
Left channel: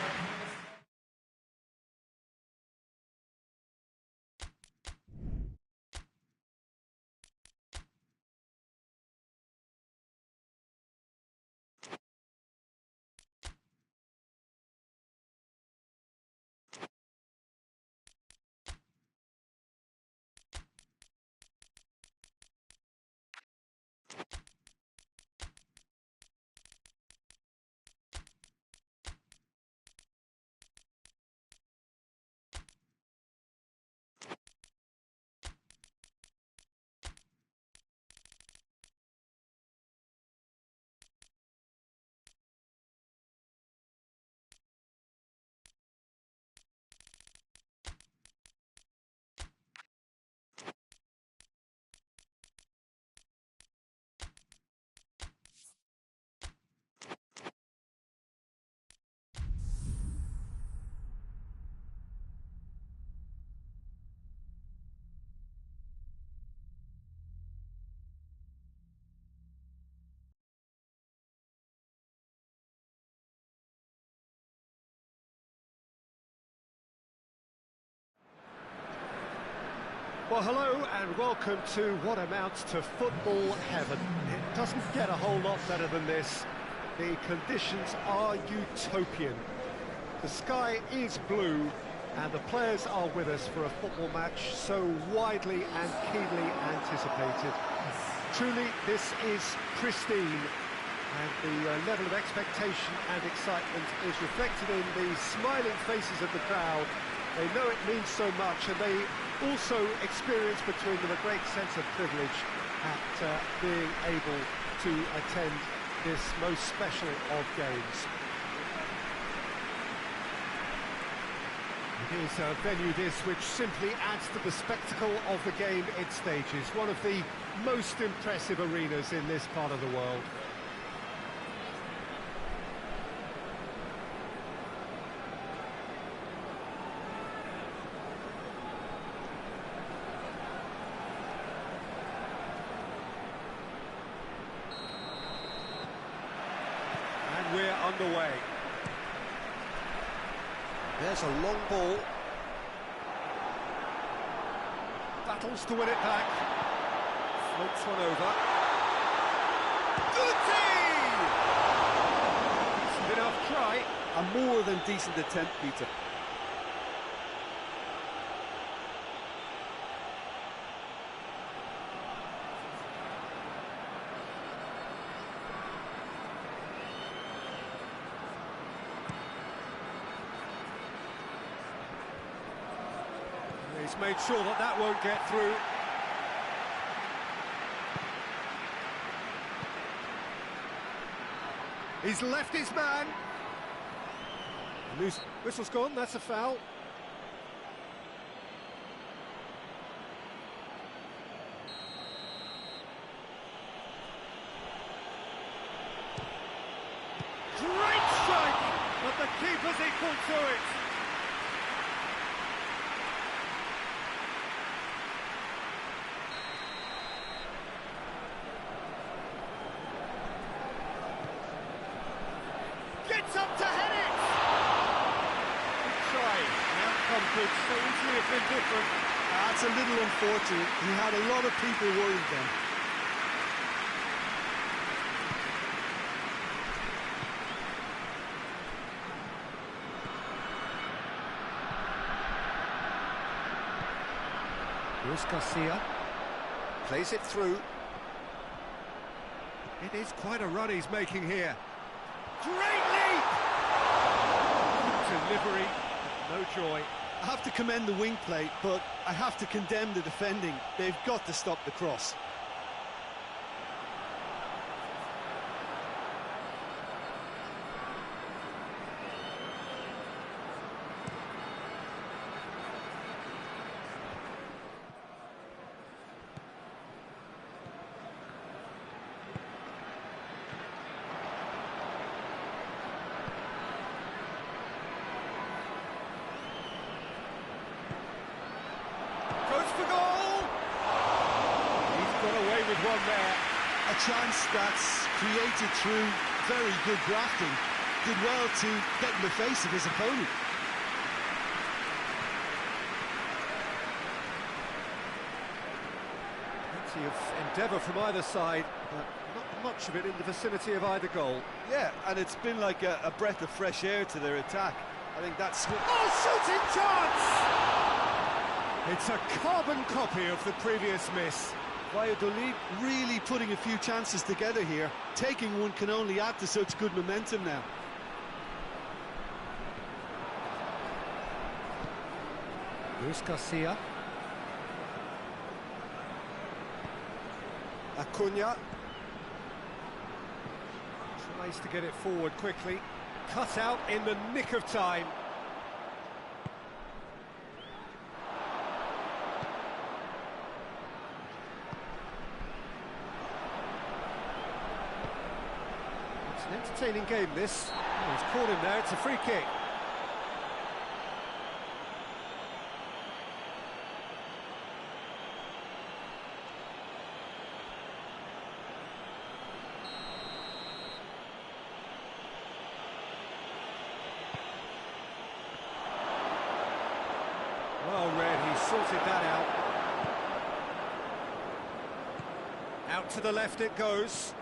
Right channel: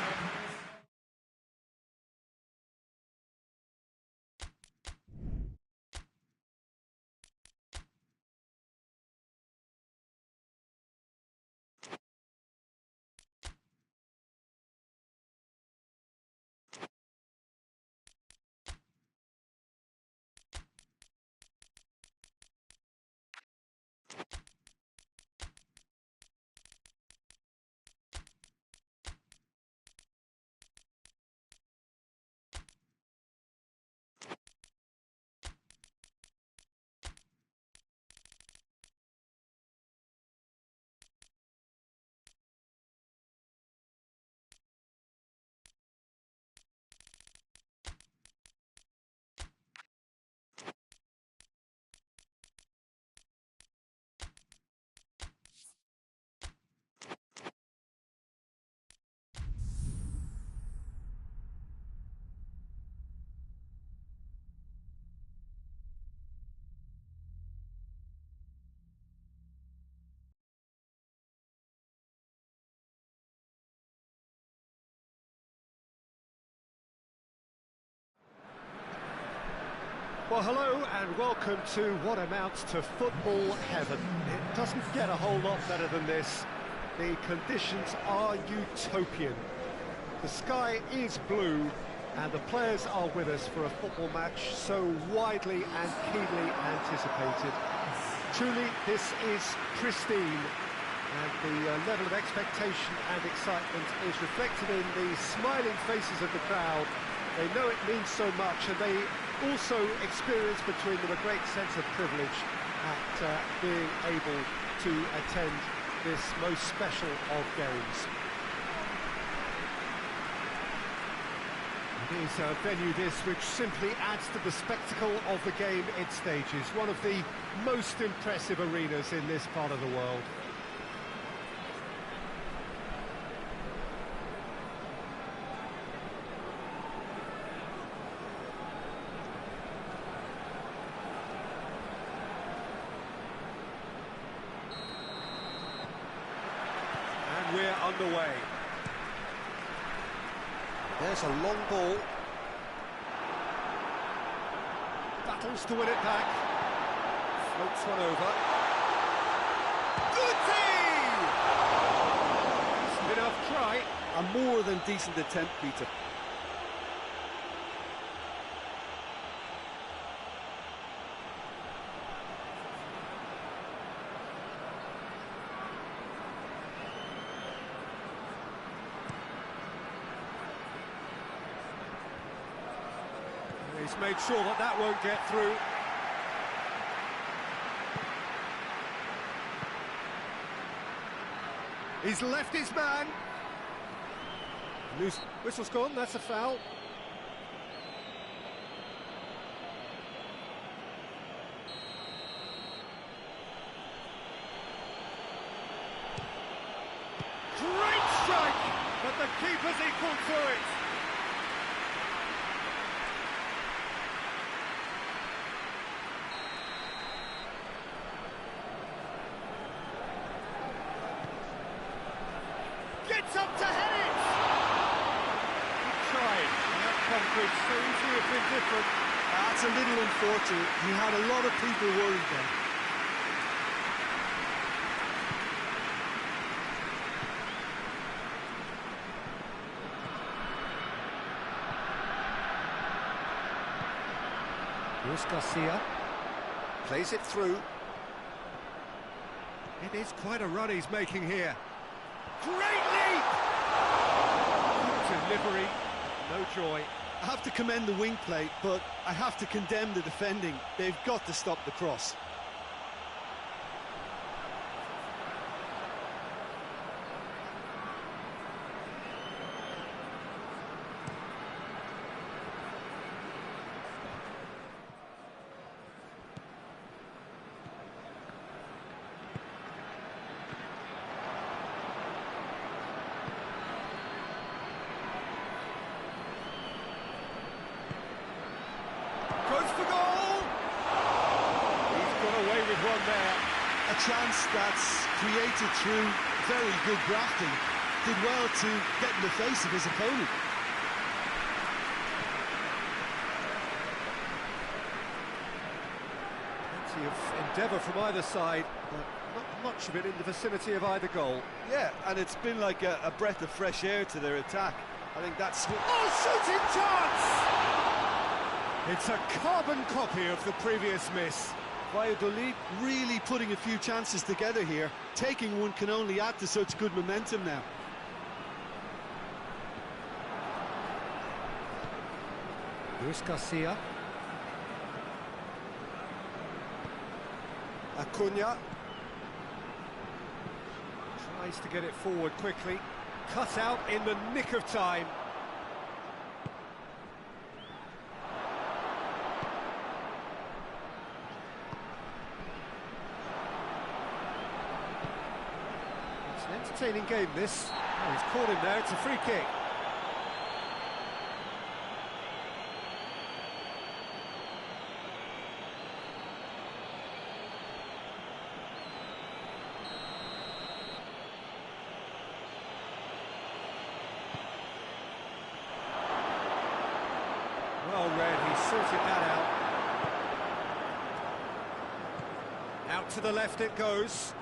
Well, hello and welcome to what amounts to football heaven. It doesn't get a whole lot better than this. The conditions are utopian. The sky is blue and the players are with us for a football match so widely and keenly anticipated. Truly, this is pristine, and the level of expectation and excitement is reflected in the smiling faces of the crowd. They know it means so much, and they also experience between them a great sense of privilege at being able to attend this most special of games. It is a venue this which simply adds to the spectacle of the game it stages, one of the most impressive arenas in this part of the world. And we're underway. There's a long ball. Battles to win it back. Floats one over. Goodie! Decent enough try. A more than decent attempt, Peter. He's made sure that that won't get through. He's left his man. Loose. Whistle's gone, that's a foul. Great strike, but the keeper's equal to it. Gets up to head it! Good try. The outcome could so easily have been different. That's a little unfortunate. He had a lot of people worried then. Luis Garcia plays it through. It is quite a run he's making here. Great leap! Good delivery, no joy. I have to commend the wing play, but I have to condemn the defending. They've got to stop the cross. Goes for goal! He's got away with one there. A chance that's created through very good grafting. Did well to get in the face of his opponent. Plenty of endeavour from either side, but not much of it in the vicinity of either goal. Yeah, and it's been like a breath of fresh air to their attack. I think that's... Oh, shooting chance! It's a carbon copy of the previous miss. Valladolid really putting a few chances together here. Taking one can only add to such good momentum now. Luis Garcia. Acuna. Tries to get it forward quickly. Cut out in the nick of time. It's an entertaining game, this. Oh, he's caught him there, it's a free kick. Well read, he sorted that out. Out to the left it goes.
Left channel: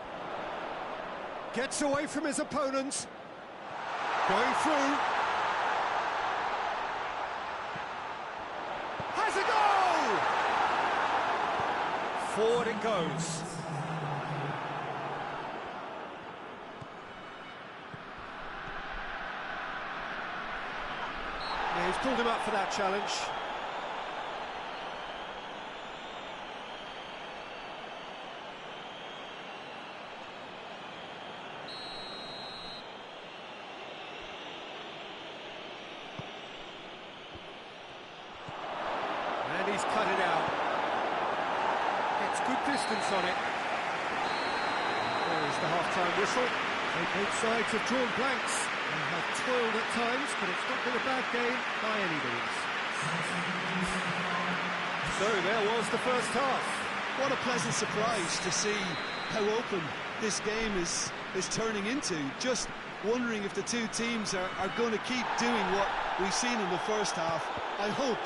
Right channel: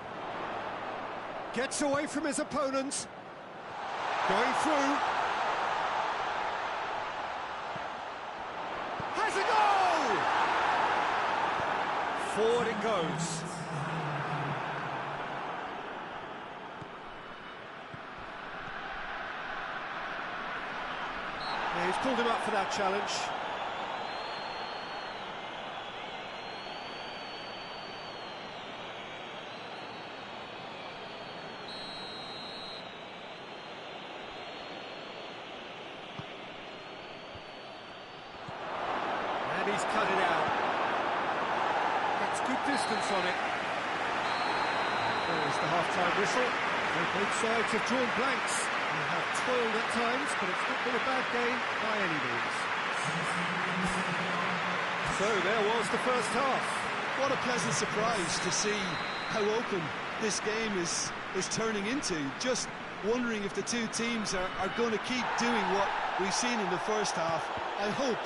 Gets away from his opponent. Going through. Has a goal! Forward it goes. Yeah, he's pulled him up for that challenge. And he's cut it out. Gets good distance on it. There is the half-time whistle. So both sides have drawn blanks. They have toiled at times, but it's not been a bad game by any means. So there was the first half. What a pleasant surprise to see how open this game is turning into. Just wondering if the two teams are going to keep doing what we've seen in the first half. I hope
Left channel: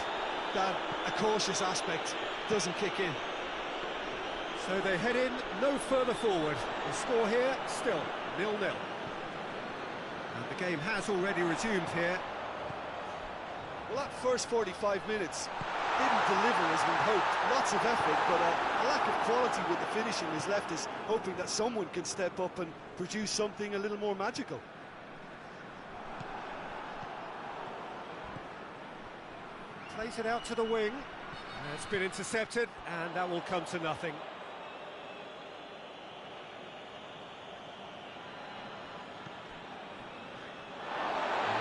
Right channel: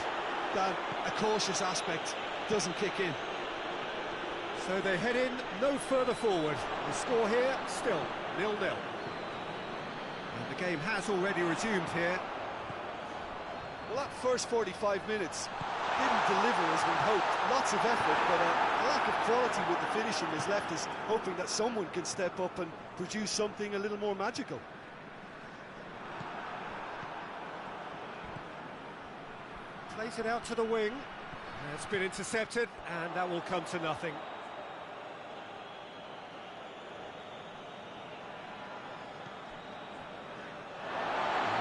that a cautious aspect doesn't kick in. So they head in no further forward. The score here still 0-0. And the game has already resumed here. Well, that first 45 minutes didn't deliver as we'd hoped. Lots of effort, but a lack of quality with the finishing has left us hoping that someone can step up and produce something a little more magical. Plays it out to the wing. It's been intercepted, and that will come to nothing.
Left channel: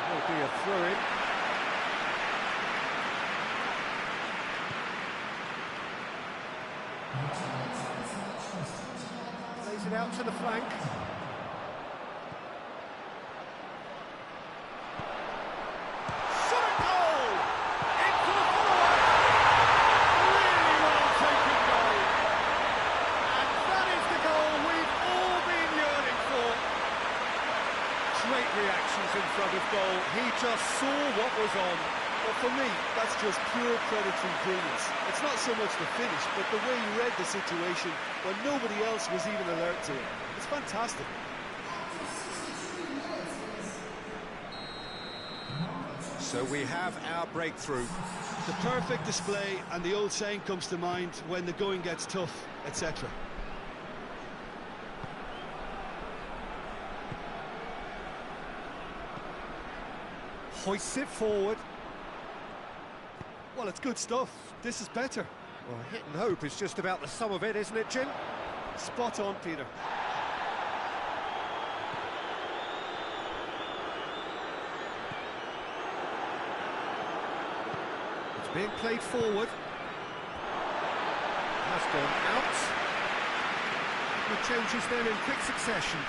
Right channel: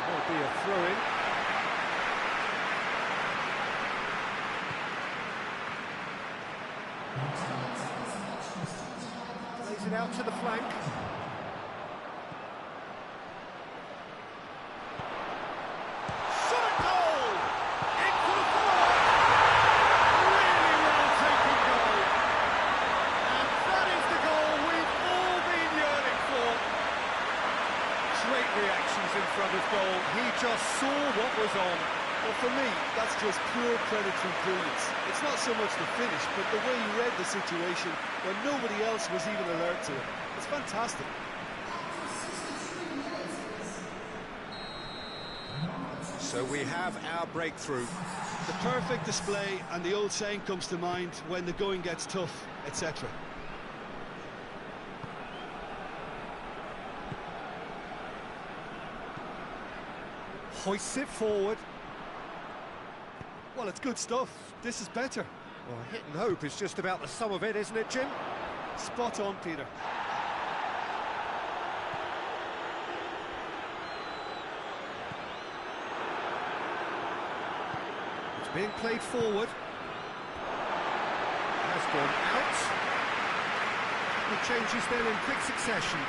There will be a throw-in. Plays it out to the flank. Shot goal! Into the follow-up. Really well taken goal. And that is the goal we've all been yearning for. Great reactions in front of goal. He just saw what was on. Well, for me, that's just pure predatory brilliance. It's not so much the finish, but the way he read the situation when nobody else was even alert to it. It's fantastic. So we have our breakthrough. The perfect display, and the old saying comes to mind, when the going gets tough, etc. Hoists it forward. Well, it's good stuff. This is better. Well, hit and hope is just about the sum of it, isn't it, Jim? Spot on, Peter. It's being played forward. Has gone out. Good changes then in quick succession.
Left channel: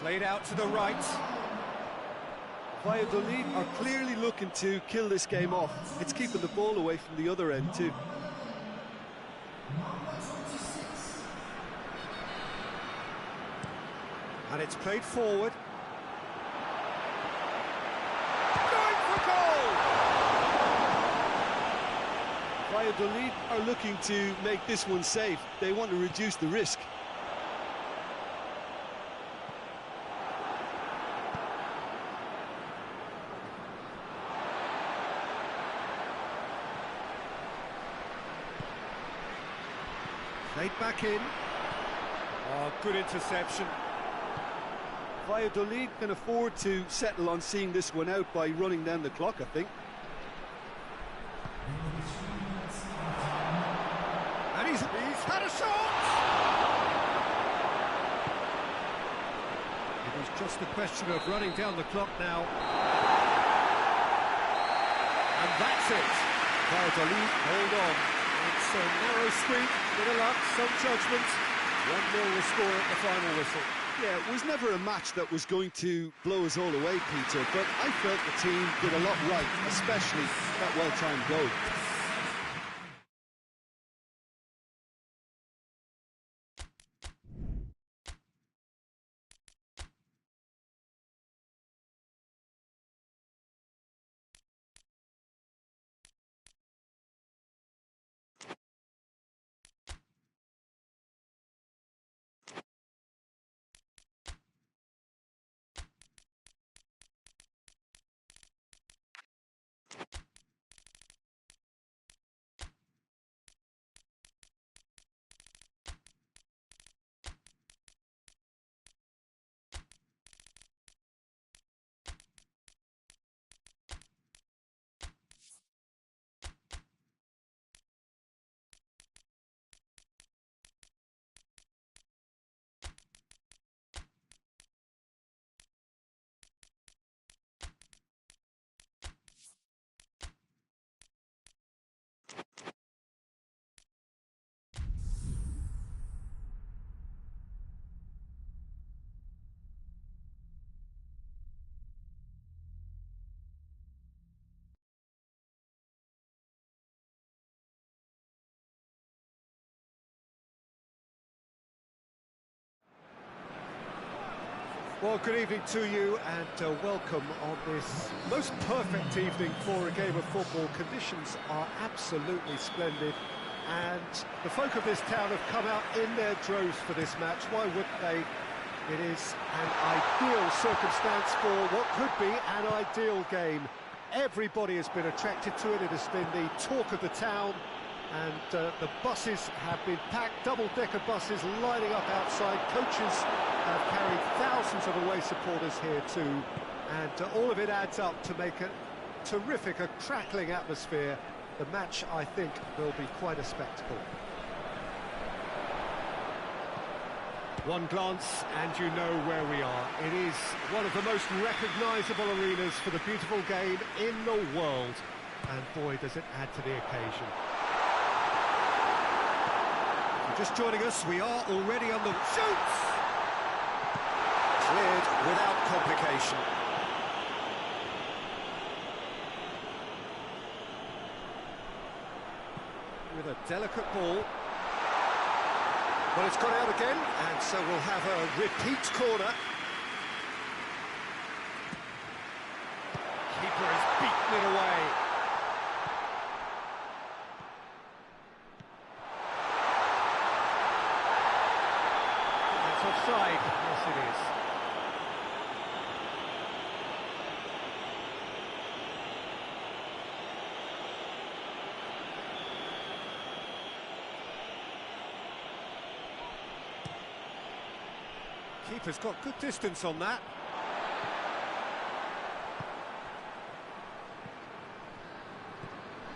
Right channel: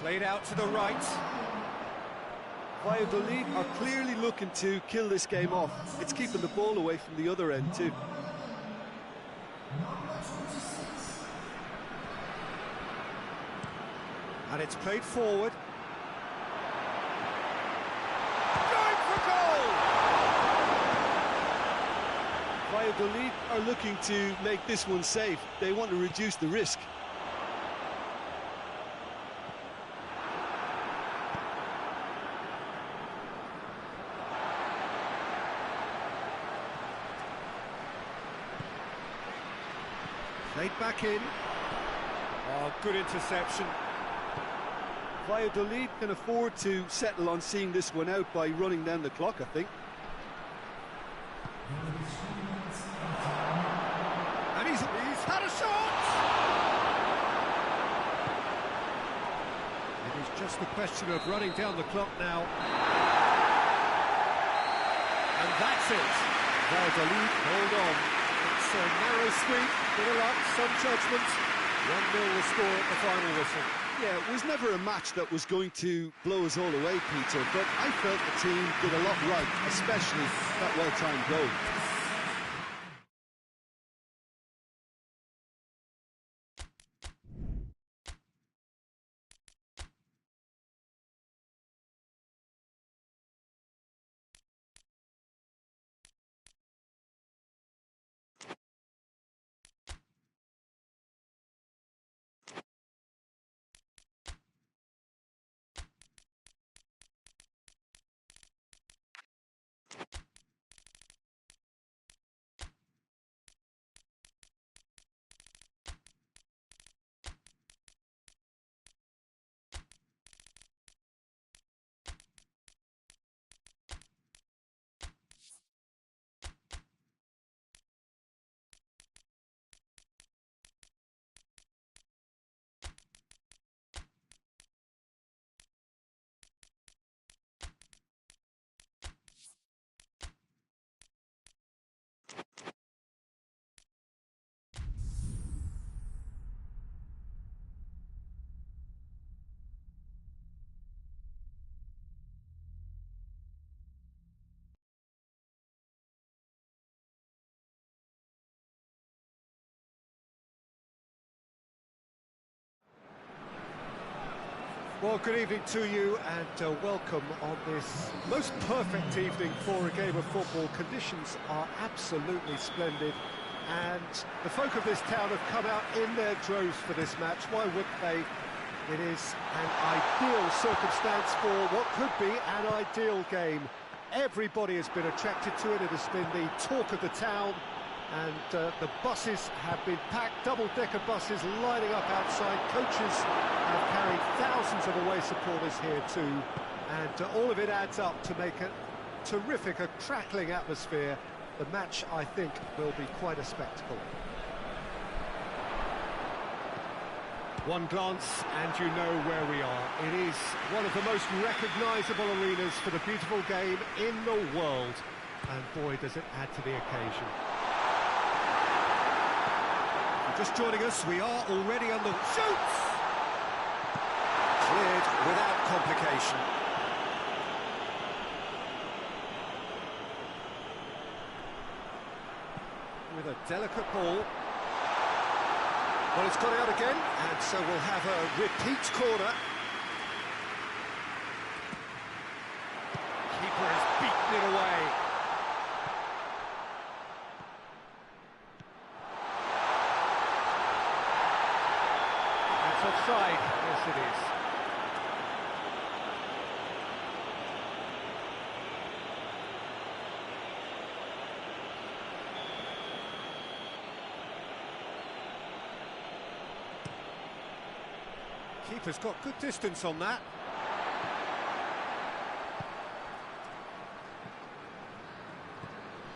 Played out to the right. Valladolid are clearly looking to kill this game off. It's keeping the ball away from the other end too. And it's played forward. Going for goal! Valladolid are looking to make this one safe. They want to reduce the risk. Played back in. Oh, good interception. Valladolid can afford to settle on seeing this one out by running down the clock, I think. And he's had a shot! It's just a question of running down the clock now. And that's it. Valladolid hold on. It's a narrow squeak, bit of luck, some judgment. 1-0 the score at the final whistle. Yeah, it was never a match that was going to blow us all away, Peter, but I felt the team did a lot right, especially that well-timed goal. Well, good evening to you and welcome on this most perfect evening for a game of football. Conditions are absolutely splendid and the folk of this town have come out in their droves for this match. Why wouldn't they? It is an ideal circumstance for what could be an ideal game. Everybody has been attracted to it. It has been the talk of the town. And the buses have been packed, double-decker buses lining up outside. Coaches have carried thousands of away supporters here too. And all of it adds up to make a terrific, a crackling atmosphere. The match, I think, will be quite a spectacle. One glance and you know where we are. It is one of the most recognisable arenas for the beautiful game in the world. And boy, does it add to the occasion. Just joining us, we are already on the shoots! Cleared without complication. With a delicate ball. Well, it's gone out again, and so we'll have a repeat corner. Keeper has beaten it away. Offside, yes it is. Keeper's got good distance on that.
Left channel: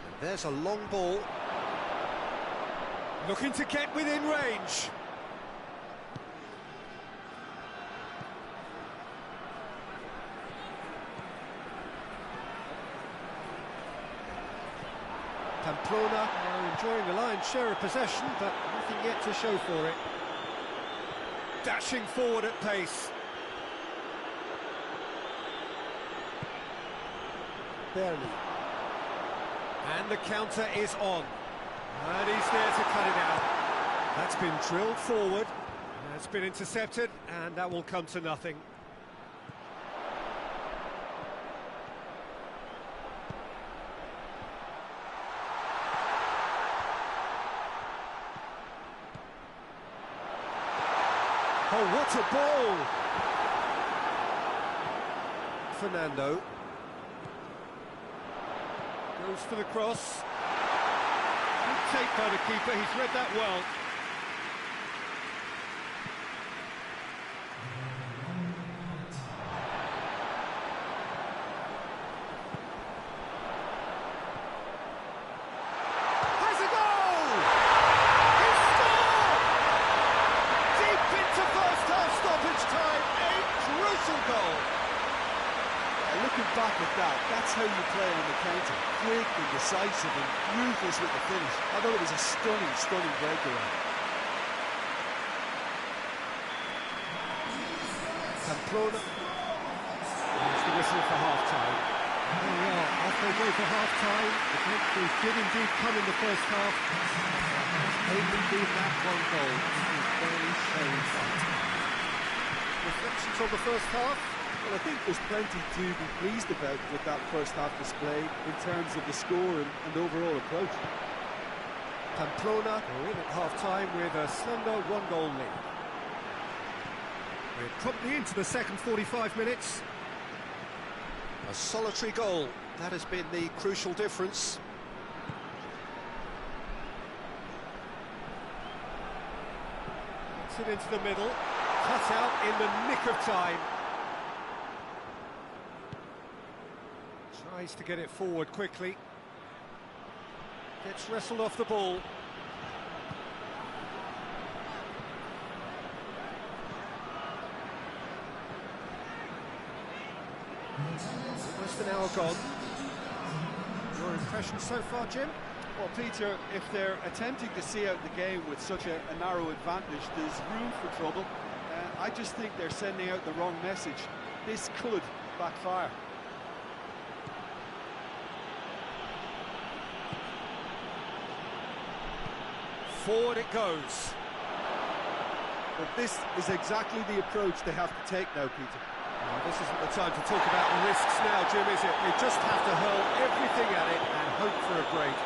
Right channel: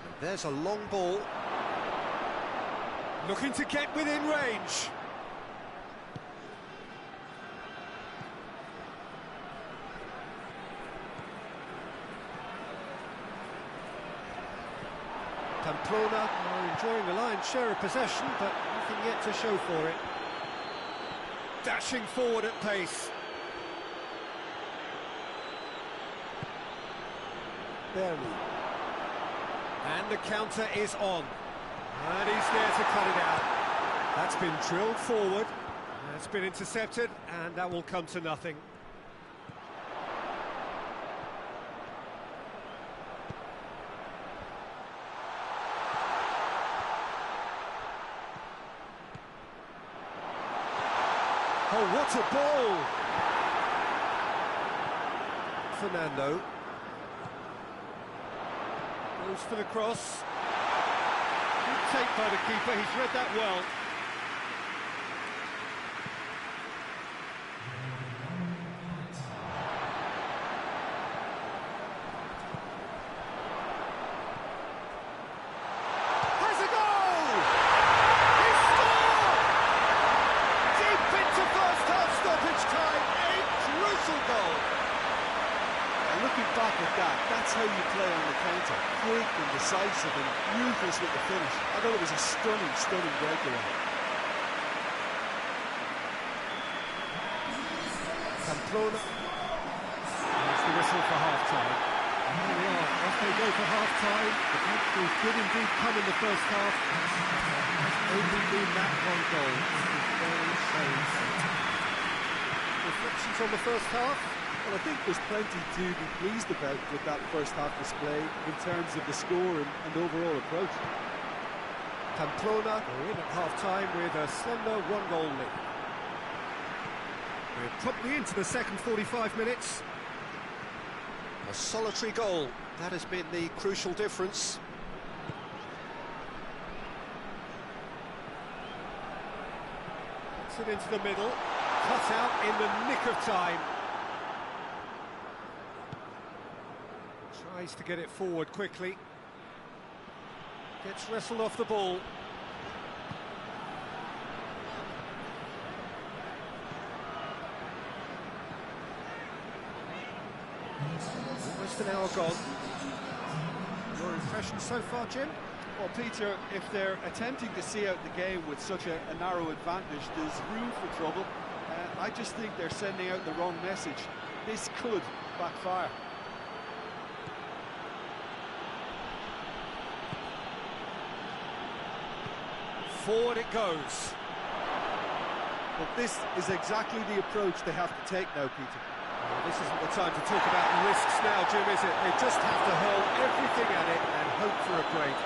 And there's a long ball. Looking to get within range. Pamplona are enjoying the lion's share of possession, but nothing yet to show for it. Dashing forward at pace. Barely. And the counter is on. And he's there to cut it out. That's been drilled forward. That's been intercepted, and that will come to nothing. Oh, what a ball! Fernando goes for the cross. Good take by the keeper, he's read that well. Has a goal! He scored! Deep into first half stoppage time, a crucial whistle goal. Yeah, looking back at that, that's how you play on the counter. Quick and decisive and ruthless with the finish. I thought it was a stunning, stunning breakaway. Pamplona. There's the whistle for half-time. And there we are, off they go for half-time. The breakthrough did indeed come in the first half. But there has only been that one goal. It is very, very tight. Reflections on the first half? Well, I think there's plenty to be pleased about with that first half display in terms of the score and overall approach. Pamplona are in at half-time with a slender one-goal lead. We're promptly into the second 45 minutes. A solitary goal, that has been the crucial difference. Gets it into the middle, cut out in the nick of time. Tries to get it forward quickly. Gets wrestled off the ball. Almost an hour gone. Your impression so far, Jim? Well, Peter, if they're attempting to see out the game with such a narrow advantage, there's room for trouble. I just think they're sending out the wrong message. This could backfire. Forward it goes. But this is exactly the approach they have to take now, Peter. Well, this isn't the time to talk about risks now, Jim, is it? They just have to hurl everything at it and hope for a break.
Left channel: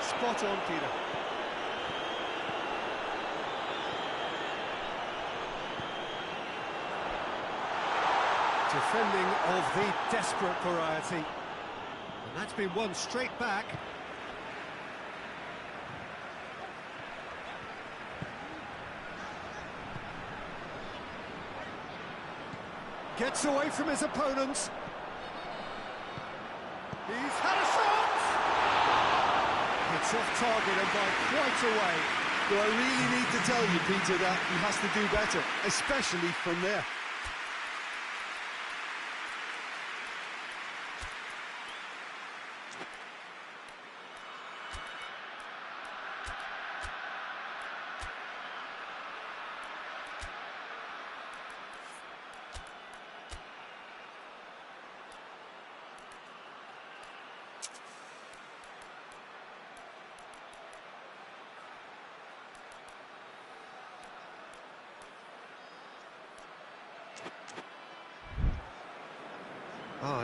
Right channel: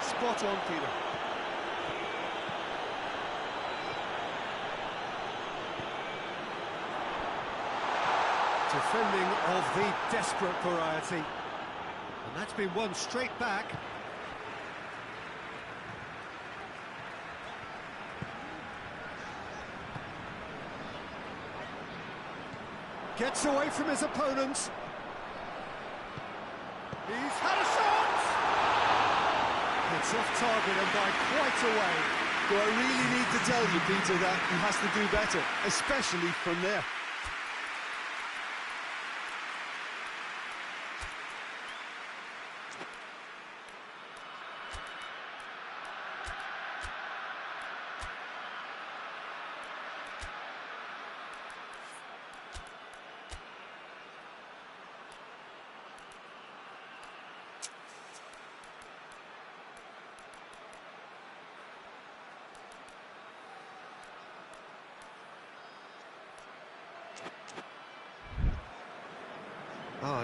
Spot on, Peter. Defending of the desperate variety. And that's been won straight back. Gets away from his opponents. He's had a shot! It's off target and by quite a way. Do I really need to tell you, Peter, that he has to do better, especially from there?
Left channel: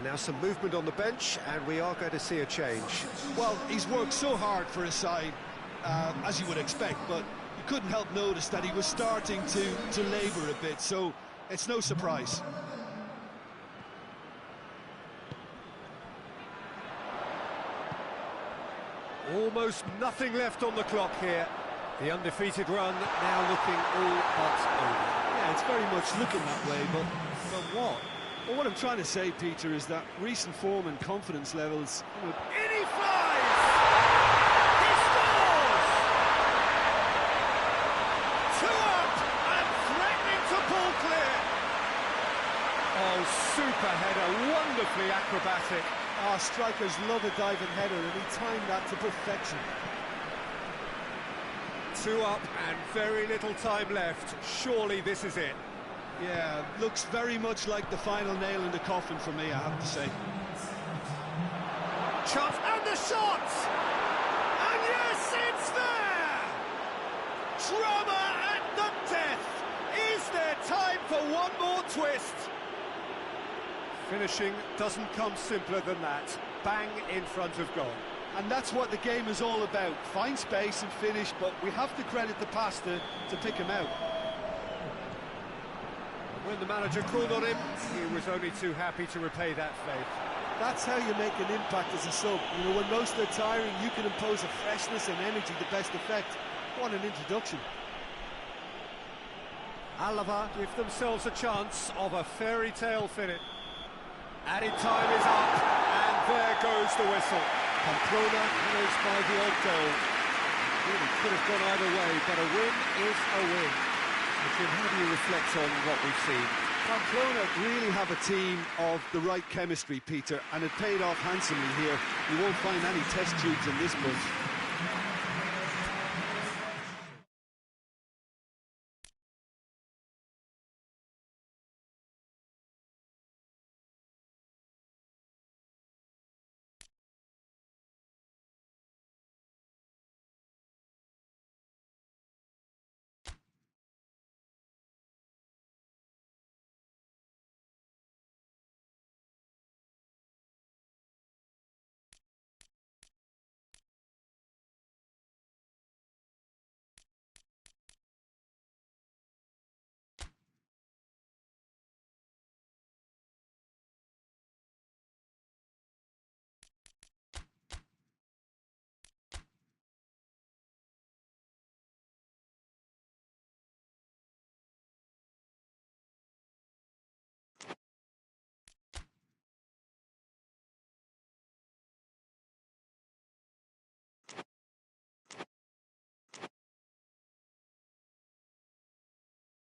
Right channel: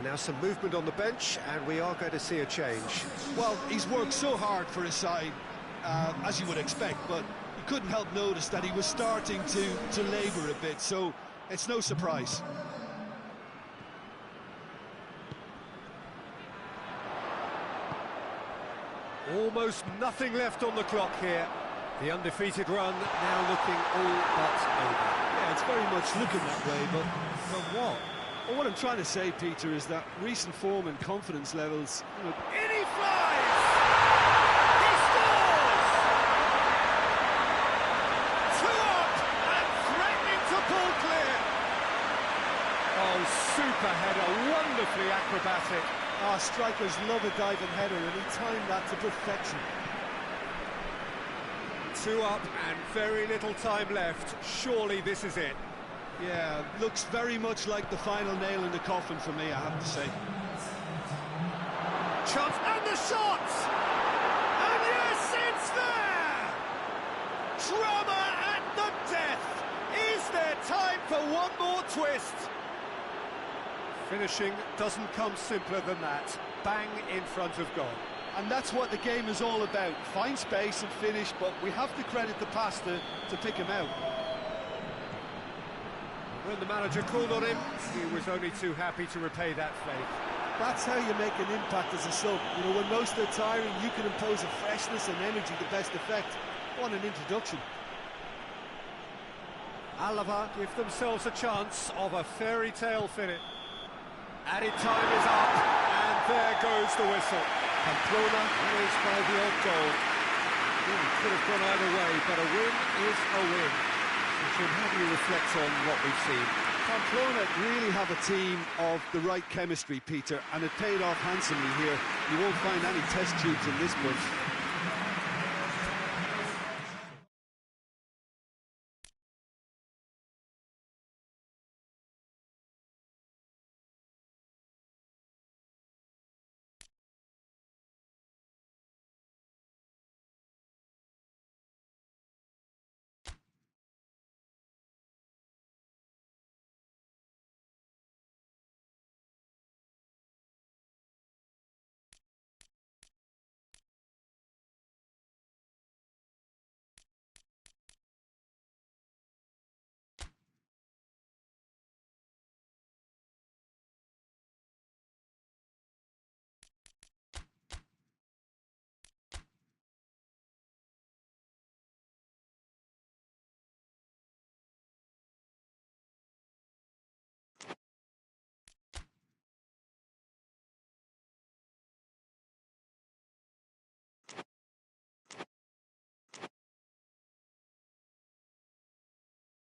Now some movement on the bench, and we are going to see a change. Well, he's worked so hard for his side, as you would expect, but you couldn't help notice that he was starting to labour a bit, so it's no surprise. Almost nothing left on the clock here. The undefeated run now looking all but over. Yeah, it's very much looking that way, but what? Well, what I'm trying to say, Peter, is that recent form and confidence levels... In he flies! He scores! 2 up and threatening to pull clear. Oh, super header, wonderfully acrobatic. Strikers love a diving header, and he timed that to perfection. 2 up and very little time left. Surely this is it. Yeah, looks very much like the final nail in the coffin for me, I have to say. Chance, and the shot! And yes, it's there! Drama at the death! Is there time for one more twist? Finishing doesn't come simpler than that. Bang in front of goal. And that's what the game is all about. Find space and finish, but we have to credit the passer to pick him out. When the manager called on him, he was only too happy to repay that faith. That's how you make an impact as a sub. You know, when most are tiring, you can impose a freshness and energy to best effect. What an introduction. ALAVÉS give themselves a chance of a fairy tale finish. Added time is up, and there goes the whistle. Pamplona winners by the odd goal. Really could have gone either way, but a win is a win. So Jim, how do you reflect on what we've seen? Pamplona. Really have a team of the right chemistry, Peter, and it paid off handsomely here. You won't find any test tubes in this bunch.